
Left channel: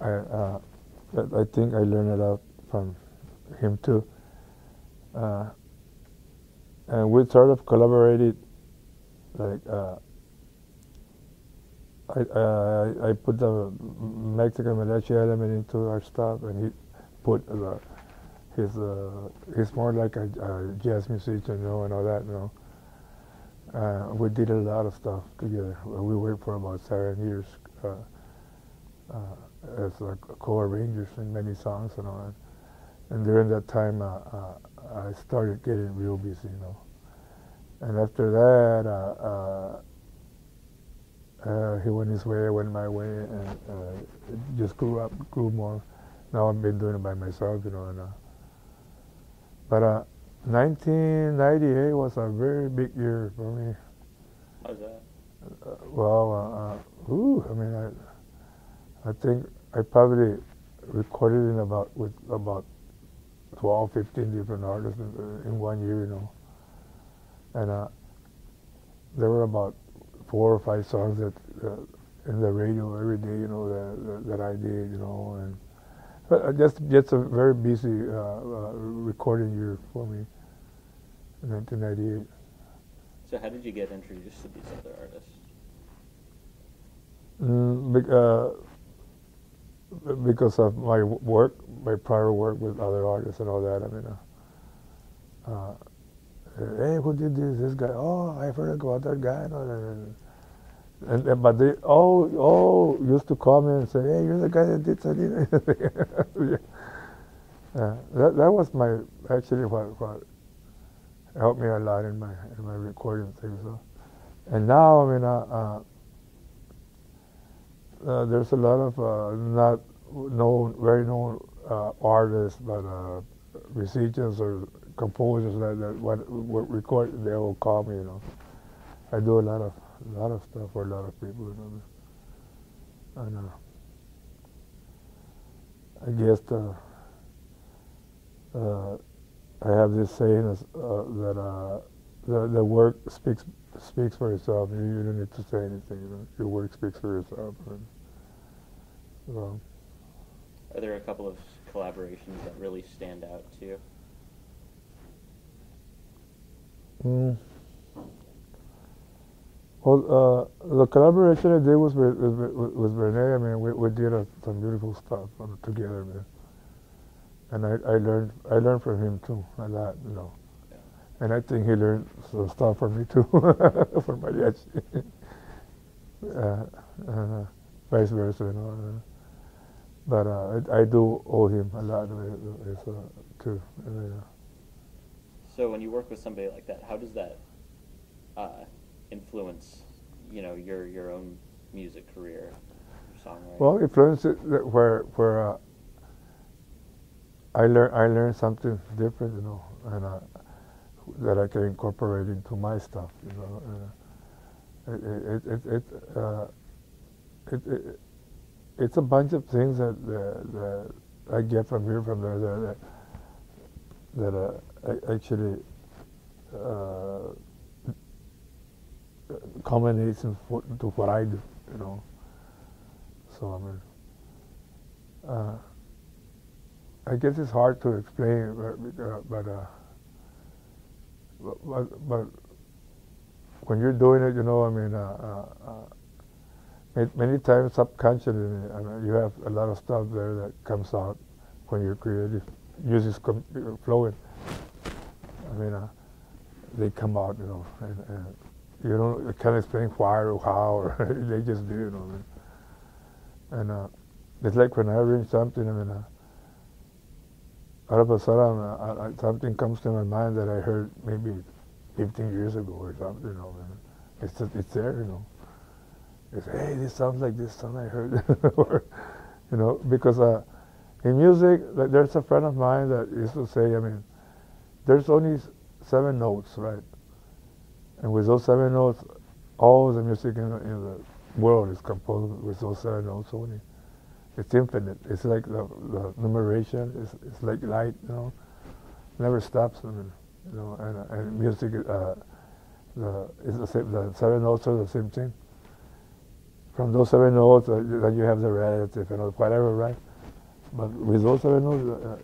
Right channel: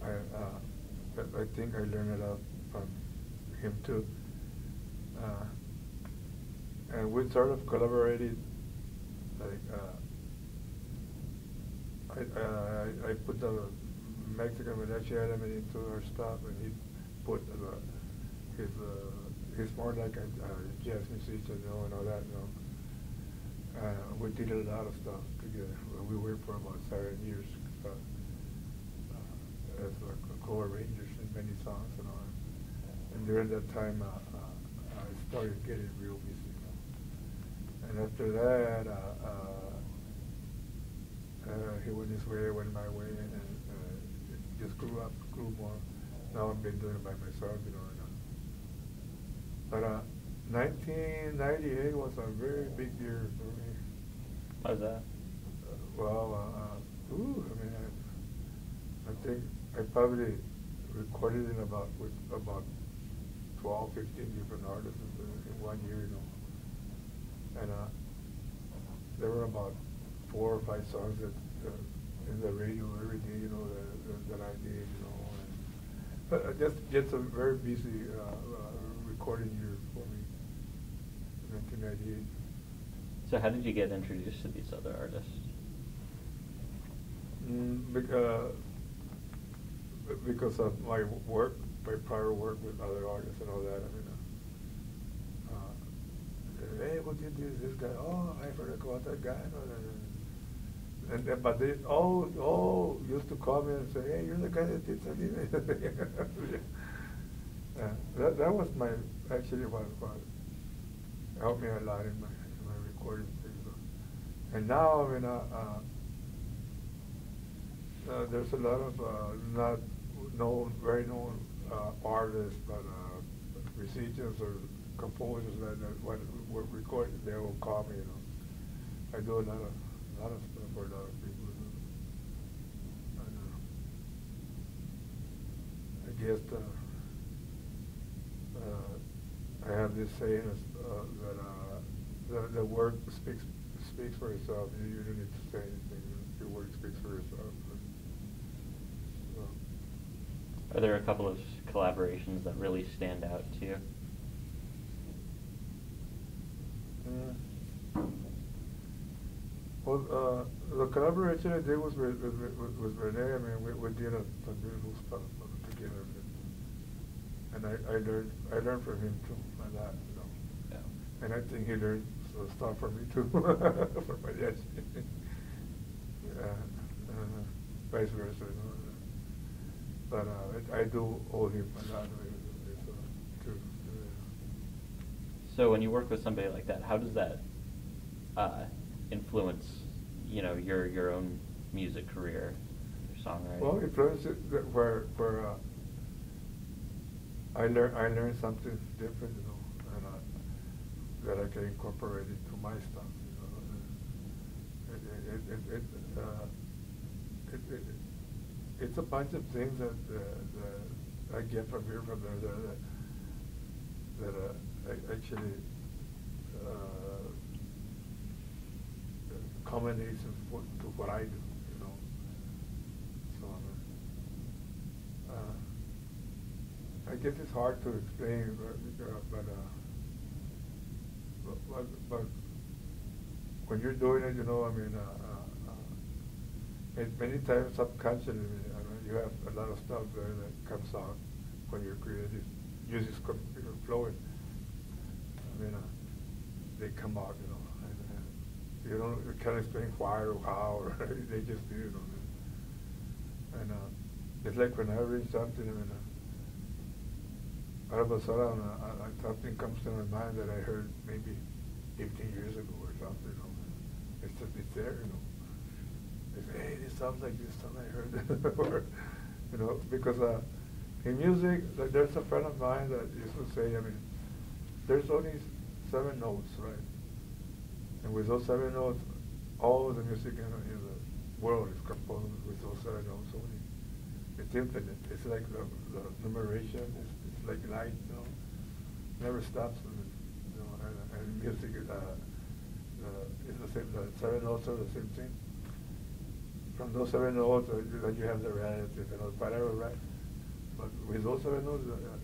I think I learned it out from him too. And we sort of collaborated, like I put the Mexican mariachi element into our stuff, and he put he's more like a jazz musician, you know, and all that, you know. We did a lot of stuff together. We worked for about 7 years as co-arrangers in many songs and all that. And during that time, I started getting real busy, you know. And after that, he went his way, I went my way, and it just grew more. Now I've been doing it by myself, you know. But 1998 was a very big year for me. What was that? I mean, I think I probably recorded with about 12, 15 different artists in 1 year, you know. And there were about 4 or 5 songs that in the radio every day, you know, that I did, you know. And but just a very busy recording year for me in 1998. So how did you get introduced to these other artists? Because of my work, my prior work with other artists and all that. I mean, hey, who did this? This guy. Oh, I've heard about that guy. And but they all used to call me and say, hey, you're the guy that did something. That was actually what helped me a lot in my recording thing. So, and now I mean, there's a lot of not very known artists, but musicians or composers that what record. They all call me. You know, I do a lot of stuff for a lot of people. You know, and I guess I have this saying that the work speaks for itself. You don't need to say anything. You know? Your work speaks for itself. So. Are there a couple of collaborations that really stand out to you? Well, the collaboration I did was with Renee. I mean, we did some beautiful stuff together, man. And I learned from him too a lot, you know. Yeah. And I think he learned some stuff from me too, for mariachi. Vice versa, you know. But I do owe him a lot of it too. So when you work with somebody like that, how does that influence, you know, your own music career, songwriting? Well, influences where I learned something different, you know, and that I can incorporate into my stuff, you know. It's a bunch of things that I get from here, from there, that I actually culminates into what I do, you know. So I mean, I guess it's hard to explain, but when you're doing it, you know, I mean, many times subconsciously, I mean, you have a lot of stuff there that comes out when you're creative. Music's flowing. I mean, they come out, you know, and you can't explain why or how, or they just do, you know. And it's like when I arrange something, I mean, out of a sudden, something comes to my mind that I heard maybe 15 years ago or something, you know. And it's there, you know. It's, hey, this sounds like this song I heard, or, you know, because in music, there's a friend of mine that used to say, I mean, there's only 7 notes, right? And with those 7 notes, all the music in the world is composed with those 7 notes only. It's infinite. It's like the numeration. It's like light, you know, never stops. I mean, you know, and music, it's the same. The 7 notes are the same thing. From those 7 notes, then you have the relative and whatever, right? But with those 7 notes,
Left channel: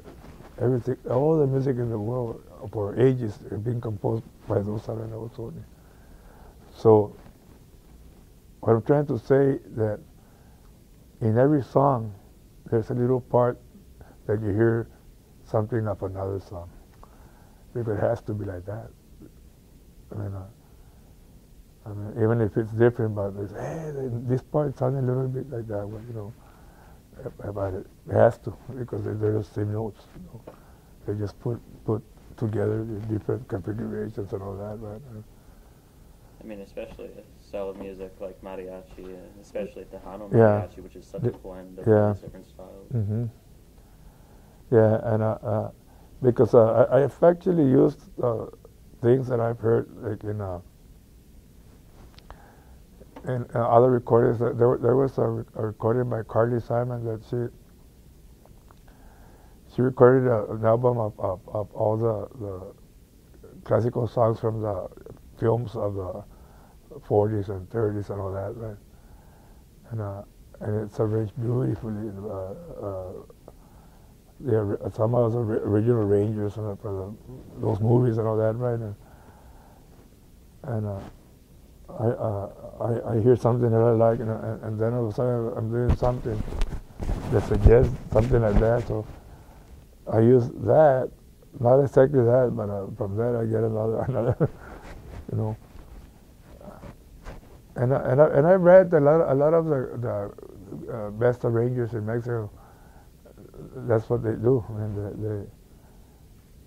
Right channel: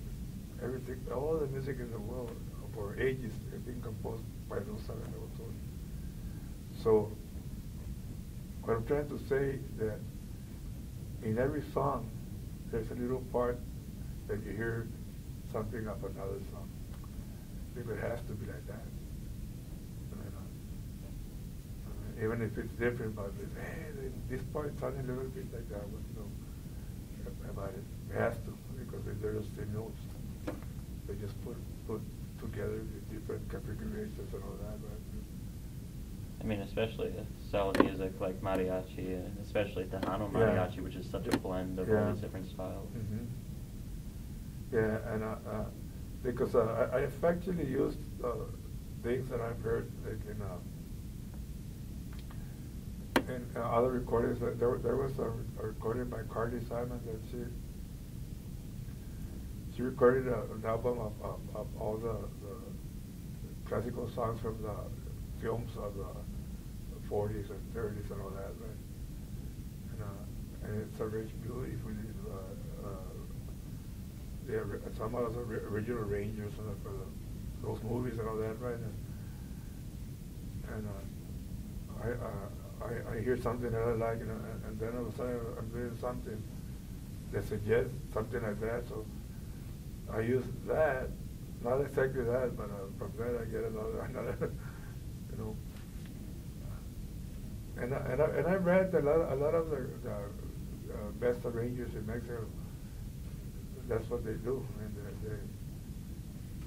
everything, all the music in the world for ages has been composed by those 7 notes only. So, what I'm trying to say that in every song, there's a little part that you hear something of another song. Because it has to be like that. I mean, even if it's different, but it's, hey, this part sounds a little bit like that, well, you know, about it. It has to, because they're the same notes. You know. They just put together the different configurations and all that, right? I mean, especially a style of music like mariachi, and especially Tejano mariachi, which is such a blend of all these different styles. Mm-hmm. Yeah, and because I've actually used things that I've heard, like in other recordings. There was a recording by Carly Simon that she recorded an album of all the classical songs from the films of the 40s and 30s and all that, right? And it's arranged beautifully. Some of the original arrangers for those movies and all that, right? And I hear something that I like, and then all of a sudden I'm doing something that suggests something like that. So I use that, not exactly that, but from that I get another, you know. And I read a lot of the best arrangers in Mexico. That's what they do. I mean,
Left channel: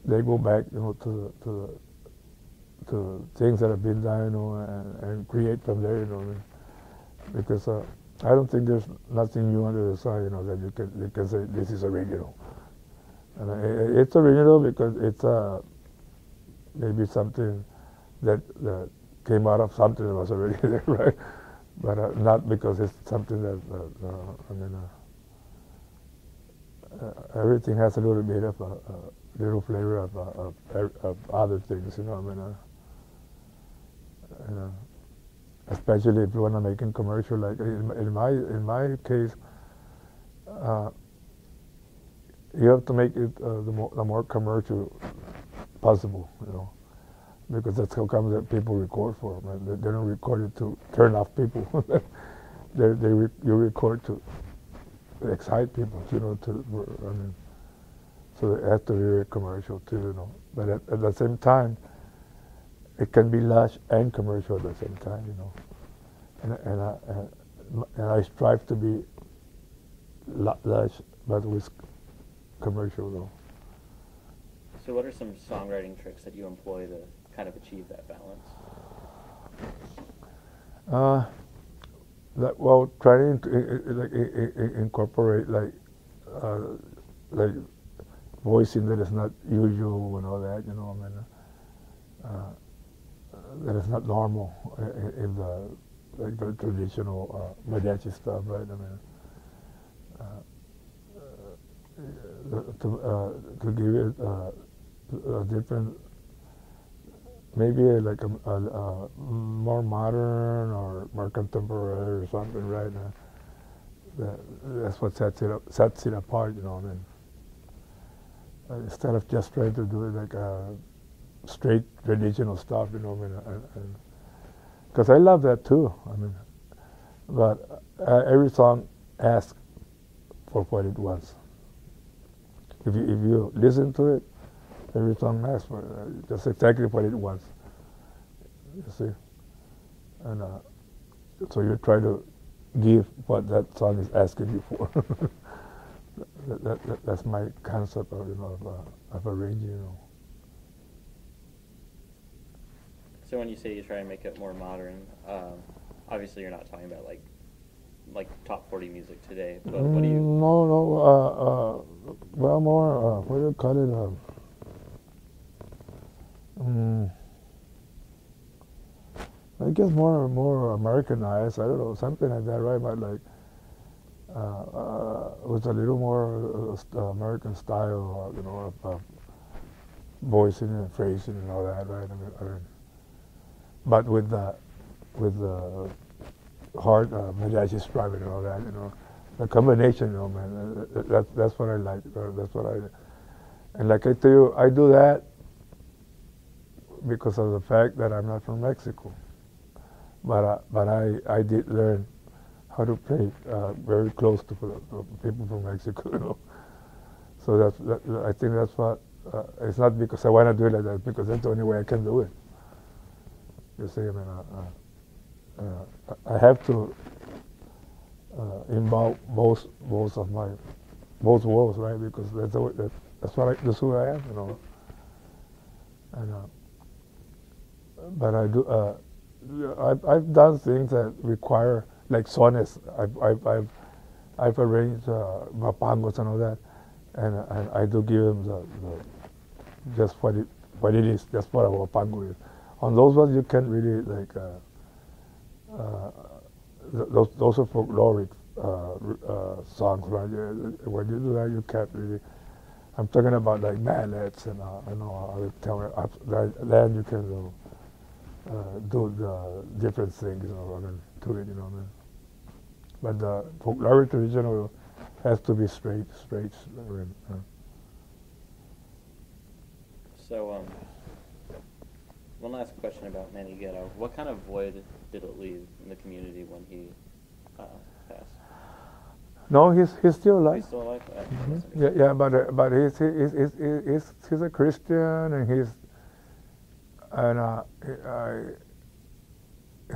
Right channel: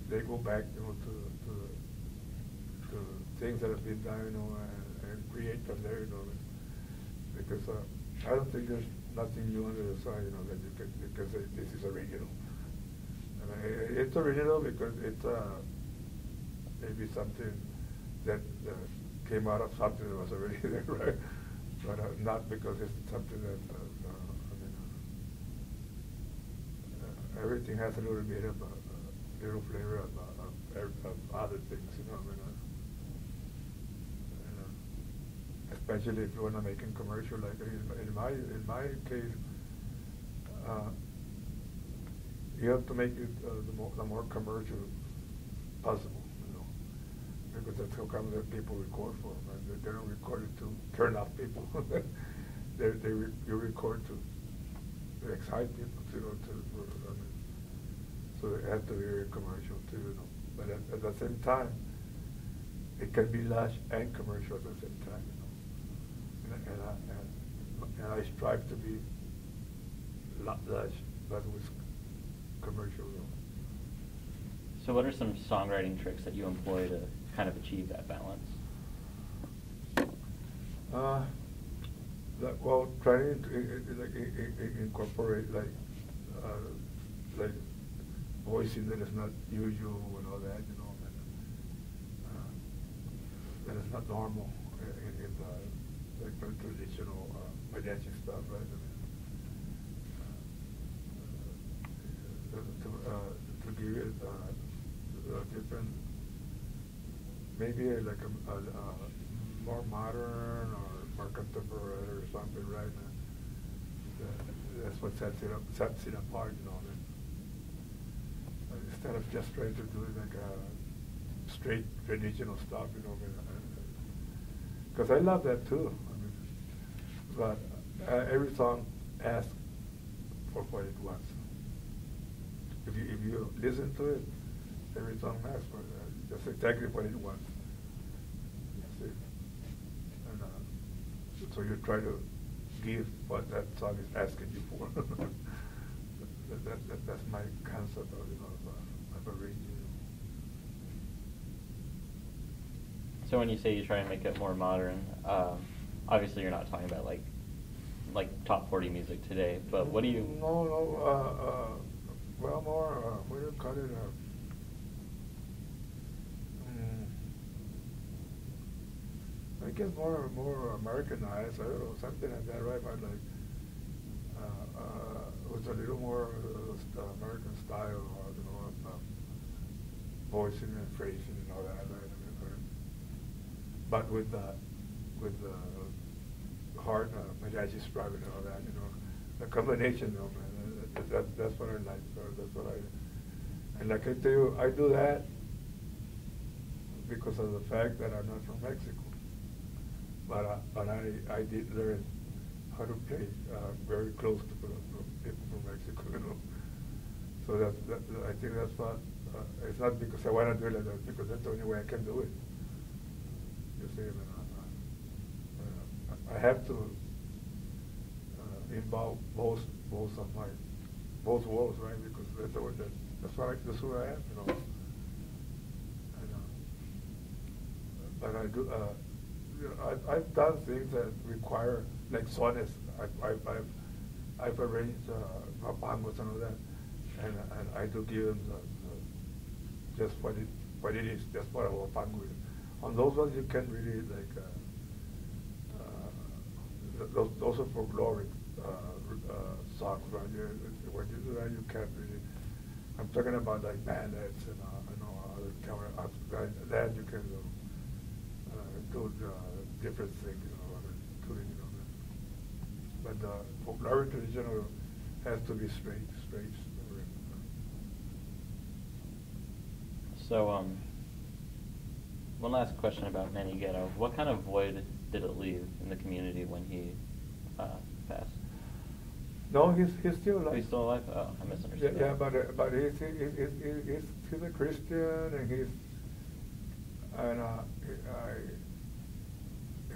they go back, you know, to things that have been done, you know, and create from there, you know. Because I don't think there's nothing new under the sun, you know, that you can say this is original. I mean, it's original because it's maybe something that came out of something that was already there, right? But not because it's something that I mean. Everything has a little bit of a little flavor of other things, you know. I mean, especially if you want to make a commercial. Like in my case, you have to make it the more commercial possible, because that's how come that people record for them. And they don't record it to turn off people. You record to excite people, so it has to be very commercial too, But at the same time, it can be lush and commercial at the same time, And I strive to be lush, but with commercial though. So what are some songwriting tricks that you employ to kind of achieve that balance? Trying to incorporate like voicing that is not usual and all that, that is not normal in the traditional mariachi stuff, right? To give it a different, maybe like a more modern or more contemporary or something, right? That's what sets it apart, instead of just trying to do it like straight traditional stuff, because I love that too. But every song asks for what it was. If you listen to it, every song asks for just exactly what it was. You see, and so you try to give what that song is asking you for. That's my concept of arranging. So when you say you try and make it more modern, obviously you're not talking about like top 40 music today, but what do you? No. Well, more. What do you call it? I guess more Americanized. I don't know, something like that, right? But like with a little more American style, of voicing and phrasing and all that, right? But with the hard mariachi strumming and all that, the combination, man. That's what I like. That's what I. And like I tell you, I do that because of the fact that I'm not from Mexico. But I did learn how to play very close to people from Mexico, So I think that's what. It's not because I want to do it like that, because that's the only way I can do it. You see, I have to involve both worlds, right? Because that's who I am, And but I do. I've done things that require like sonnets. I've arranged mapangos and all that, and I do give them the just what it is. That's what a mapango is. On those ones you can't really like. Those are folkloric songs, right? When you do that, you can't really. I'm talking about like mallets and then you can do the different things, to it, But the folkloric traditional has to be straight. So, one last question about Manny Ghetto. What kind of void did it leave in the community when he passed? No, he's still alive. He's still alive? Oh, I misunderstood. Yeah, but he's a Christian, and he's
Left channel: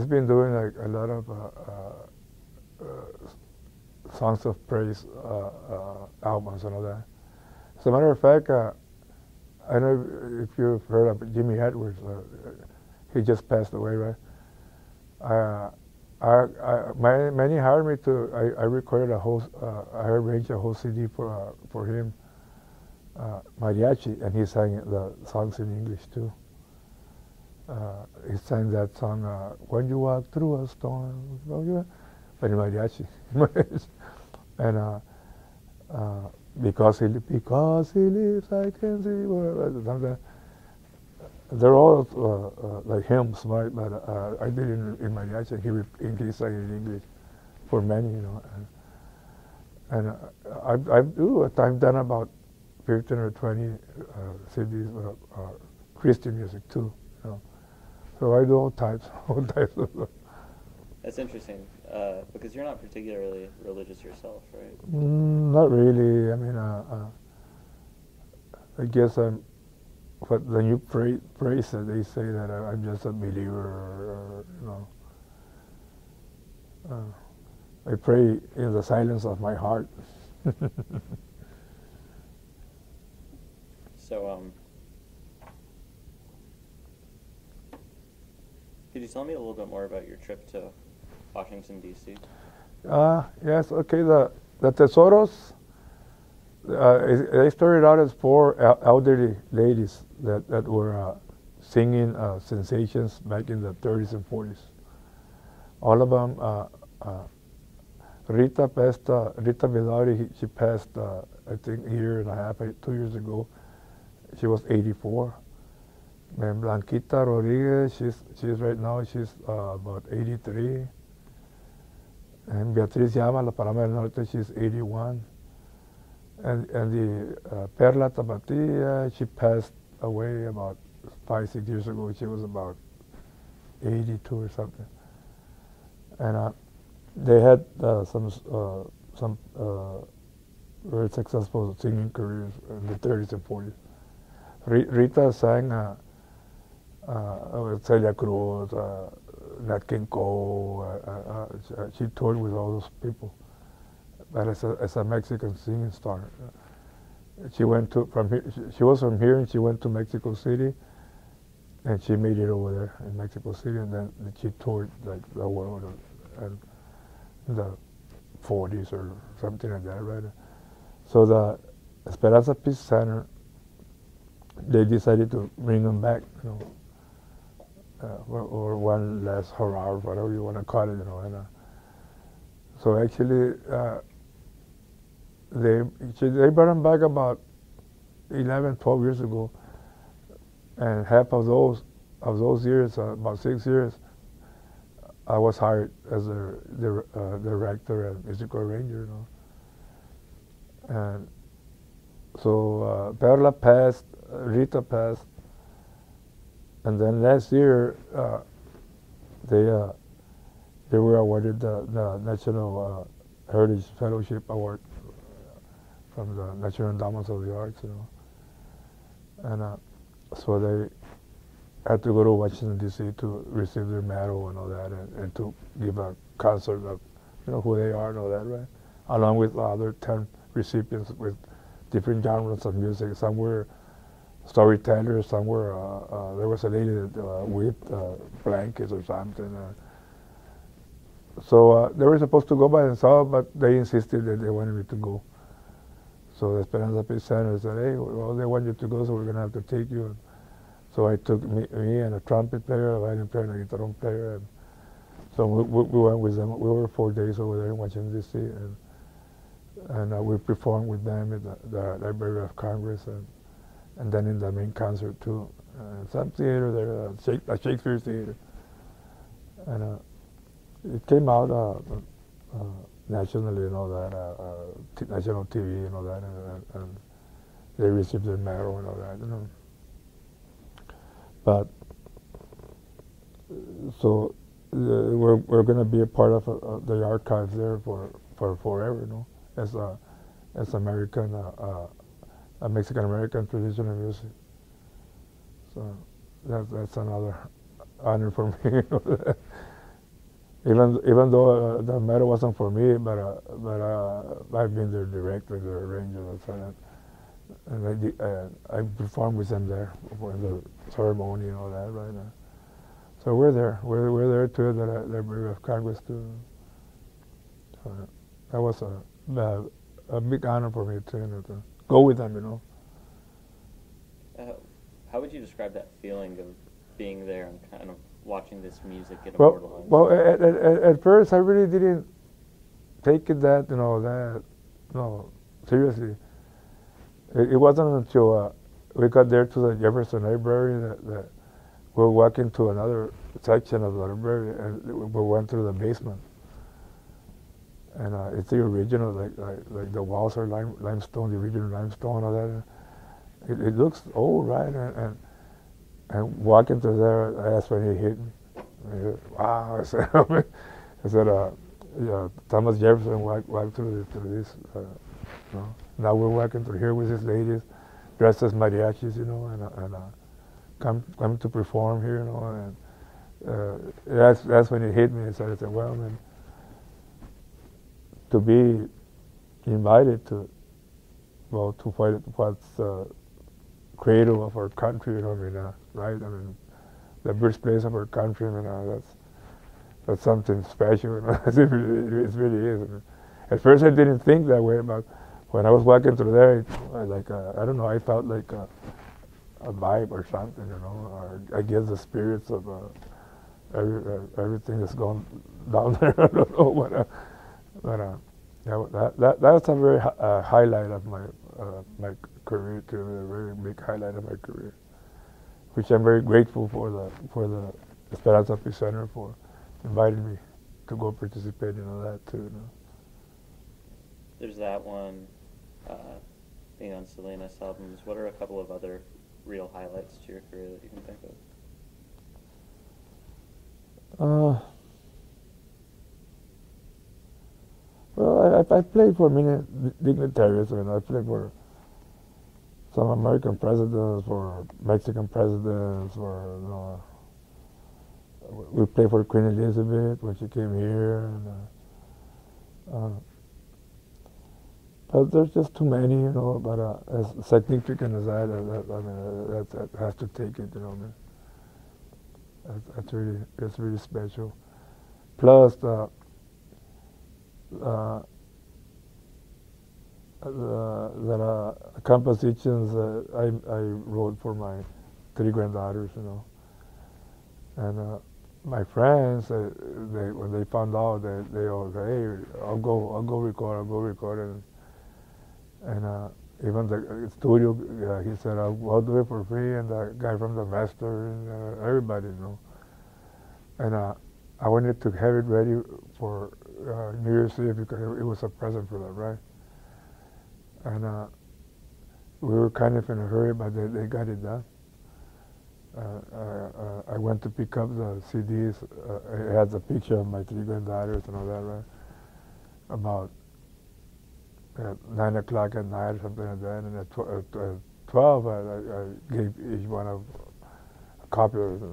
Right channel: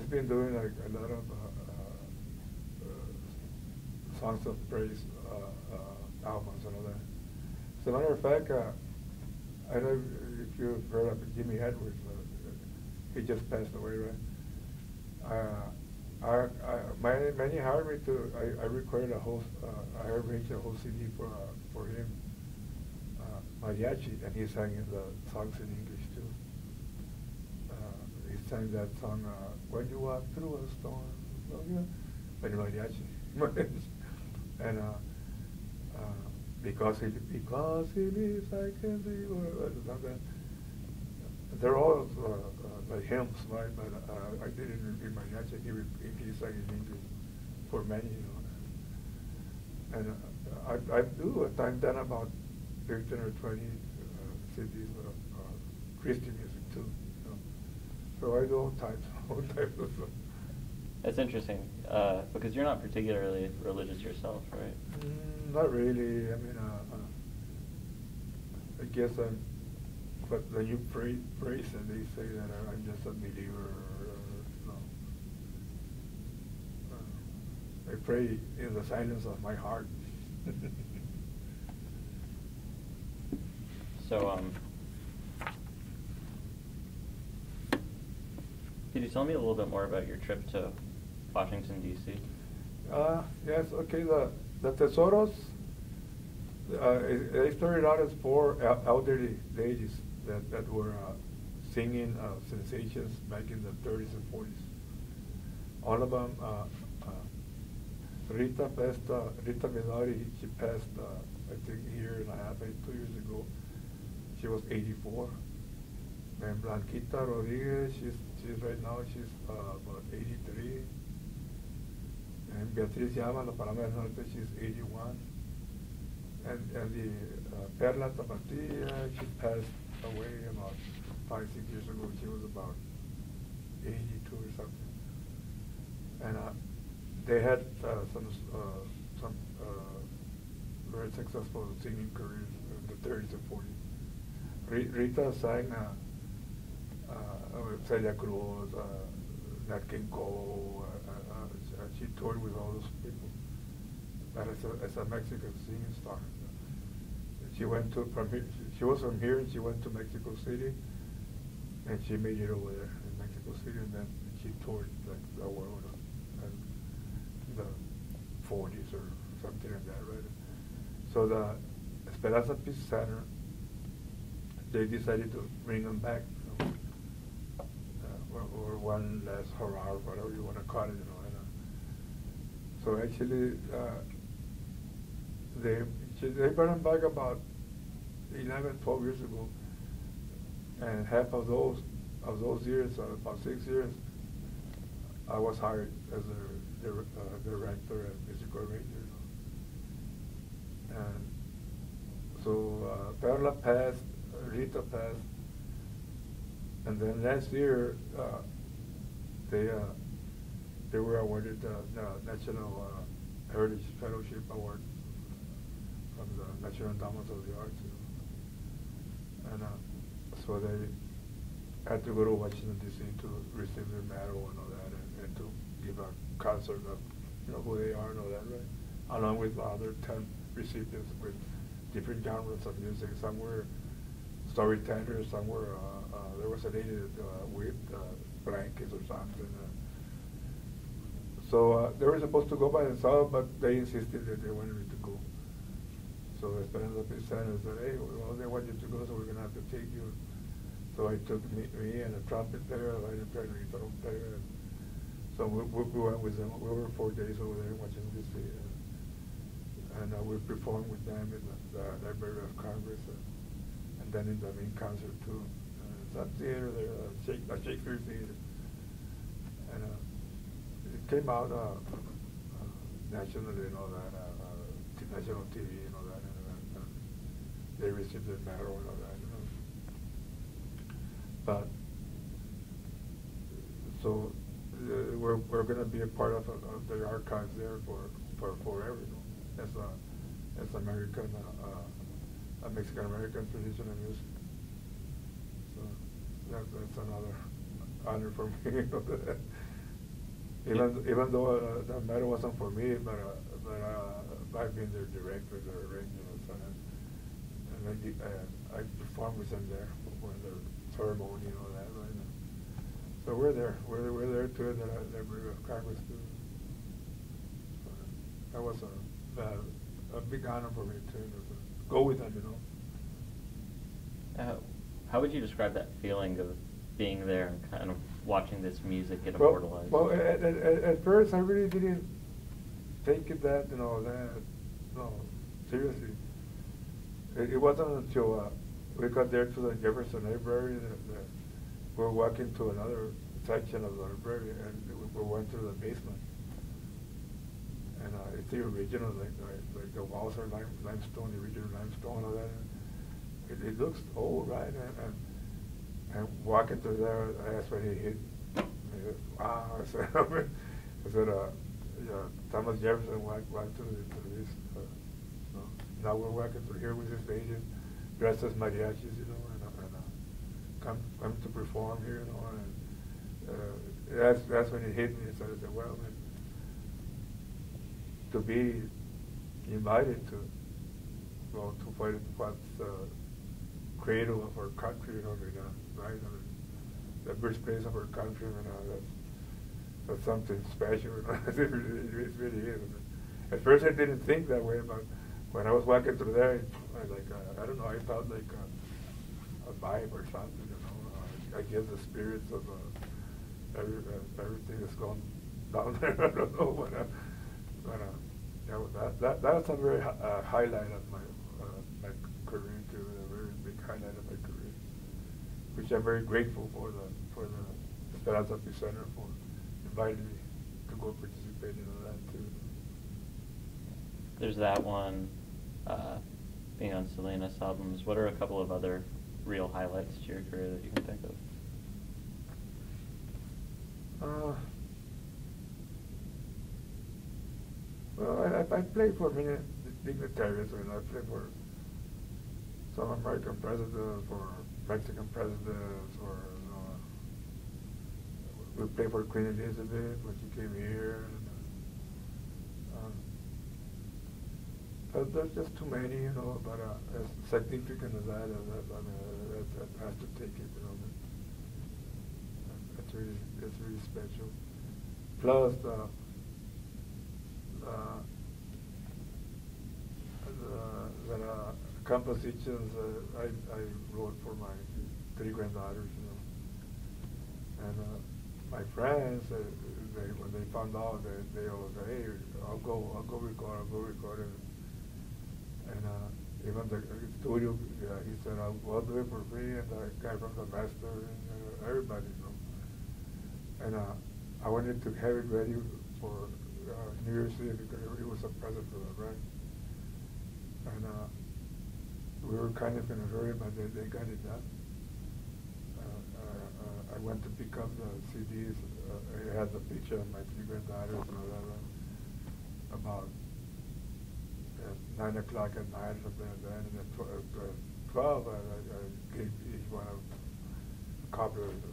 been doing like a lot of songs of praise albums and all that. As a matter of fact, I don't know if you've heard of Jimmy Edwards. He just passed away, right? Manny hired me to. I recorded I arranged a whole CD for him, Mariachi, and he sang the songs in English too. He sang that song, "When You Walk Through a Storm," but in Mariachi, and because he lives, I can see. they're all like hymns, right? But I did it in mariachi, and he sang it in English for many, you know. And I've done about 15 or 20 CDs Christian music too, you know. So I do all types, all types of stuff. It's interesting because you're not particularly religious yourself, right? Not really. I mean, I guess I'm. But when you praise it, they say that I'm just a believer, or, you know. I pray in the silence of my heart. So, could you tell me a little bit more about your trip to Washington, D.C.? Yes, okay. The Tesoros, they started out as four elderly ladies that were singing sensations back in the 30s and 40s. All of them, Rita Vidari, she passed, I think, a year and a half, 2 years ago. She was 84. And Blanquita Rodriguez, she's right now, she's about 83. And Beatriz Llama, La Paloma del Norte, she's 81. And the Perla Tapatía, she passed away about 5-6 years ago. She was about 82 or something. And they had some very successful singing careers in the 30s and 40s. Rita sang Celia Cruz, Nat King Cole. She toured with all those people. But as a Mexican singing star, she went from here. She was from here, and she went to Mexico City, and she made it over there in Mexico City, and then she toured like the world, and in the 40s or something like that, right? So the Esperanza Peace Center, they decided to bring them back, you know, or one last hurrah, whatever you want to call it, you know. And so actually, they brought them back about 11, 12 years ago, and half of those years, about 6 years, I was hired as the director and musical arranger, you know. And so Perla passed, Rita passed, and then last year they were awarded the National Heritage Fellowship Award from the National Endowments of the Arts, you know. And so they had to go to Washington, D.C. to receive their medal and all that, and to give a concert of, you know, who they are and all that, right? Along with other 10 recipients with different genres of music. Some were storytellers, some were, there was a lady that with blankets or something. So they were supposed to go by themselves, but they insisted that they wanted me to go. So the Esperanza Peace Center said, hey, well, they want you to go, so we're going to have to take you. So I took me and a trumpet player, a violin player, and a guitar player. And so we went with them. We were 4 days over there in Washington, D.C. And we performed with them at the Library of Congress, and then in the main concert too. Some theater there, a Shakespeare theater. And it came out nationally and all that, national TV and all that, and they received their medal and all that, you know. But so we're going to be a part of the archives there for forever, you know, as American, a Mexican American traditional music. So that's another honor for me. Even though the medal wasn't for me, but I've been their director, their arranger, and I performed with them there for the ceremony and all that, right? So we're there. We're there too at the Library of Congress too. So that was a big honor for me too, you know, to go with them, you know. How would you describe that feeling of being there and kind of watching this music get immortalized? Well, at first I really didn't take it that, you know, seriously. It wasn't until we got there to the Jefferson Library we're walking to another section of the library, and we went through the basement. And it's the original, like the walls are limestone, the original limestone, all that. It looks old, right? And walking through there, that's when he hit me. Wow! I said, yeah, Thomas Jefferson walked through this. You know. Now we're walking through here with these ladies, dressed as mariachis, you know, and come to perform here, you know. And that's when it hit me. So I said, well, man, to be invited to what's cradle of our country, you know, right? I mean, the birthplace of our country, you know, that's something special. You know? it really is. At first, I didn't think that way, but when I was walking through there, I don't know, I felt like a vibe or something, you know. I guess the spirits of everything that's going down there. I don't know what. That's a very highlight of my career too, a very big highlight of my career, which I'm very grateful for the Esperanza Peace Center for inviting me to go participate in all that too. You know. There's that one, being on Selena's albums. What are a couple of other real highlights to your career that you can think of? Well, I played for many dignitaries. I mean, I played for some American presidents, for Mexican presidents, for, you know, we played for Queen Elizabeth when she came here. And, but there's just too many, you know. But as significant as that, I mean, that has to take it, you know. It's really special. Plus the compositions I wrote for my 3 granddaughters, you know. And my friends, when they found out, they all say, "Hey, I'll go record it." And even the studio, he said, "I'll do it for free." And the guy from the master, and everybody, you know. And I wanted to have it ready for New Year's Eve because it was a present for them, right? And we were kind of in a hurry, but they got it done. I went to pick up the CDs. It had a picture of my 3 granddaughters and all that, right? About 9 o'clock at night or something like that. And at 12, I gave each one a copy of it.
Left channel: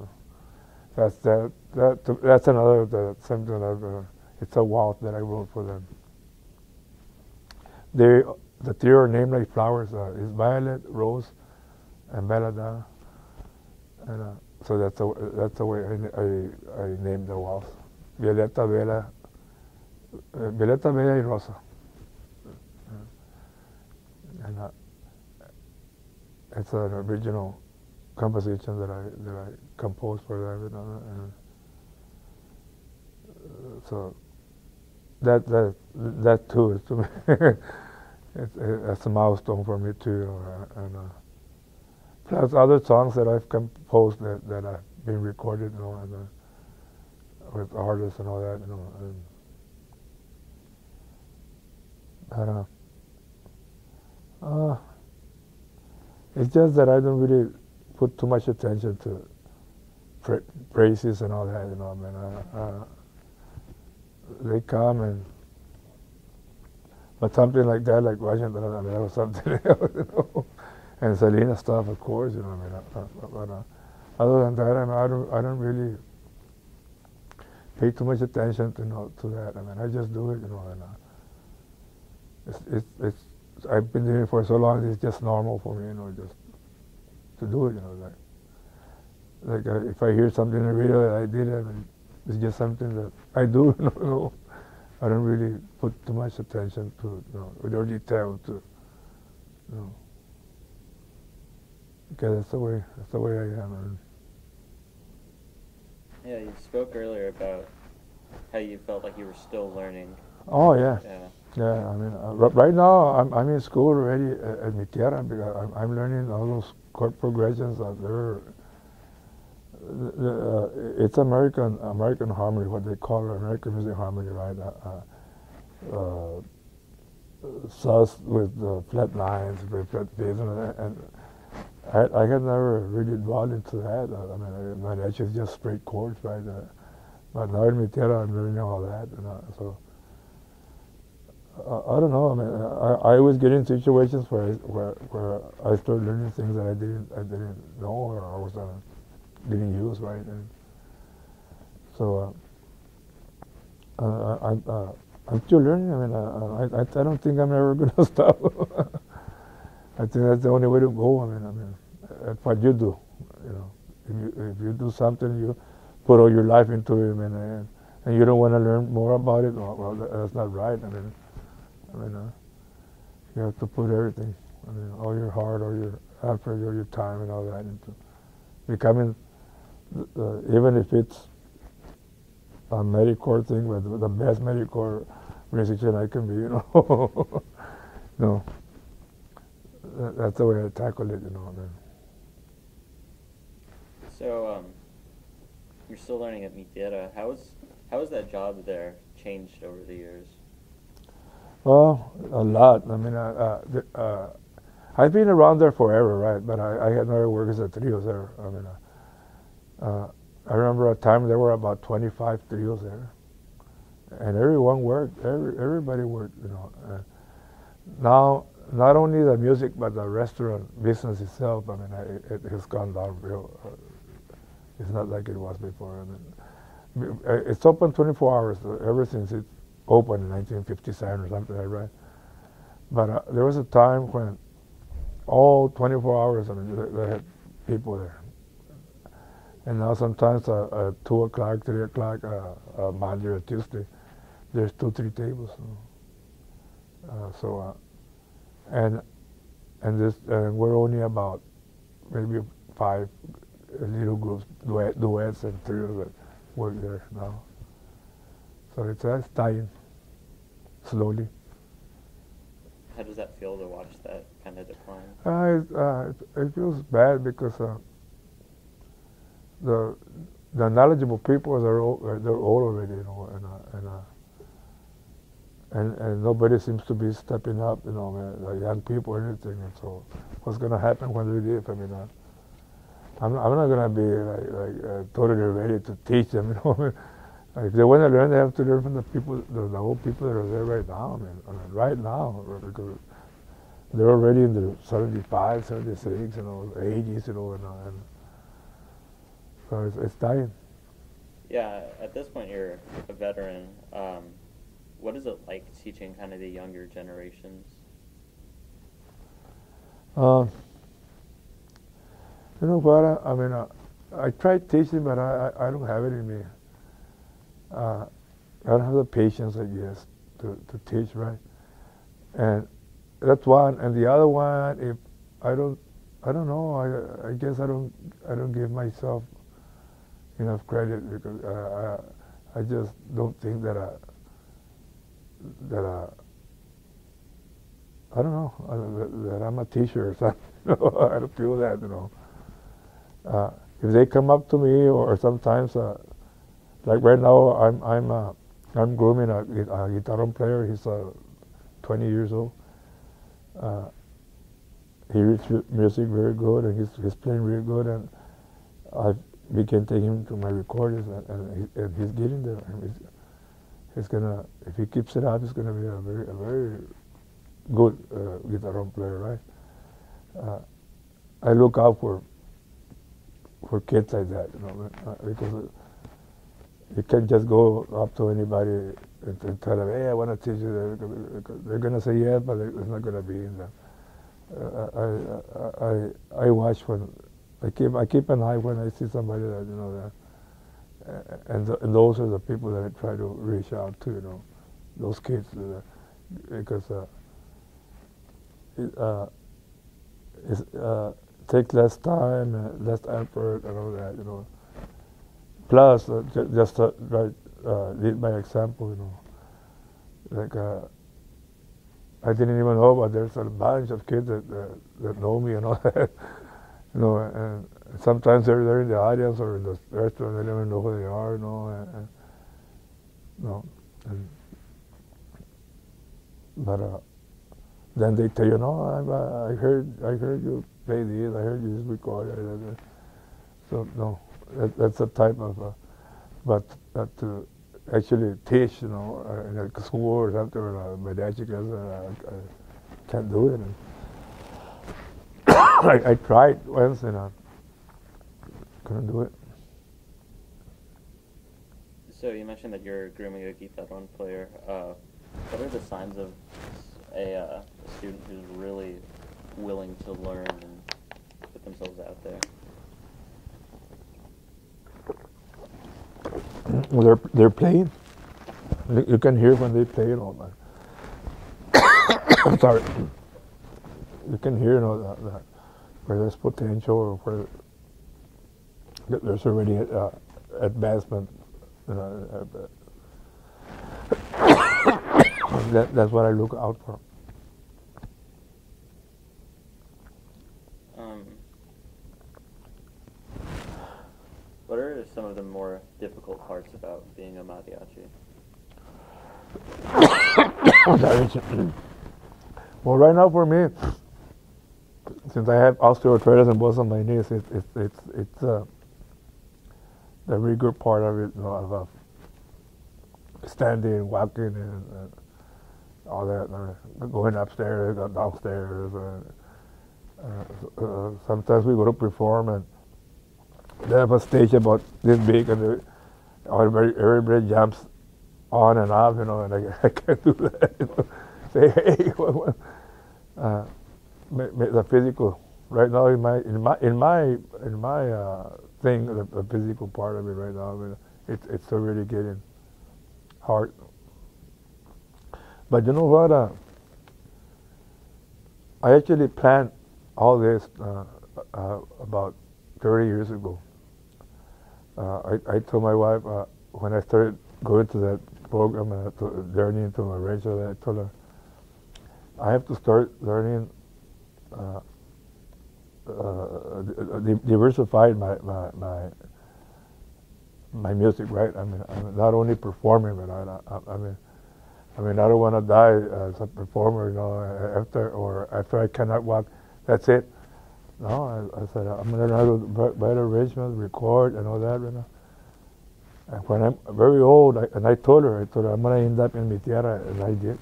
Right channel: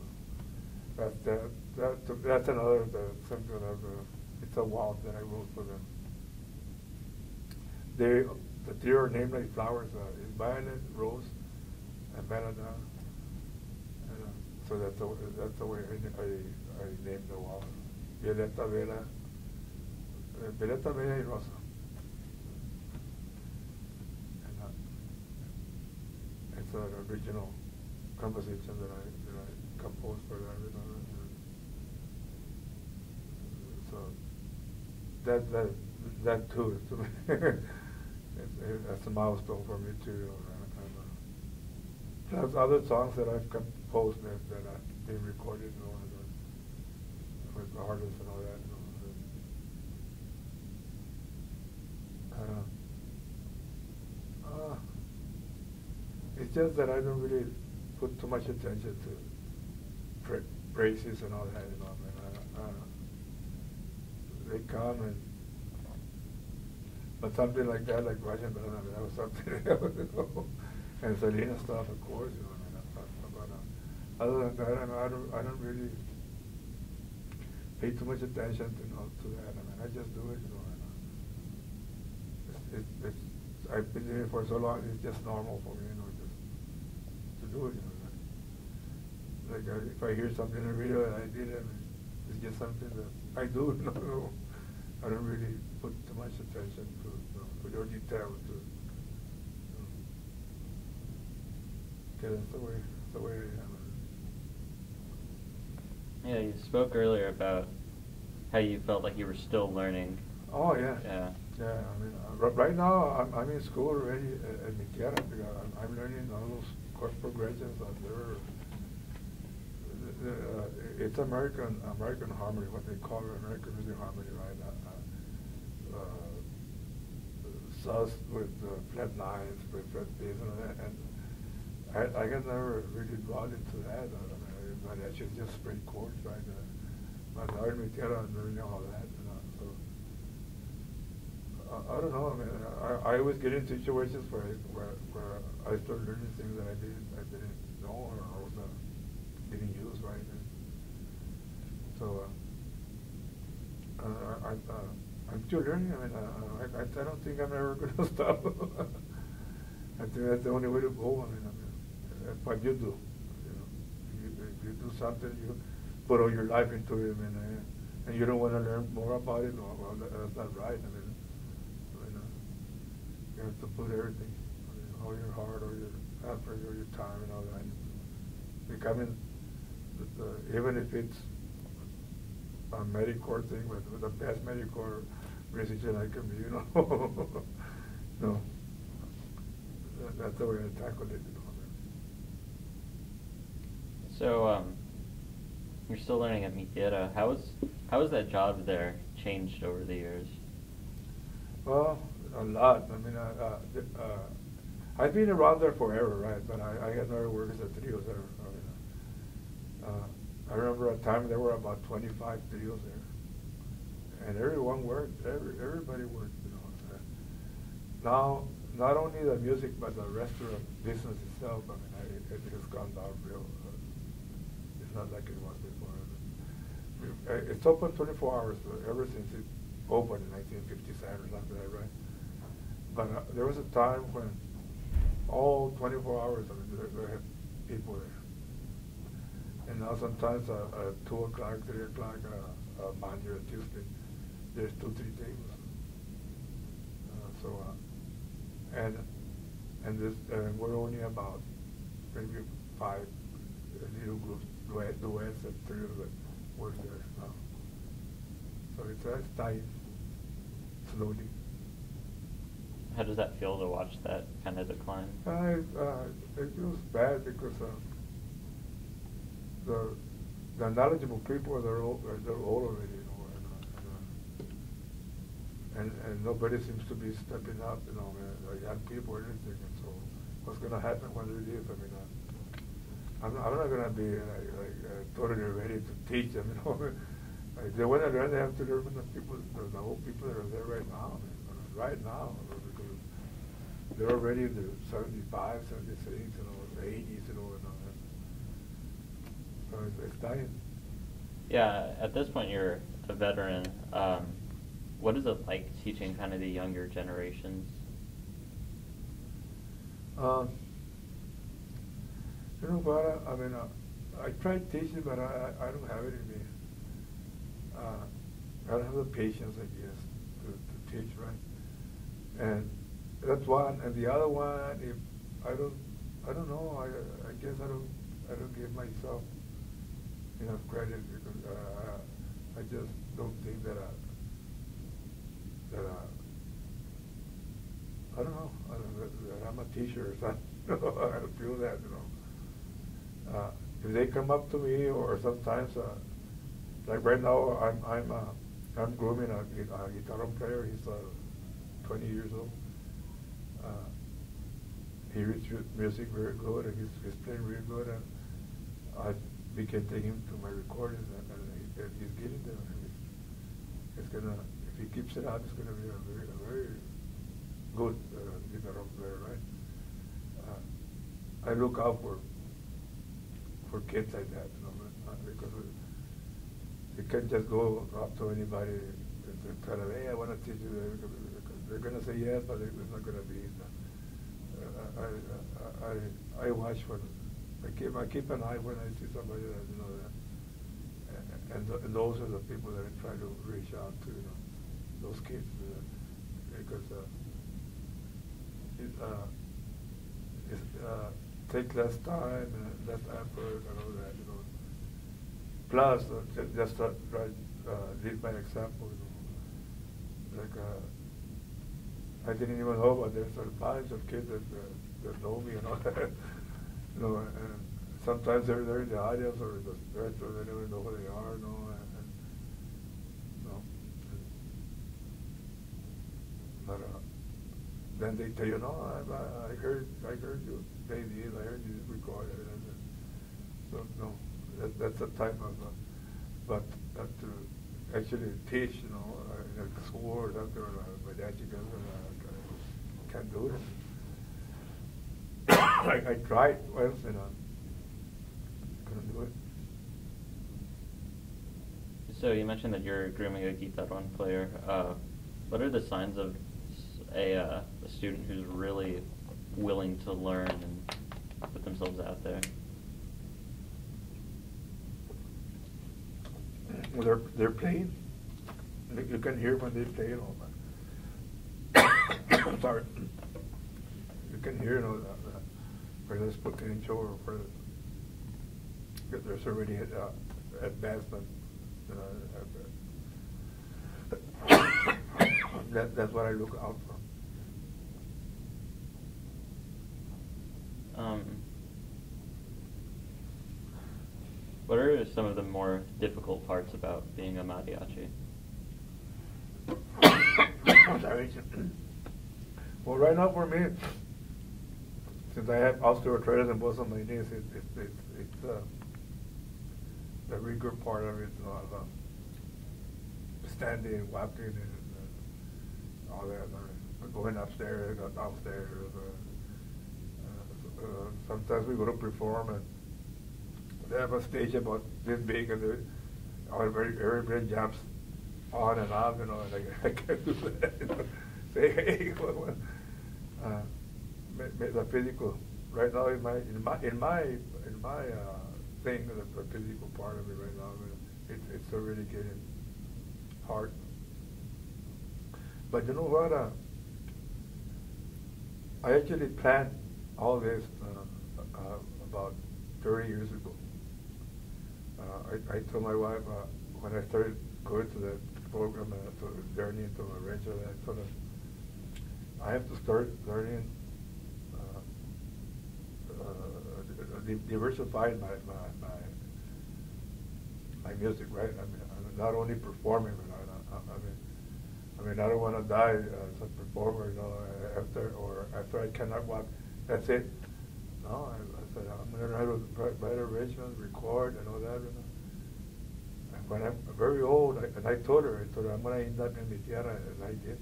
That's another something that it's a waltz that I wrote for them. The 3 are named like flowers. It's Violet, Rose, and Belladonna. And so that's the way I named the waltz. Violeta, Bella, y Rosa. And it's an original composition that I composed for them, you know. And so that too is to me it's a milestone for me too. And plus other songs that I've composed that have been recorded, you know, and with artists and all that, you know. It's just that I don't really put too much attention to praises and all that, you know. I mean, they come but something like that, like Washington, that was something else, you know. And Selena stuff, of course, you know. I mean, but other than that, I don't really pay too much attention to that. I mean, I just do it, you know. And I've been doing it for so long. It's just normal for me, you know, just to do it, you know. Like if I hear something in the radio that I did, I mean, it's just something that I do, you know. I don't really put too much attention to it, you know, or detail to, you know. Because that's the way I am. Yeah, you spoke earlier about how you felt like you were still learning. Oh yeah. Yeah. Yeah. I mean, right now I'm in school already at Mi Tierra because I'm learning all those chord progressions that they're It's American harmony, what they call American music harmony, right? Sus with flat lines, with flat bass, and I had never really dwelled into that. I mean, mariachi is just straight chords, right? But now in mi tierra, I'm learning all that, so. I don't know. I mean, I always get in situations where I start learning things that I didn't know or I was didn't use, right? And so I'm still learning. I mean, I don't think I'm ever going to stop. I think that's the only way to go. I mean, that's what you do. You know, if you do something, you put all your life into it, and you don't want to learn more about it. Well, that's not right. I mean, you have to put everything. I mean, all your heart, all your effort, all your time, and all that into becoming. Even if it's a medicore thing, but the best medicore musician I can be, you know. No, that's the way I tackle it, you know. So, you're still learning at Mi Tierra. How has that job there changed over the years? Well, a lot. I mean, I've been around there forever, right? But I had never worked as a trio there. I mean, I remember a time there were about 25 trios there, and everyone worked. Everybody worked, you know. Now, not only the music, but the restaurant business itself. I mean, it has gone down real. It's not like it was before. I mean, it's open 24 hours ever since it opened in 1957 or something like that. But there was a time when all 24 hours, I mean, they had people there. And now sometimes at 2 o'clock, 3 o'clock, Monday or Tuesday, there's 2, 3 tables. And we're only about maybe 5 little groups, duets, and trios that work there now. So it's dying slowly. How does that feel to watch that kind of decline? It feels bad because the knowledgeable people they're old already, you know, and nobody seems to be stepping up, you know, the young people or anything. And so, what's going to happen when they leave? I mean, I'm not going to be like totally ready to teach them, you know. If they want to learn, they have to learn from the people, the old people that are there right now. I mean, right now, because they're already in the 75, 76, you know, 80s, you know, and so it's dying. Yeah, at this point you're a veteran. What is it like teaching kind of the younger generations? You know what? I mean, I tried teaching, but I don't have it in me. I don't have the patience, I guess, to teach, right? And that's one. And the other one, if I don't know. I guess I don't give myself enough credit because I just don't think that I don't know that I'm a teacher or something. I don't feel that, you know. If they come up to me, or sometimes, like right now, I'm grooming a guitar player. He's 20 years old. He reads music very good, and he's playing really good, and we can take him to my recordings, and he's getting there. And he's gonna, if he keeps it up, he's gonna be a very good guitar player, right? I look out for kids like that, you know, because you can't just go up to anybody and tell them, hey, I want to teach you, because they're gonna say yes, but it's not gonna be in them. I watch when I keep an eye when I see somebody that, you know, and those are the people that I try to reach out to, you know, those kids, because it takes less time, less effort, and all that, you know. Plus, just lead by example, you know. Like I didn't even know, but there's a bunch of kids that know me and all that, you know, and sometimes they're in the audience or in the restaurant. They don't even know who they are, you know. No, but then they tell you, no, I heard you play this. I heard you this record. So no, that's a type of, but to actually teach, you know, in a school or something, or mariachi class, I can't do it. I tried once and I couldn't do it. So you mentioned that you're grooming a guitarron player. What are the signs of a student who's really willing to learn and put themselves out there? Well, they're playing. You can hear when they play and all that. I'm sorry. You can hear, you know, that where there's potential or where there's already advancement. You know, that's what I look out for. What are some of the more difficult parts about being a mariachi? Well, right now for me, since I have osteoarthritis in both of my knees, it's the rigor part of it, you know, of standing, walking, and all that, going upstairs, downstairs. Sometimes we go to perform and they have a stage about this big, and everybody jumps on and off, you know, and I can't do that. You know. Say, hey, the physical. Right now, in my thing, the physical part of it right now, I mean, it's already getting hard. But you know what? I actually planned all this about 30 years ago. I told my wife when I started going to that program and learning to arrange that, I told her I have to start learning diversify my music, right? I mean, I'm not only performing, but I mean, I don't want to die as a performer, you know, after I cannot walk. That's it. No, I said I'm going to learn how to write arrangements, record, and all that. You know. And when I'm very old, I told her I'm going to end up in mi tierra, and I did.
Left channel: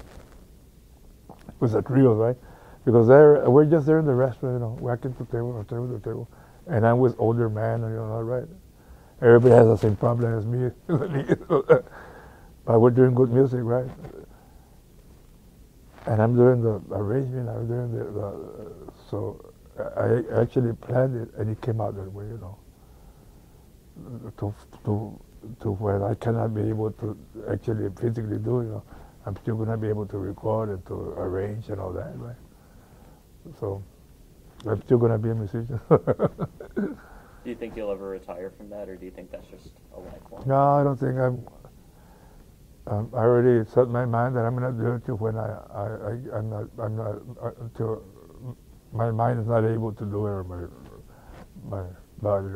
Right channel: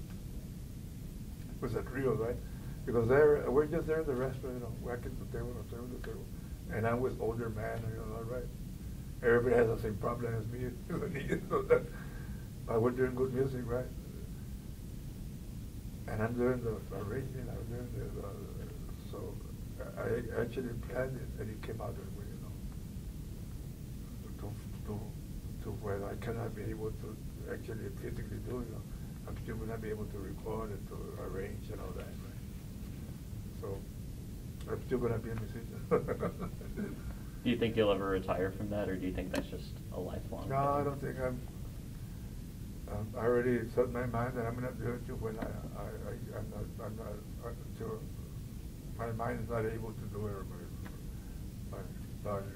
It was a trio, right? Because we're just there in the restaurant, you know, walking to table, and I'm with older man, you know, right? Everybody has the same problem as me, but we're doing good music, right? And I'm doing the arrangement, I'm doing so I actually planned it, and it came out that way, you know, to where I cannot be able to actually physically do it, you know. I'm still going to be able to record and to arrange and all that, right? So I'm still going to be a musician. Do you think you'll ever retire from that, or do you think that's just a lifelong? No, I don't think I already set my mind that I'm going to do it till when I'm not until my mind is not able to do it, or my body.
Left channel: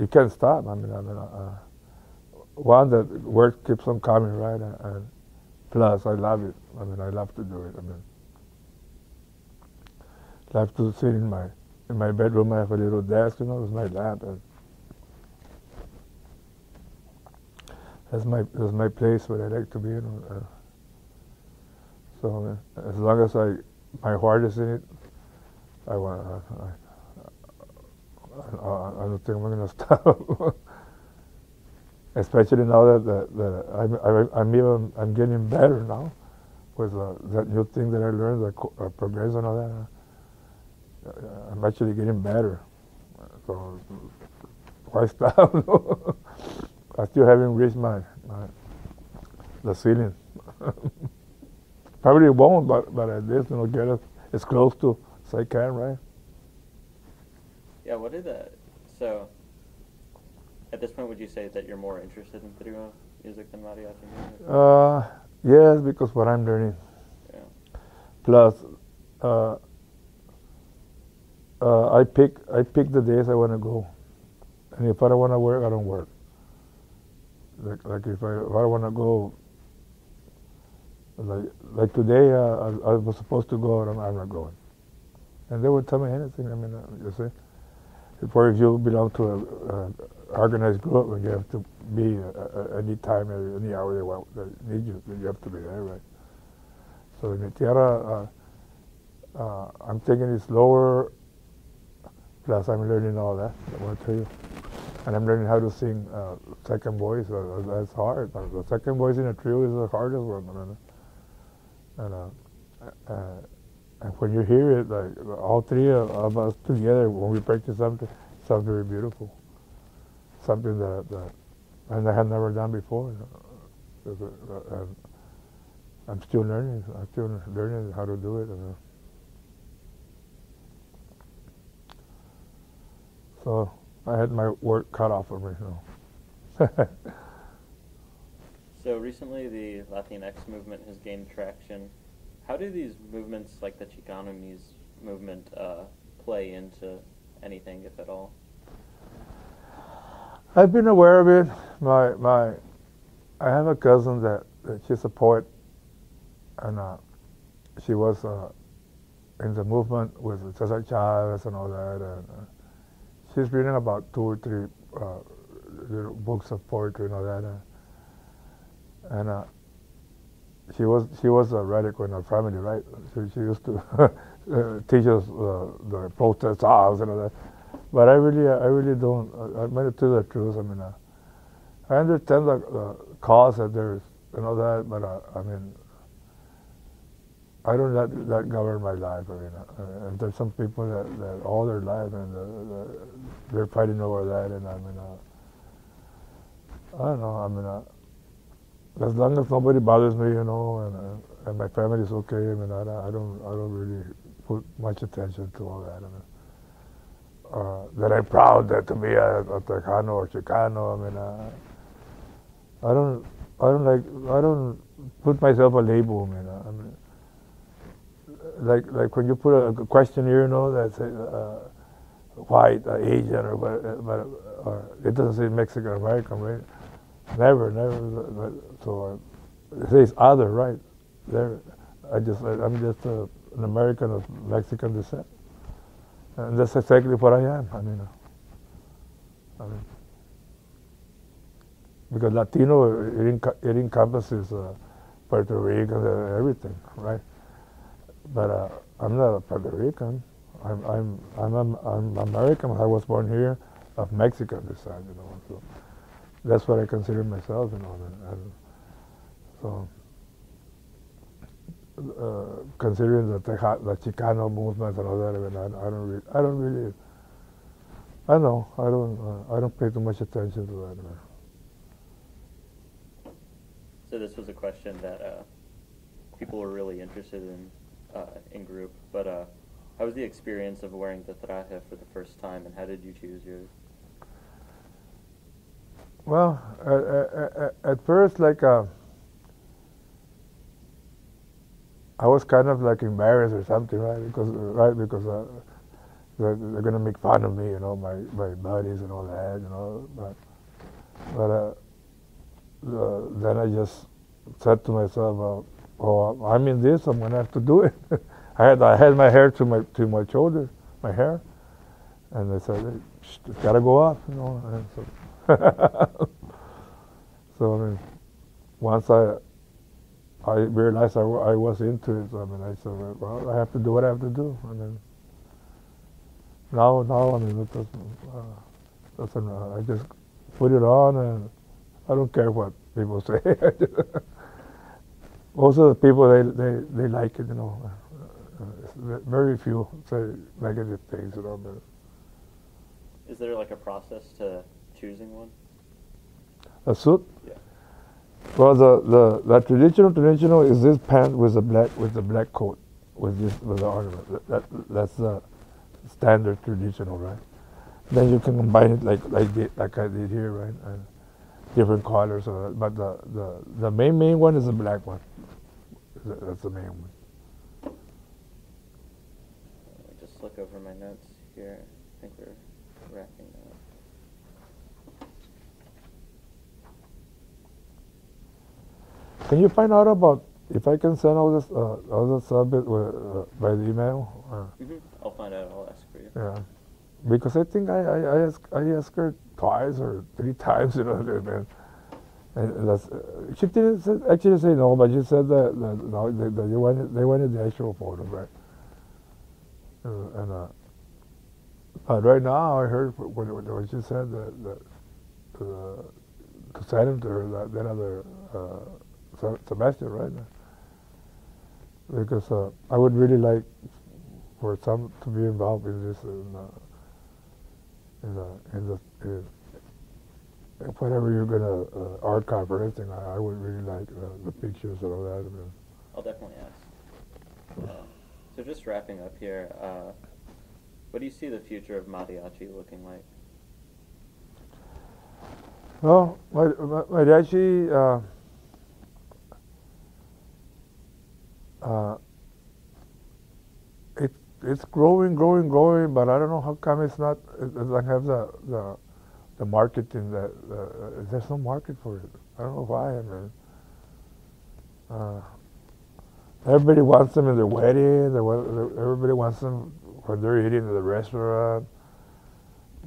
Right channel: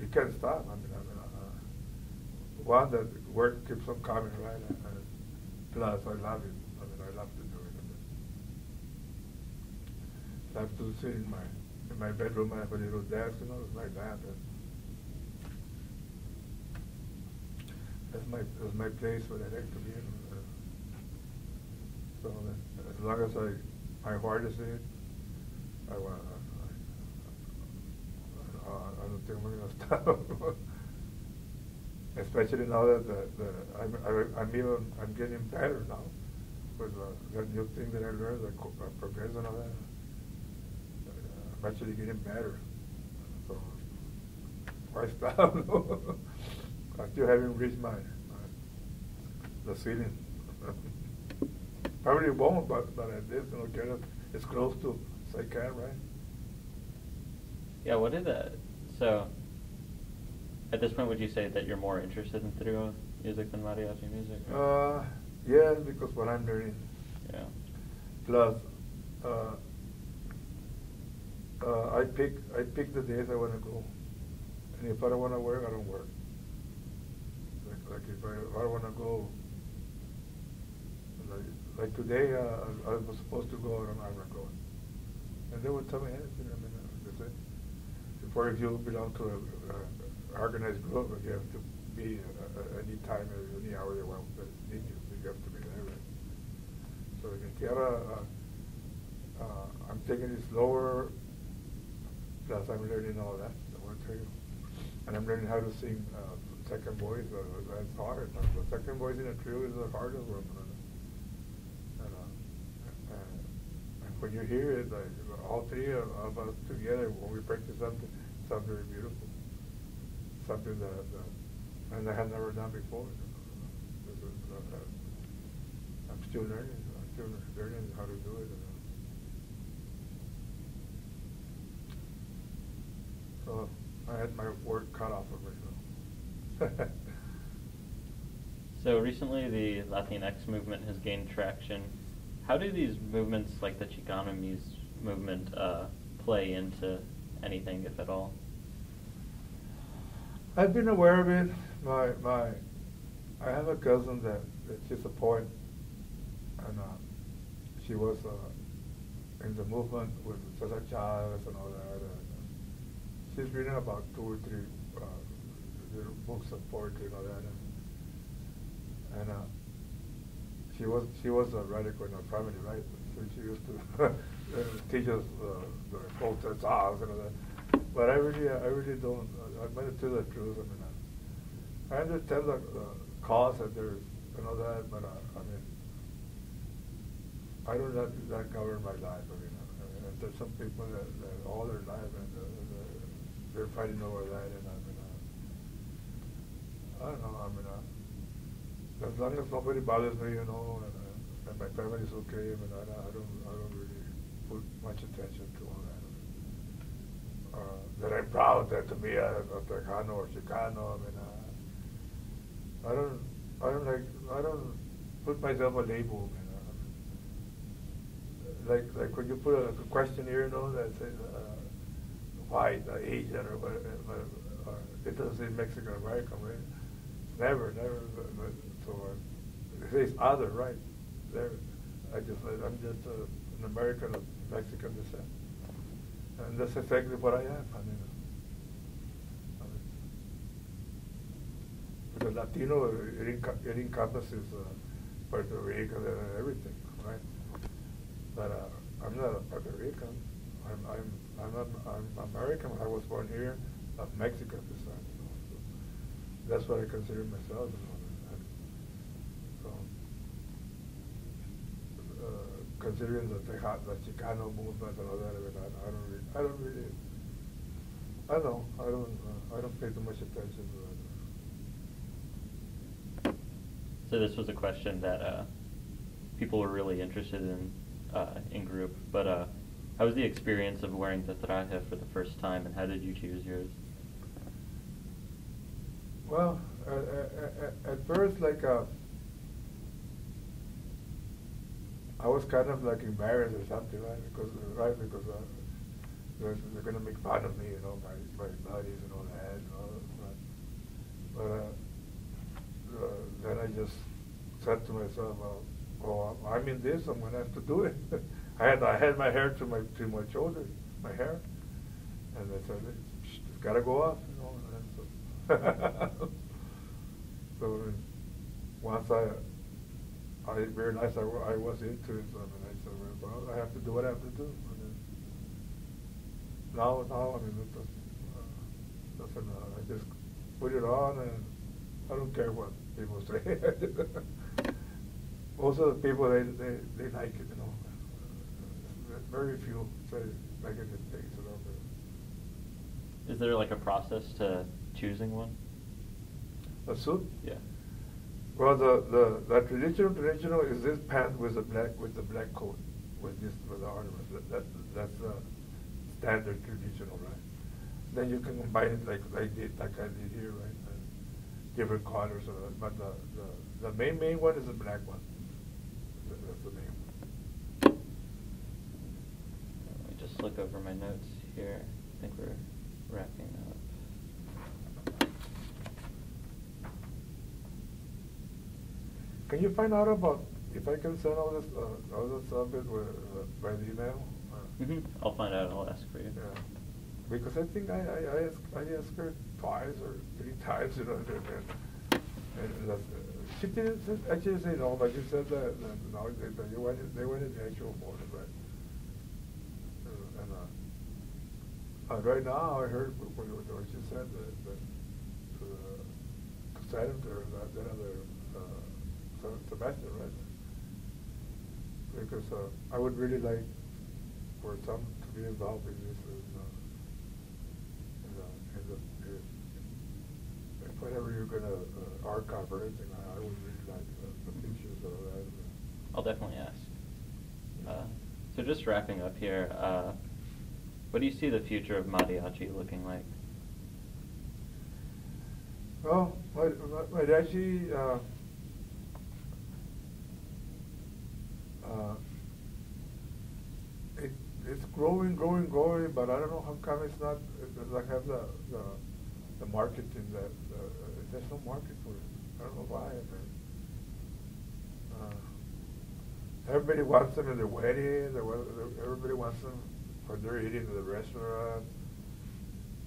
You can't stop. I mean, one, that work keeps on coming, right? And plus, I love it. I mean, I love to do it. I mean, I love to sit in my bedroom. I have a little desk, you know, with my lap, and that's my place where I like to be. You know, so as long as my heart is in it, I don't think I'm going to stop. Especially now that I'm getting better now with that new thing that I learned, the progress and all that. I'm actually getting better. So why stop? I still haven't reached the ceiling. Probably won't, but at least, you know, get as close to as I can, right? Yeah. What did that? So, at this point, would you say that you're more interested in trio music than mariachi music? Yes, because what I'm learning. Yeah. Plus, I pick the days I want to go, and if I don't want to work, I don't work. Like if I want to go, like today, I was supposed to go, and I'm not going. And they would tell me anything. I mean, you see, if you belong to an organized group, and you have to be any time, any hour they want, they need you, you have to be there, right? So in the Tierra, I'm taking it slower. Plus, I'm learning all that. I want to tell you, and I'm learning how to sing second voice. That's hard. The second voice in a trio is the hardest one. And when you hear it, like all three of us together, when we practice something, it sounds very beautiful. Something that and I had never done before. I'm still learning. I'm still learning how to do it. So I had my work cut off of me. So recently, the Latinx movement has gained traction. How do these movements, like the Chicano movement, play into anything, if at all? I've been aware of it. I have a cousin that she's a poet, and she was in the movement with Cesar Chavez and all that. She's written about 2 or 3 little books of poetry and all that. And she was a radical in her family, right? She used to teach us the protest songs and all that. But I really don't. I'm going to tell the truth. I mean, I understand the cause that there's and all that, but I mean, I don't let that govern my life. I mean, and there's some people that all their life and they're fighting over that, and I mean, I don't know. I mean, as long as nobody bothers me, you know, and my family is okay. I mean, I don't really put much attention to all that. I mean, that I'm proud that to be a Tejano or Chicano. I mean, I don't put myself a label. I mean, like when you put a questionnaire, you know, that says white, Asian, or whatever, it doesn't say Mexican American, right? Never. But, so it says other, right? There, I'm just an American of Mexican descent, and that's exactly what I am. I mean, because Latino it encompasses Puerto Rican, everything, right? But I'm not a Puerto Rican. I'm American. I was born here, of Mexican descent, you know. So that's what I consider myself, you know. And so considering the Chicano movement and all that, I mean, I don't pay too much attention to that. So this was a question that people were really interested in group, but how was the experience of wearing the traje for the first time, and how did you choose yours? Well, at first, like, I was kind of like embarrassed or something, right? Because they're gonna make fun of me, you know, my buddies and all that, you know. But then I just said to myself, well, I'm in this. I'm gonna have to do it. I had my hair to my shoulder, my hair, and I said, it's gotta go off, you know. And so, so I mean, once I realized I was into it, I mean, I said, well, I have to do what I have to do. And then now I mean, it doesn't I just put it on, and I don't care what people say. Most of the people they like it, you know. Very few say negative things, you know. Is there like a process to choosing one? A suit? Yeah. Well, the traditional is this pant with the black coat with the ornament. That's the standard traditional, right? Then you can combine it like I did here, right? And different colors. But the main one is the black one. That's the main one. Let me just look over my notes here. I think we're wrapping up. Can you find out about if I can send all this subject by the email? I'll find out. I'll ask for you. Yeah, because I think I asked her twice or 3 times, you know, and that's, she didn't actually say no, but she said that no, they wanted the actual photo, right? But right now I heard when she said that to send him to her that other Sebastian, right? Because I would really like for some to be involved in this whatever you're gonna archive or anything. I would really like the pictures and all that. I'll definitely ask. So just wrapping up here, what do you see the future of mariachi looking like? Well, mariachi. It's growing, but I don't know how come it's not. It doesn't have the marketing that there's no market for it. I don't know why. I mean, everybody wants them in their weddings. Everybody wants them when they're eating at the restaurant.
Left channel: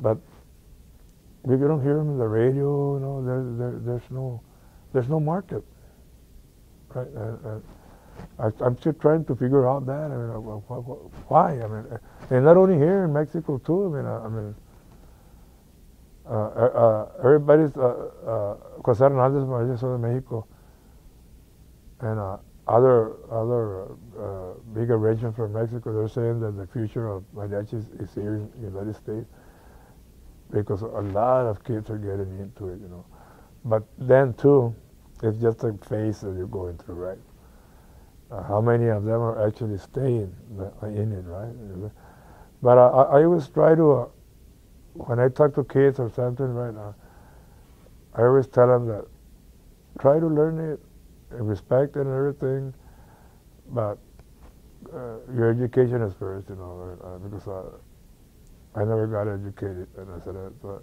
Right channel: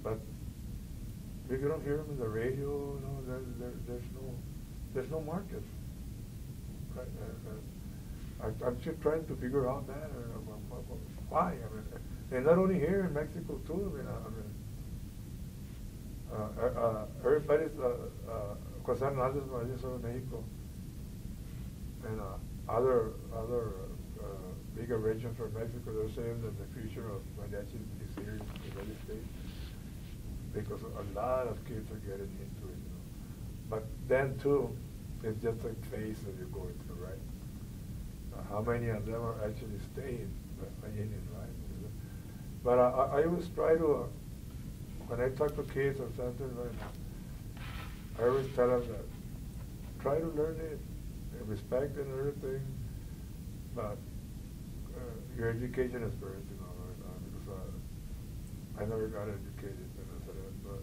But we don't hear them in the radio. You know, there's no market. Right? I'm still trying to figure out that. I mean, why? I mean, and not only here in Mexico too. I mean, everybody's José Hernández, Mariachis de Mexico, and other big arrangements from Mexico. They're saying that the future of mariachis is here in the United States because a lot of kids are getting into it. You know, but then too, it's just a phase that you're going through, right? How many of them are actually staying in it, right? But I always try to, when I talk to kids or something, right now, I always tell them that try to learn it, respect and everything, but your education is first, you know, because I never got educated, and I said that, but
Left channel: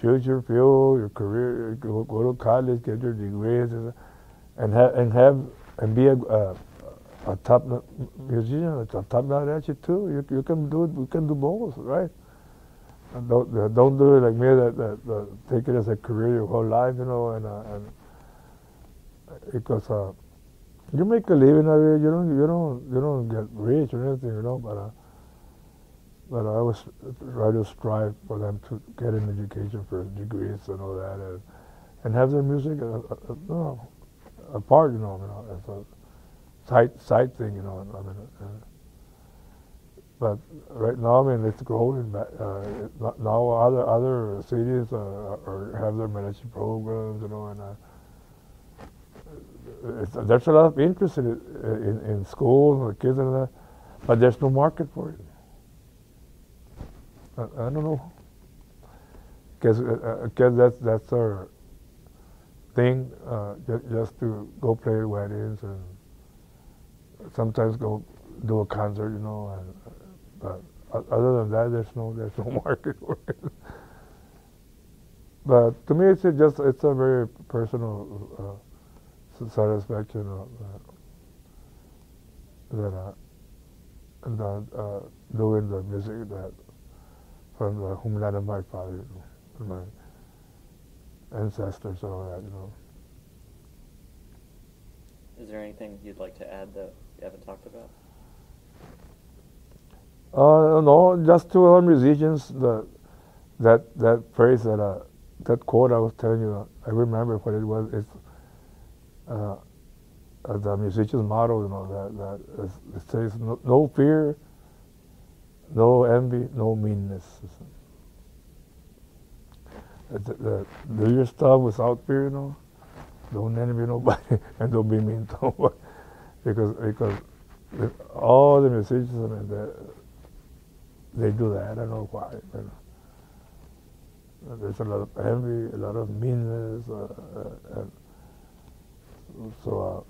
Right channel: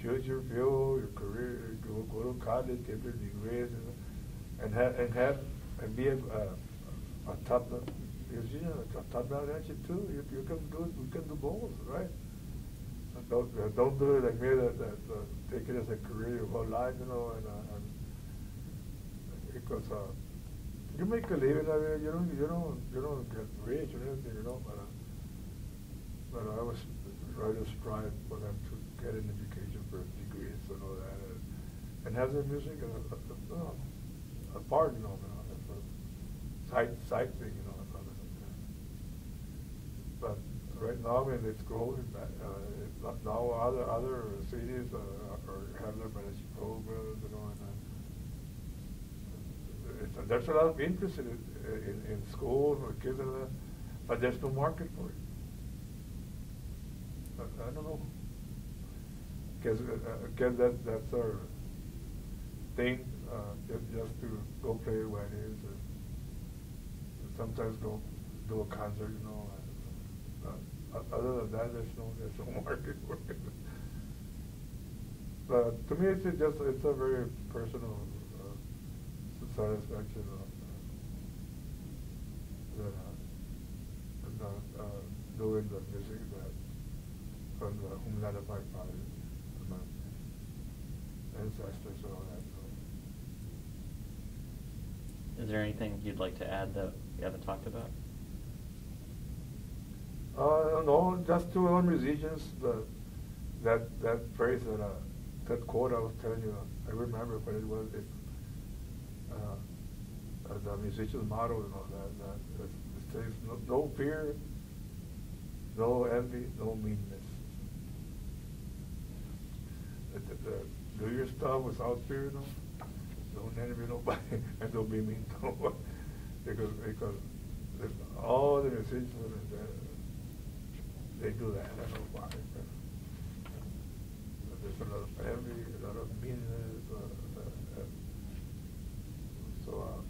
choose your field, your career, go to college, get your degrees, and be a top musician, a top mariachi too. You can do both, right? And don't do it like me that take it as a career your whole life, you know, and because you make a living of it, you don't get rich or anything, you know, but I always try to strive for them to get an education for degrees and all that, and have their music apart, you know, as a side thing, you know. But right now, I mean, it's growing. Now other cities have their mariachi programs, you know, and there's a lot of interest in schools for kids and that, but there's no market for it. I don't know, because that's our thing, just to go play at weddings and sometimes go do a concert, you know. But other than that, there's no market for it. But to me, it's a very personal satisfaction doing the music that from the homeland of my father, my ancestors, and all that, you know. Is there anything you'd like to add that we haven't talked about? No, just to all musicians, that phrase, that quote I was telling you, I remember what it was. It's the musician's motto, you know, that it says, no fear, no envy, no meanness. Do your stuff without fear, you know. Don't envy nobody, and don't be mean to nobody, because all the musicians, they do that. I don't know why. There's a lot of envy, a lot of meanness, so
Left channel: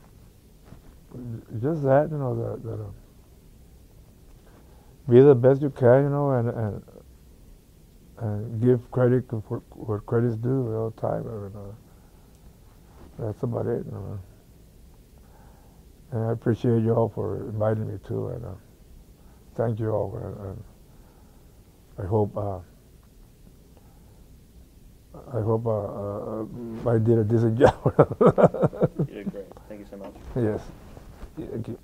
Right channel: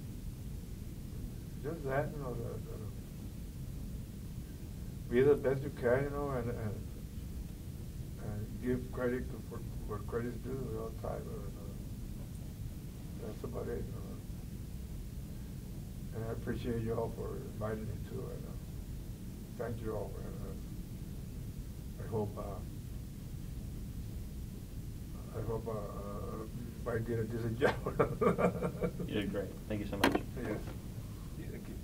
just that, you know, be the best you can, you know, and give credit for what credit's due all the time. That's about it. You know. And I appreciate you all for inviting me too. And thank you all. And I hope I did a decent job. You did great. Thank you so much. Yes. Thank you.